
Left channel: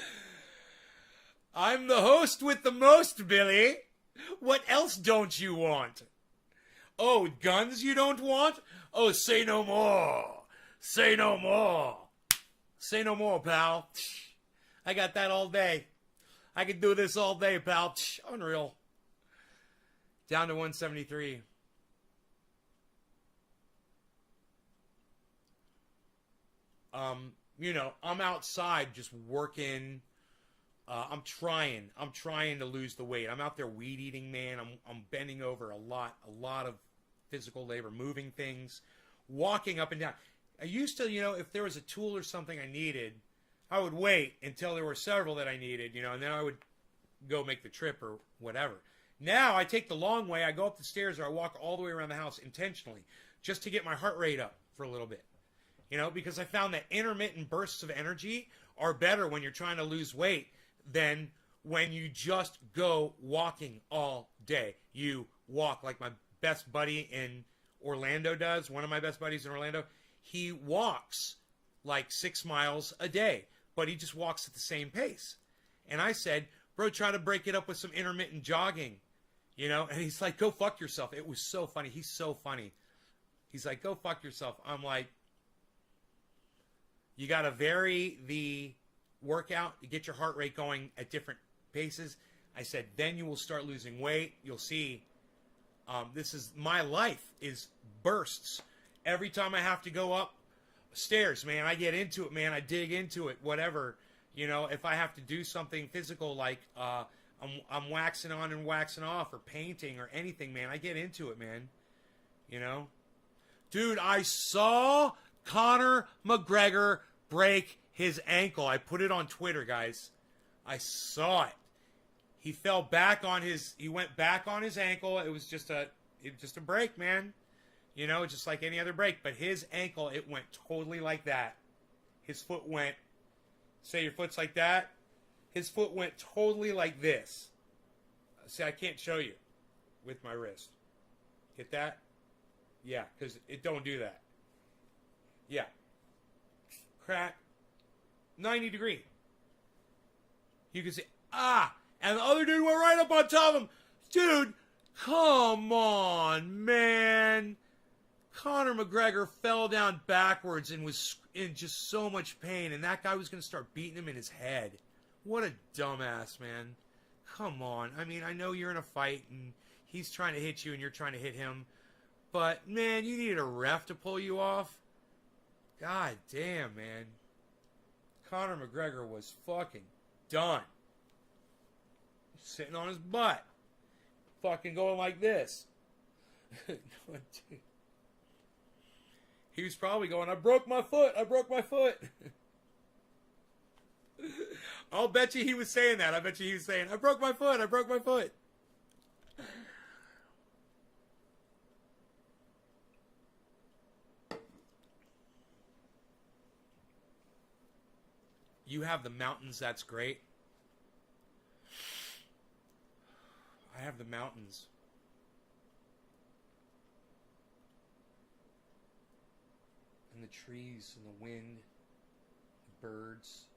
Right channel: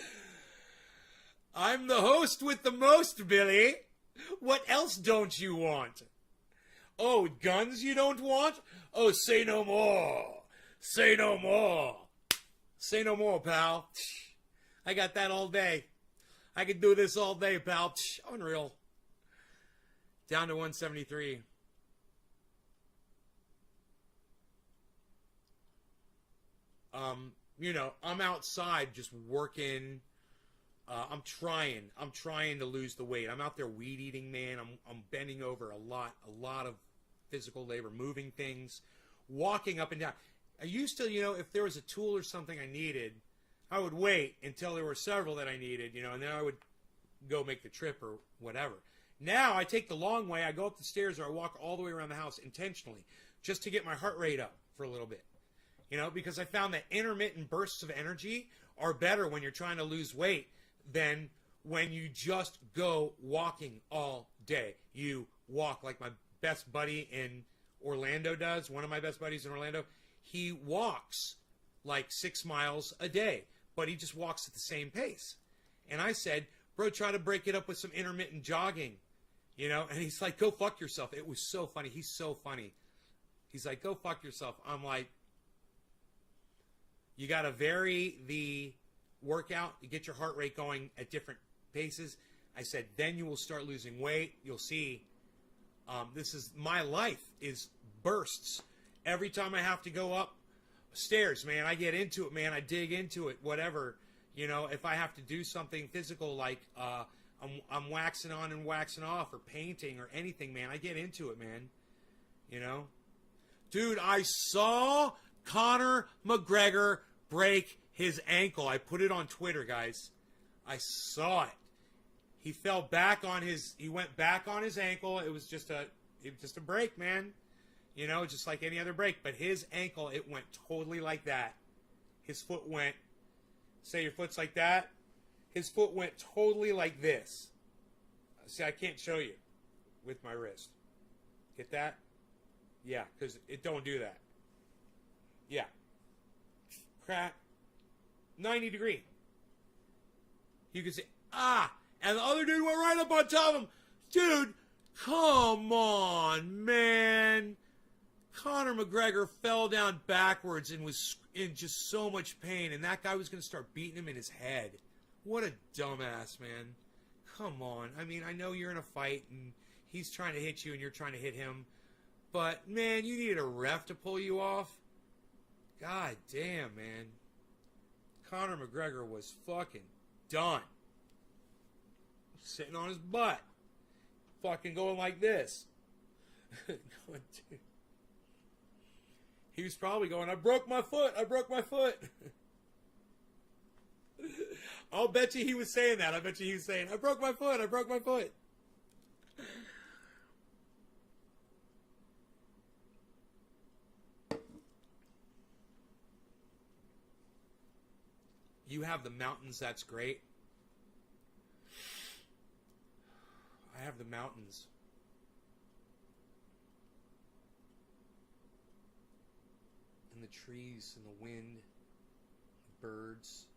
I'm the host with the most, Billy. What else don't you want? Oh, guns you don't want? Oh, say no more. Say no more. Say no more, pal. I got that all day. I could do this all day, pal. Unreal. Down to 173. You know, I'm outside just working. I'm trying to lose the weight. I'm out there weed eating, man. I'm bending over a lot of physical labor, moving things, walking up and down. I used to, you know, if there was a tool or something I needed, I would wait until there were several that I needed, you know, and then I would go make the trip or whatever. Now I take the long way. I go up the stairs or I walk all the way around the house intentionally just to get my heart rate up for a little bit. You know, because I found that intermittent bursts of energy are better when you're trying to lose weight than when you just go walking all day. You walk like my best buddy in Orlando does. One of my best buddies in Orlando, he walks like 6 miles a day, but he just walks at the same pace. And I said, bro, try to break it up with some intermittent jogging, you know? And he's like, go fuck yourself. It was so funny. He's so funny. He's like, go fuck yourself. I'm like, you got to vary the workout, you get your heart rate going at different paces. I said, then you will start losing weight. You'll see. This is my life is bursts. Every time I have to go up stairs, man, I get into it, man. I dig into it, whatever. You know, if I have to do something physical like I'm waxing on and waxing off or painting or anything, man, I get into it, man. You know? Dude, I saw Conor McGregor break his ankle. I put it on Twitter, guys. I saw it. He fell back on his, he went back on his ankle. It was just a break, man. You know, just like any other break. But his ankle, it went totally like that. His foot went, say your foot's like that. His foot went totally like this. See, I can't show you with my wrist. Get that? Yeah, because it don't do that. Yeah. Crack. 90 degree. You can see, and the other dude went right up on top of him. Dude, come on, man. Conor McGregor fell down backwards and was in just so much pain, and that guy was going to start beating him in his head. What a dumbass, man. Come on. I mean, I know you're in a fight, and he's trying to hit you, and you're trying to hit him. But, man, you needed a ref to pull you off. God damn, man. Conor McGregor was fucking done. Sitting on his butt. Fucking going like this. He was probably going, I broke my foot. I broke my foot. I'll bet you he was saying that. I bet you he was saying, I broke my foot. I broke my foot. You have the mountains, that's great. I have the mountains. And the trees and the wind, the birds.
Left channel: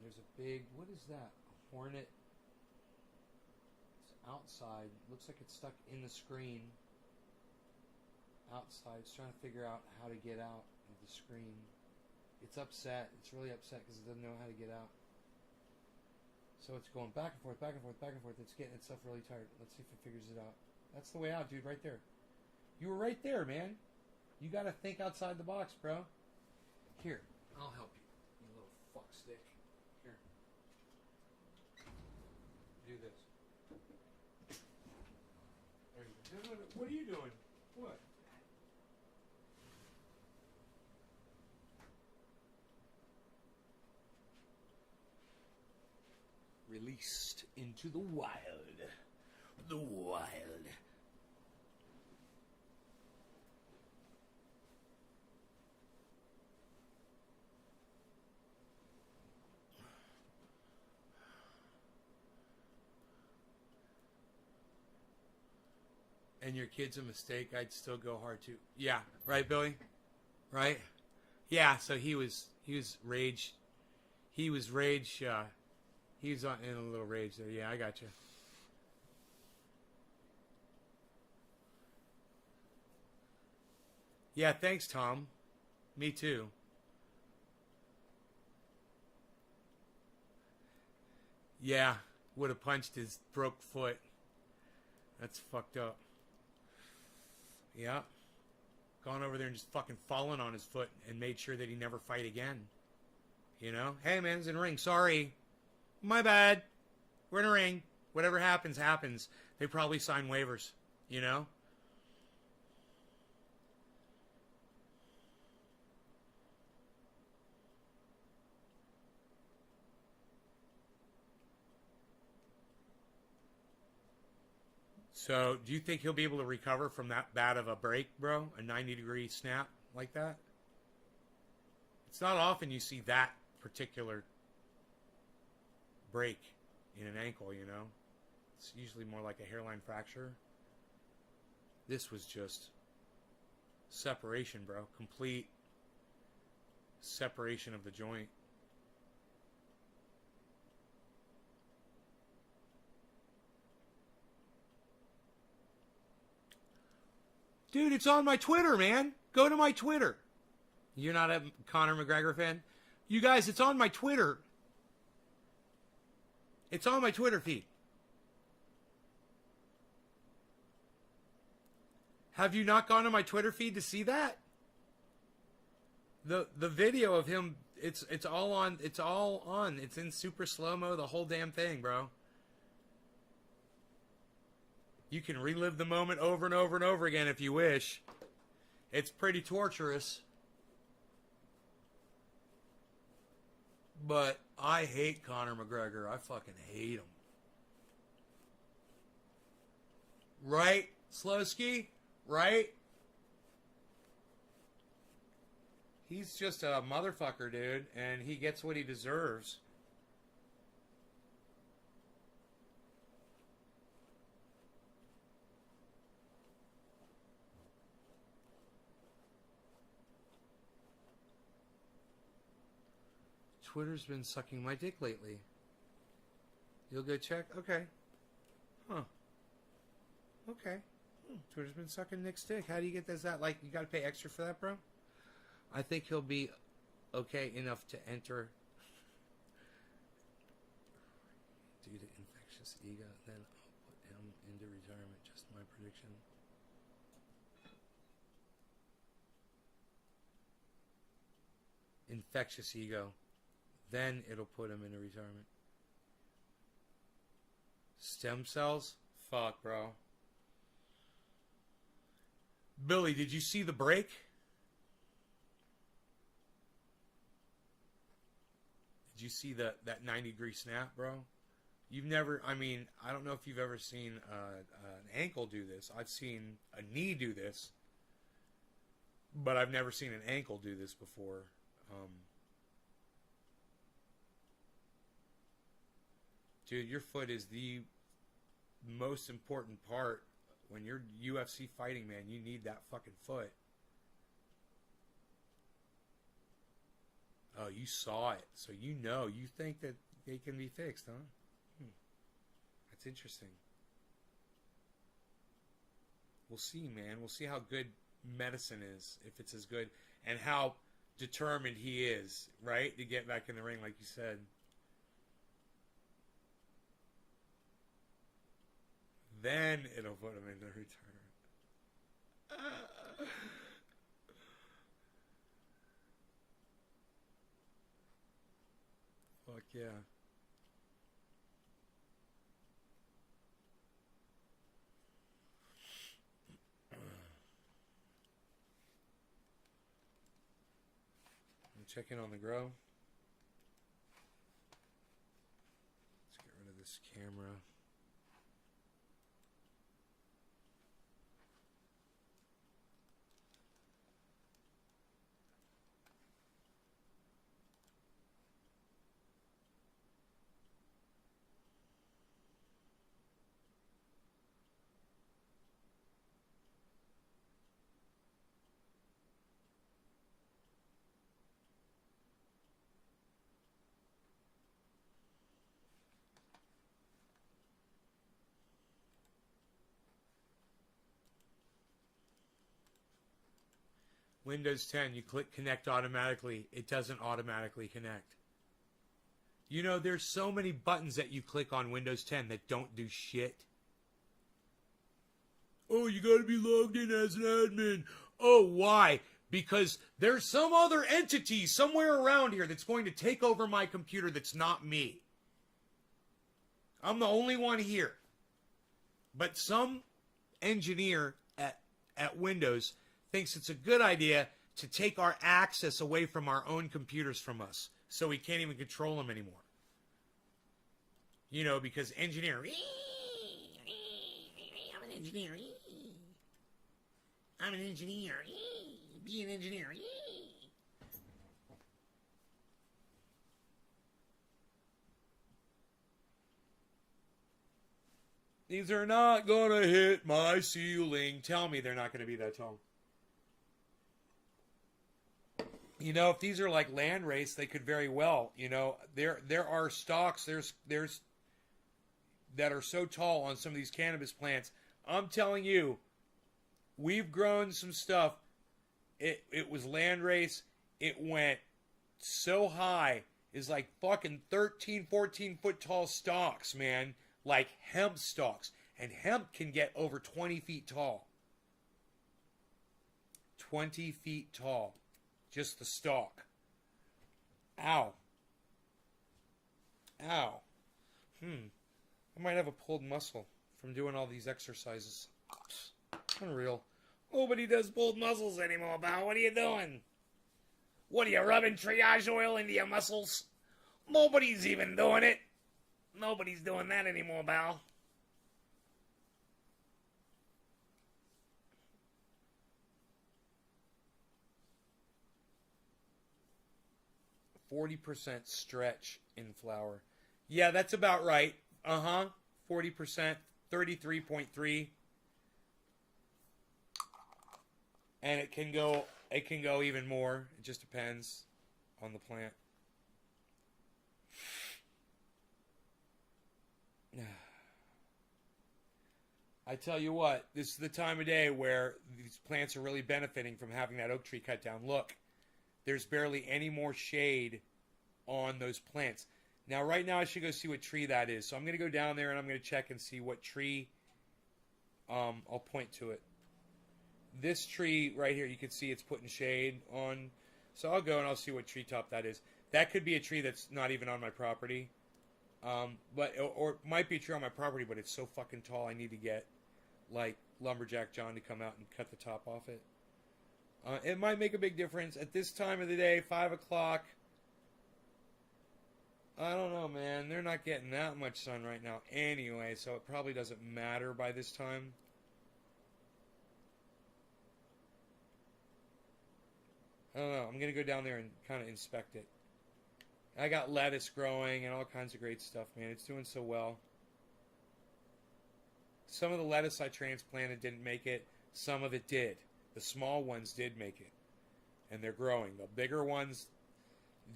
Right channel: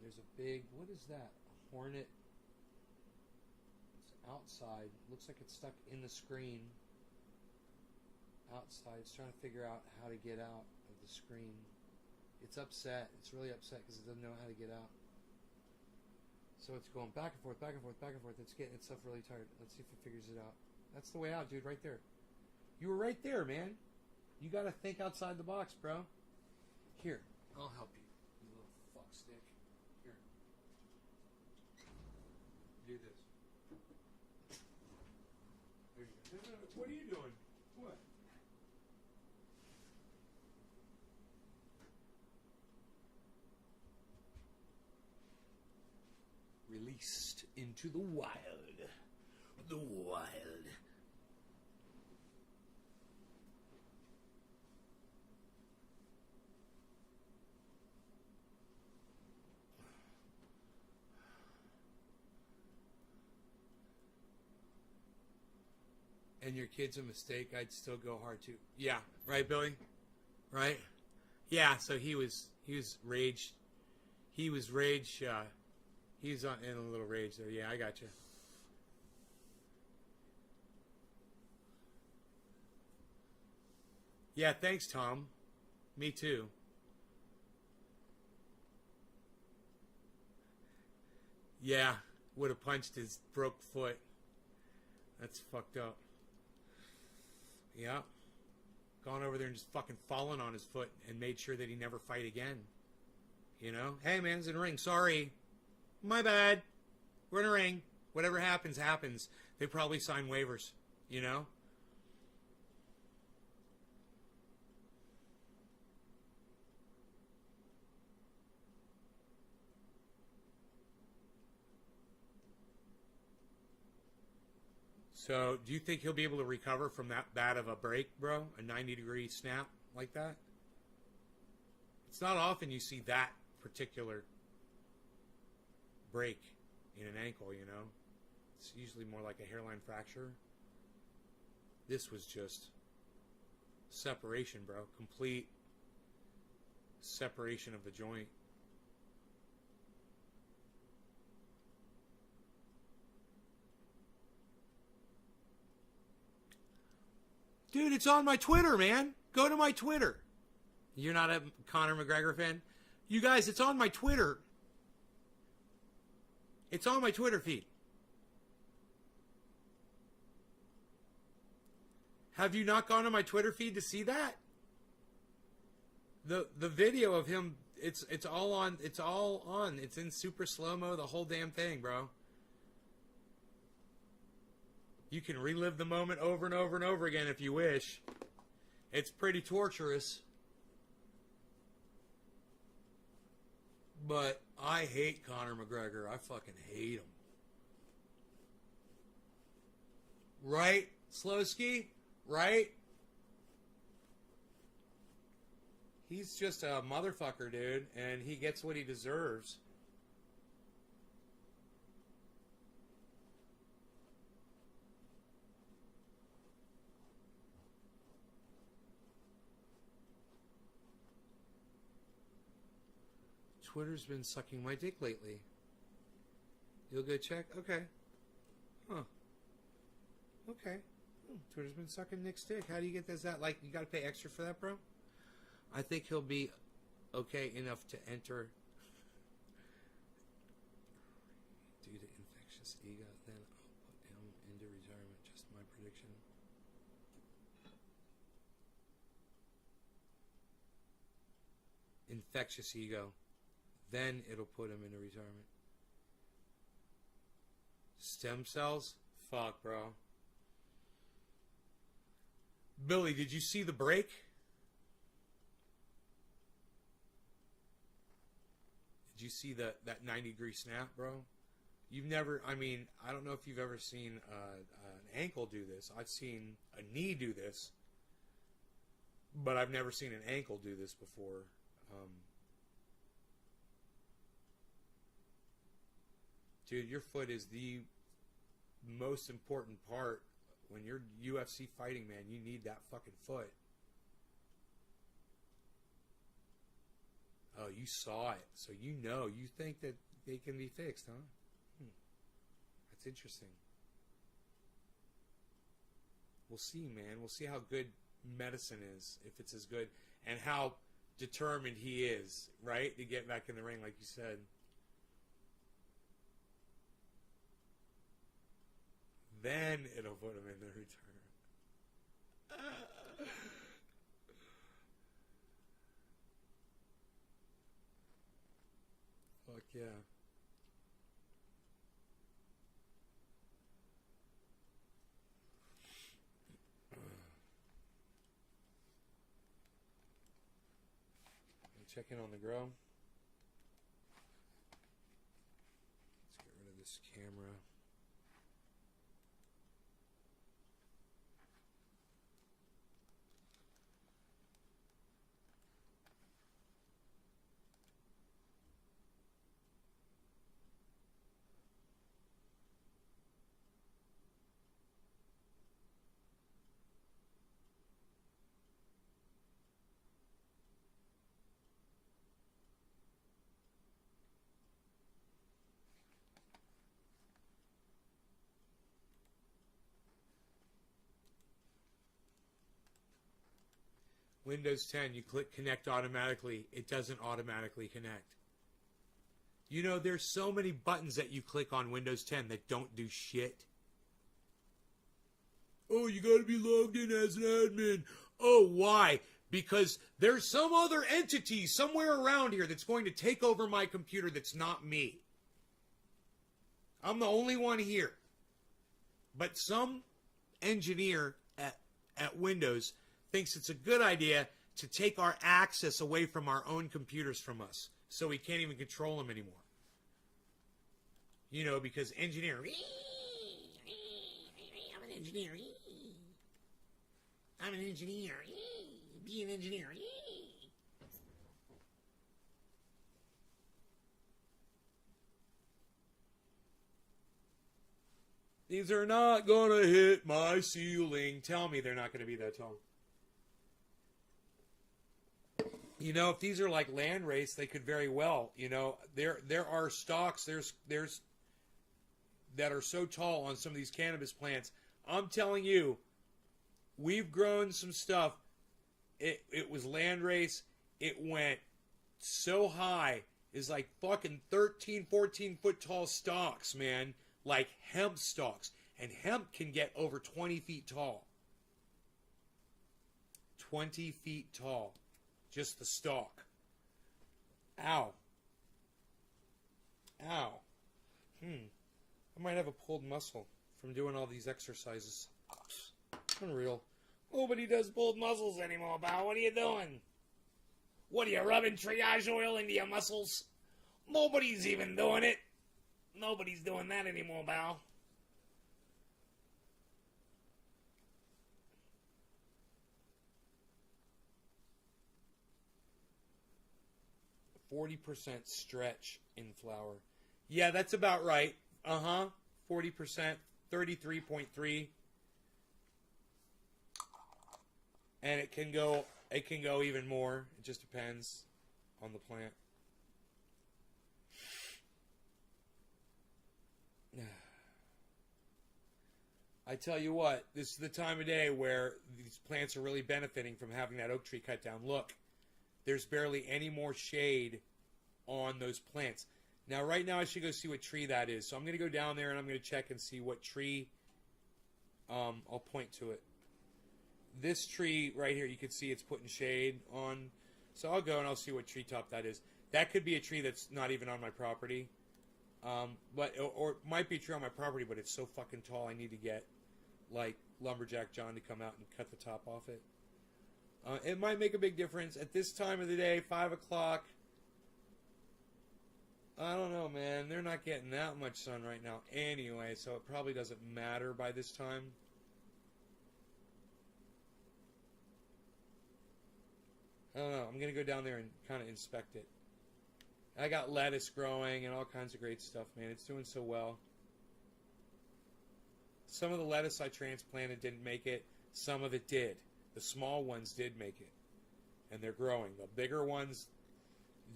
There's a big, what is that? A hornet. It's outside. Looks like it's stuck in the screen. Outside. It's trying to figure out how to get out of the screen. It's upset. It's really upset because it doesn't know how to get out. So it's going back and forth, back and forth, back and forth. It's getting itself really tired. Let's see if it figures it out. That's the way out, dude, right there. You were right there, man. You got to think outside the box, bro. Here, I'll help you, you little fuck stick. Here. Do this. There you go. No. What are you doing? What? Released into the wild. The wild. And your kid's a mistake, I'd still go hard too. Yeah, right, Billy? Right? Yeah, so he was rage. He was rage, he's in a little rage though. Yeah, I got you. Yeah, thanks, Tom. Me too. Yeah, would have punched his broke foot. That's fucked up. Yeah. Gone over there and just fucking fallen on his foot and made sure that he never fight again. You know? Hey, man, it's in a ring. Sorry. My bad. We're in a ring. Whatever happens, happens. They probably sign waivers. You know? So, do you think he'll be able to recover from that bad of a break, bro? A 90-degree snap like that? It's not often you see that particular break in an ankle, you know? It's usually more like a hairline fracture. This was just separation, bro. Complete separation of the joint. Dude, it's on my Twitter, man. Go to my Twitter. You're not a Conor McGregor fan? You guys, it's on my Twitter. It's on my Twitter feed. Have you not gone to my Twitter feed to see that? The video of him, it's all on. It's all on. It's in super slow-mo, the whole damn thing, bro. You can relive the moment over and over and over again if you wish. It's pretty torturous. But I hate Conor McGregor. I fucking hate him. Right, Slowski? Right? He's just a motherfucker, dude, and he gets what he deserves. Twitter's been sucking my dick lately. You'll go check? Okay. Huh. Okay. Twitter's been sucking Nick's dick. How do you get this out? Like, you gotta pay extra for that, bro? I think he'll be okay enough to enter due to infectious ego. Then I'll put him into retirement. Just my prediction. Infectious ego. Then it'll put him into retirement. Stem cells? Fuck, bro. Billy, did you see the break? Did you see that 90-degree snap, bro? You've never, I mean, I don't know if you've ever seen an ankle do this. I've seen a knee do this. But I've never seen an ankle do this before. Dude, your foot is the most important part. When you're UFC fighting, man, you need that fucking foot. Oh, you saw it. So you know. You think that they can be fixed, huh? That's interesting. We'll see, man. We'll see how good medicine is, if it's as good, and how determined he is, right? To get back in the ring, like you said. Then it'll put him in the return. Fuck yeah. Check in on the grow. Let's get rid of this camera. Windows 10, you click connect automatically. It doesn't automatically connect. You know, there's so many buttons that you click on Windows 10 that don't do shit. Oh, you gotta be logged in as an admin. Oh, why? Because there's some other entity somewhere around here that's going to take over my computer that's not me. I'm the only one here. But some engineer at Windows thinks it's a good idea to take our access away from our own computers from us, so we can't even control them anymore. You know, because engineer, I'm an engineer. I'm an engineer. Be an engineer. These are not gonna hit my ceiling. Tell me they're not gonna be that tall. You know, if these are like land race, they could very well. You know, there are stalks. There's that are so tall on some of these cannabis plants. I'm telling you, we've grown some stuff. It was land race. It went so high. It's like fucking 13, 14 foot tall stalks, man. Like hemp stalks. And hemp can get over 20 feet tall. 20 feet tall. Just the stalk. Ow. Ow. I might have a pulled muscle from doing all these exercises. Unreal. Nobody does pulled muscles anymore, pal. What are you doing? What are you rubbing triage oil into your muscles? Nobody's even doing it. Nobody's doing that anymore, pal. %40 stretch in flour. Yeah, that's about right. 40%, 33.3. And it can go even more. It just depends on the plant. I tell you what, this is the time of day where these plants are really benefiting from having that oak tree cut down. Look, there's barely any more shade on those plants. Now, right now, I should go see what tree that is. So I'm going to go down there and I'm going to check and see what tree. I'll point to it. This tree right here, you can see it's putting shade on. So I'll go and I'll see what treetop that is. That could be a tree that's not even on my property. Or it might be a tree on my property, but it's so fucking tall I need to get, like, Lumberjack John to come out and cut the top off it. It might make a big difference. At this time of the day, 5 o'clock, I don't know, man. They're not getting that much sun right now anyway, so it probably doesn't matter by this time. I don't know. I'm going to go down there and kind of inspect it. I got lettuce growing and all kinds of great stuff, man. It's doing so well. Some of the lettuce I transplanted didn't make it. Some of it did. The small ones did make it. And they're growing. The bigger ones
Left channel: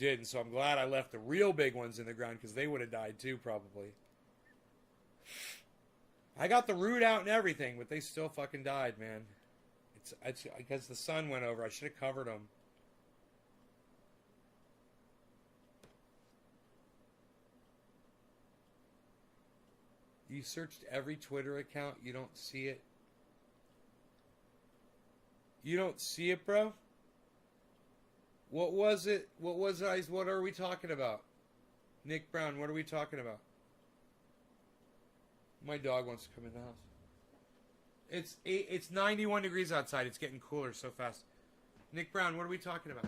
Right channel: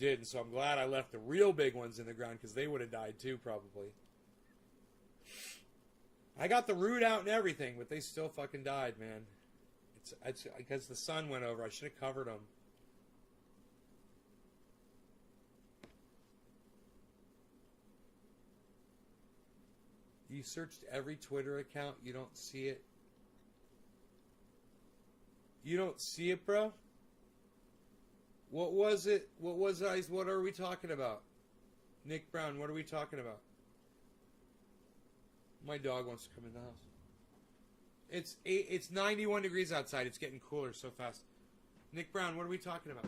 didn't. So I'm glad I left the real big ones in the ground because they would have died too, probably. I got the root out and everything, but they still fucking died, man. It's because the sun went over. I should have covered them. You searched every Twitter account. You don't see it. You don't see it, bro? What was it? What are we talking about? Nick Brown, what are we talking about? My dog wants to come in the house. It's 91 degrees outside. It's getting cooler so fast. Nick Brown, what are we talking about?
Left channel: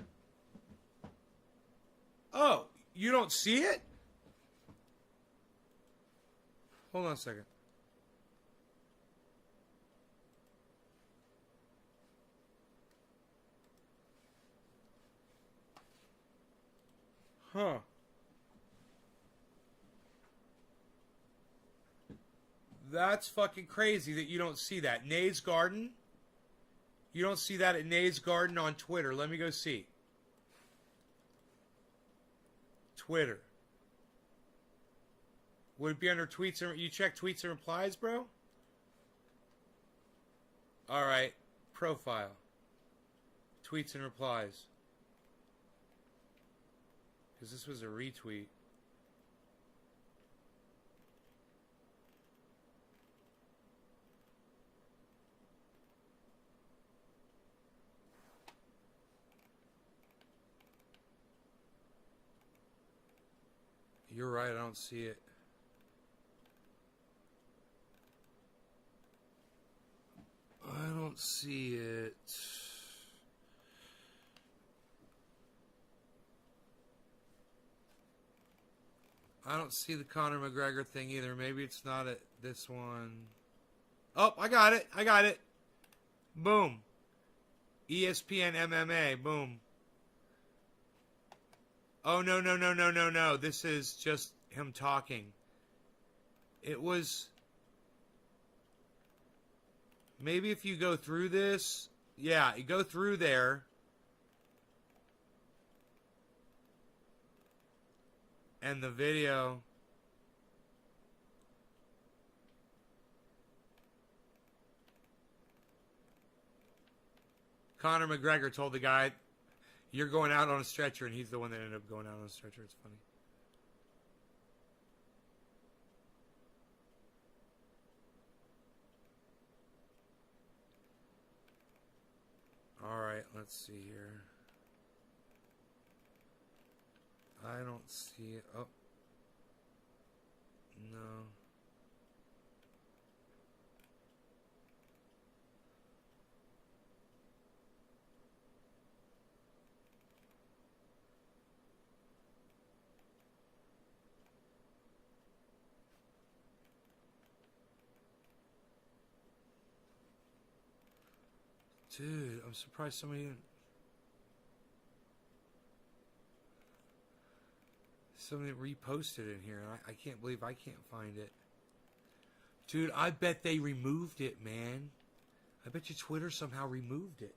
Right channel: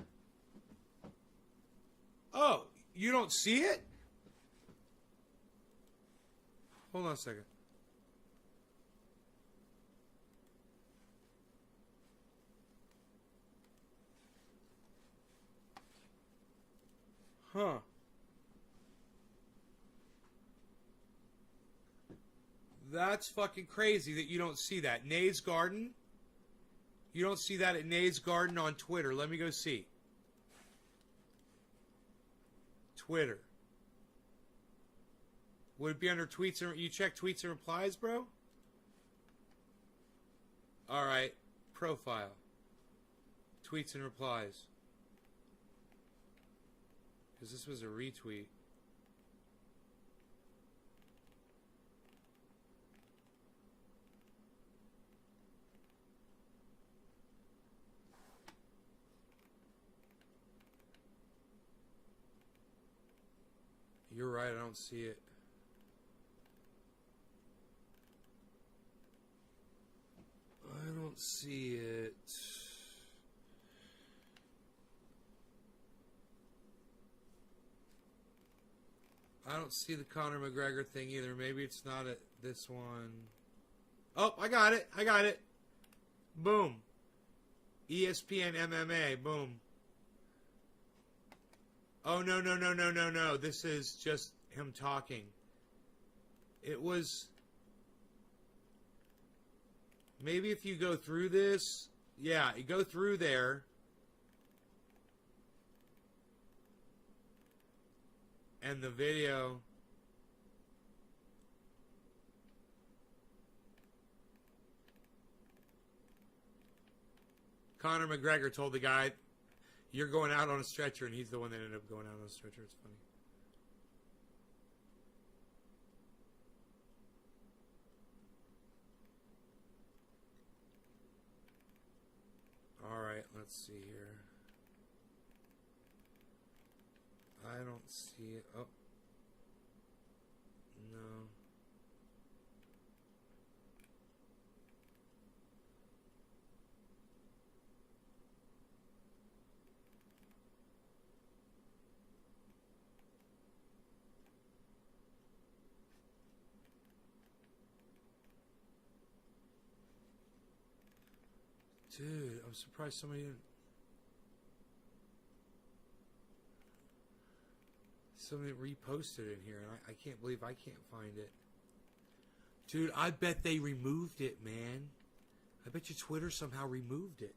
Oh, you don't see it? Hold on a second. Huh. That's fucking crazy that you don't see that. Nay's Garden? You don't see that at Nay's Garden on Twitter. Let me go see. Twitter. Would it be under tweets and... You check tweets and replies, bro? Alright. Profile. Tweets and replies. Because this was a retweet. You're right, I don't see it. I don't see it. I don't see the Conor McGregor thing either. Maybe it's not at this one. Oh, I got it. I got it. Boom. ESPN MMA. Boom. Oh, no, no, no, no, no, no. This is just him talking. It was... Maybe if you go through this... Yeah, you go through there. And the video... Conor McGregor told the guy, "You're going out on a stretcher," and he's the one that ended up going out on a stretcher. It's funny. Alright, let's see here. I don't see it. Oh. No. Dude, I'm surprised somebody didn't... Somebody reposted it here. I can't believe I can't find it. Dude, I bet they removed it, man. I bet your Twitter somehow removed it.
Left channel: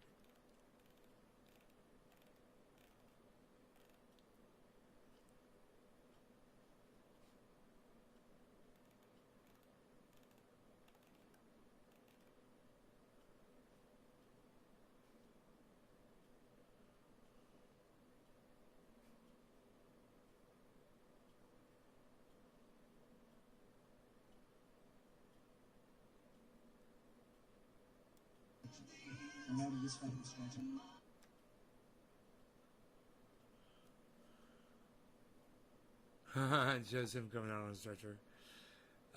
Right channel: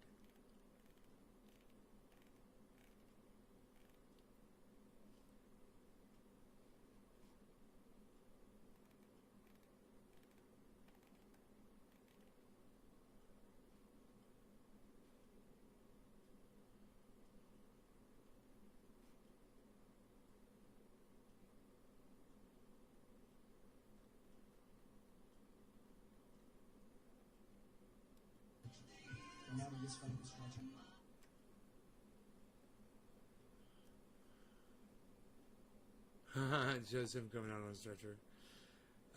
Just him coming out on a stretcher.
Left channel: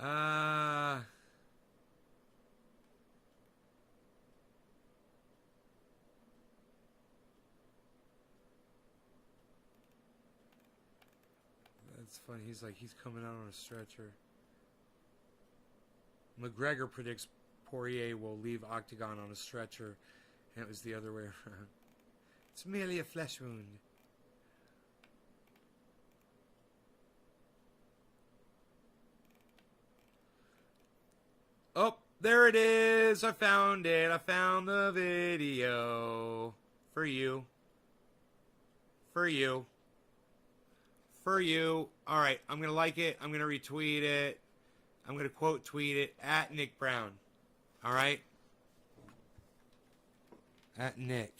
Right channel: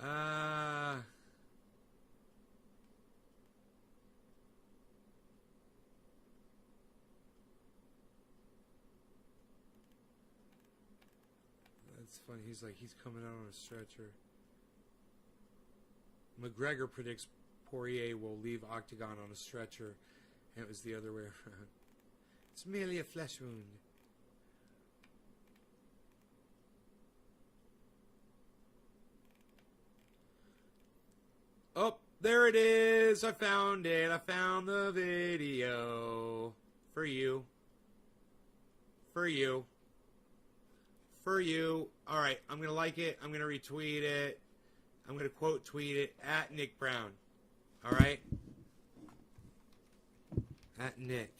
Uh... That's funny. He's like, he's coming out on a stretcher. McGregor predicts Poirier will leave Octagon on a stretcher, and it was the other way around. It's merely a flesh wound. Oh, there it is. I found it. I found the video. For you. For you. For you. All right, I'm going to like it. I'm going to retweet it. I'm going to quote tweet it at Nick Brown. All right? At Nick.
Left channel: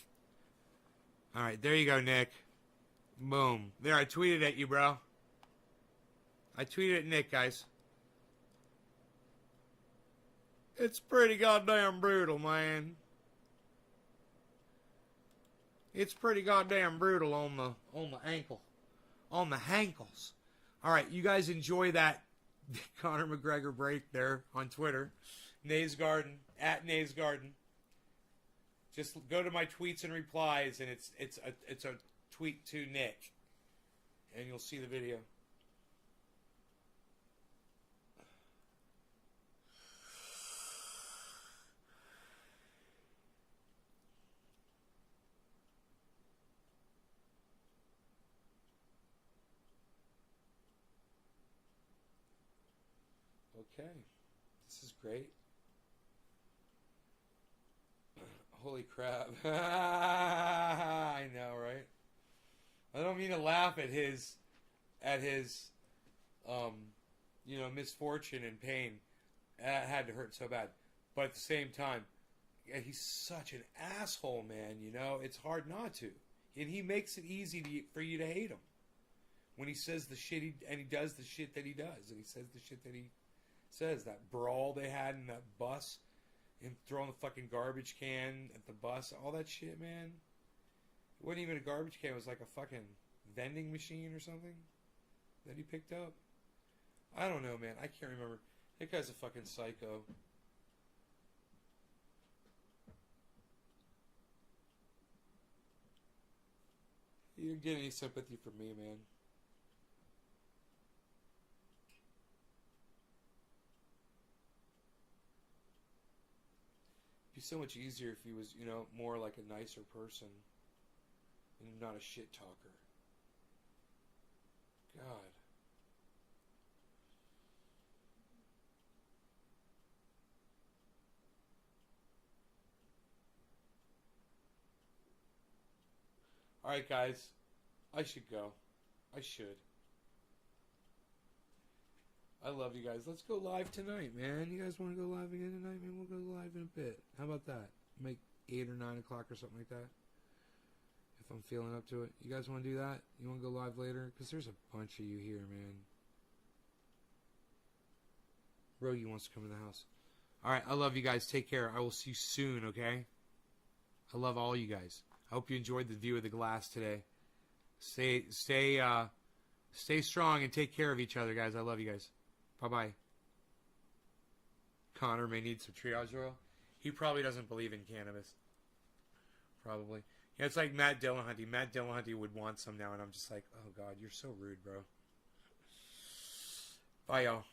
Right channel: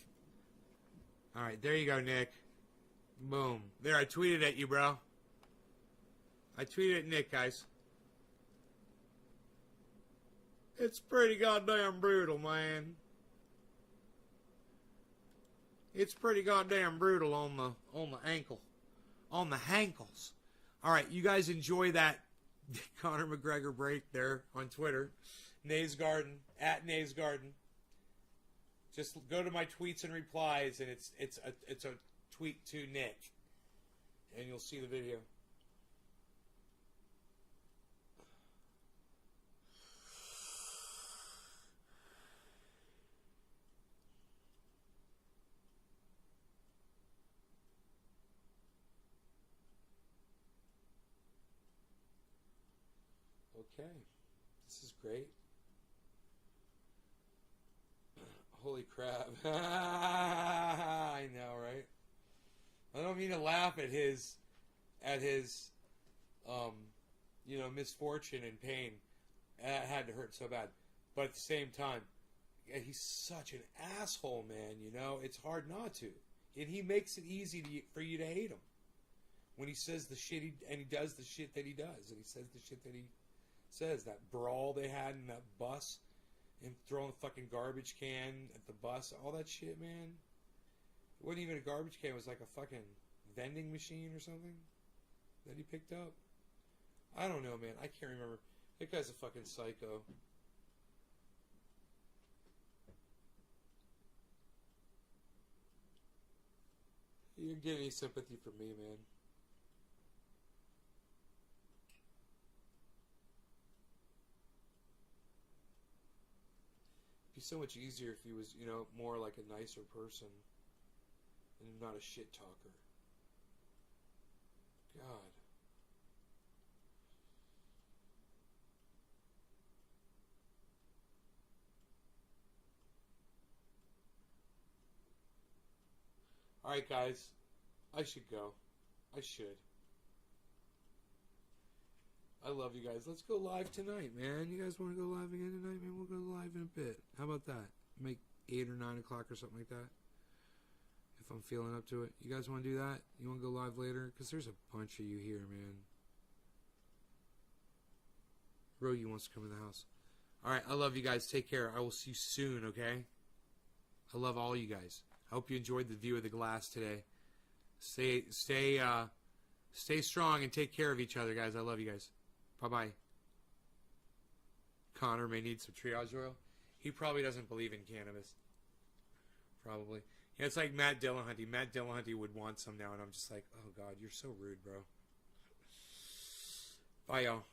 All right, there you go, Nick. Boom. There, I tweeted at you, bro. I tweeted at Nick, guys. It's pretty goddamn brutal, man. It's pretty goddamn brutal on the ankle. On the hankles. All right, you guys enjoy that Conor McGregor break there on Twitter. Nays Garden, at Nays Garden. Just go to my tweets and replies, and it's a tweet to Nick, and you'll see the video. Okay, this is great. Holy crap. I know, right? I don't mean to laugh at his misfortune and pain. That had to hurt so bad. But at the same time, he's such an asshole, man, you know? It's hard not to. And he makes it easy for you to hate him. When he says the shit and he does the shit that he does. And he says the shit that he says. That brawl they had in that bus. Him throwing the fucking garbage can at the bus. All that shit, man. It wasn't even a garbage can. It was like a fucking vending machine or something that he picked up. I don't know, man. I can't remember. That guy's a fucking psycho. You didn't get any sympathy from me, man. It'd be so much easier if he was, more like a nicer person and not a shit talker. God. Alright, guys. I should go. I should. I love you guys. Let's go live tonight, man. You guys want to go live again tonight? Man, we'll go live in a bit. How about that? Make 8 or 9 o'clock or something like that. If I'm feeling up to it. You guys want to do that? You want to go live later? Because there's a bunch of you here, man. Rogie wants to come in the house. Alright, I love you guys. Take care. I will see you soon, okay? I love all you guys. I hope you enjoyed the view of the glass today. Stay strong and take care of each other, guys. I love you guys. Bye-bye. Connor may need some triage oil. He probably doesn't believe in cannabis. Probably. Yeah, it's like Matt Dillahunty. Matt Dillahunty would want some now, and I'm just like, oh, God, you're so rude, bro. Bye, y'all.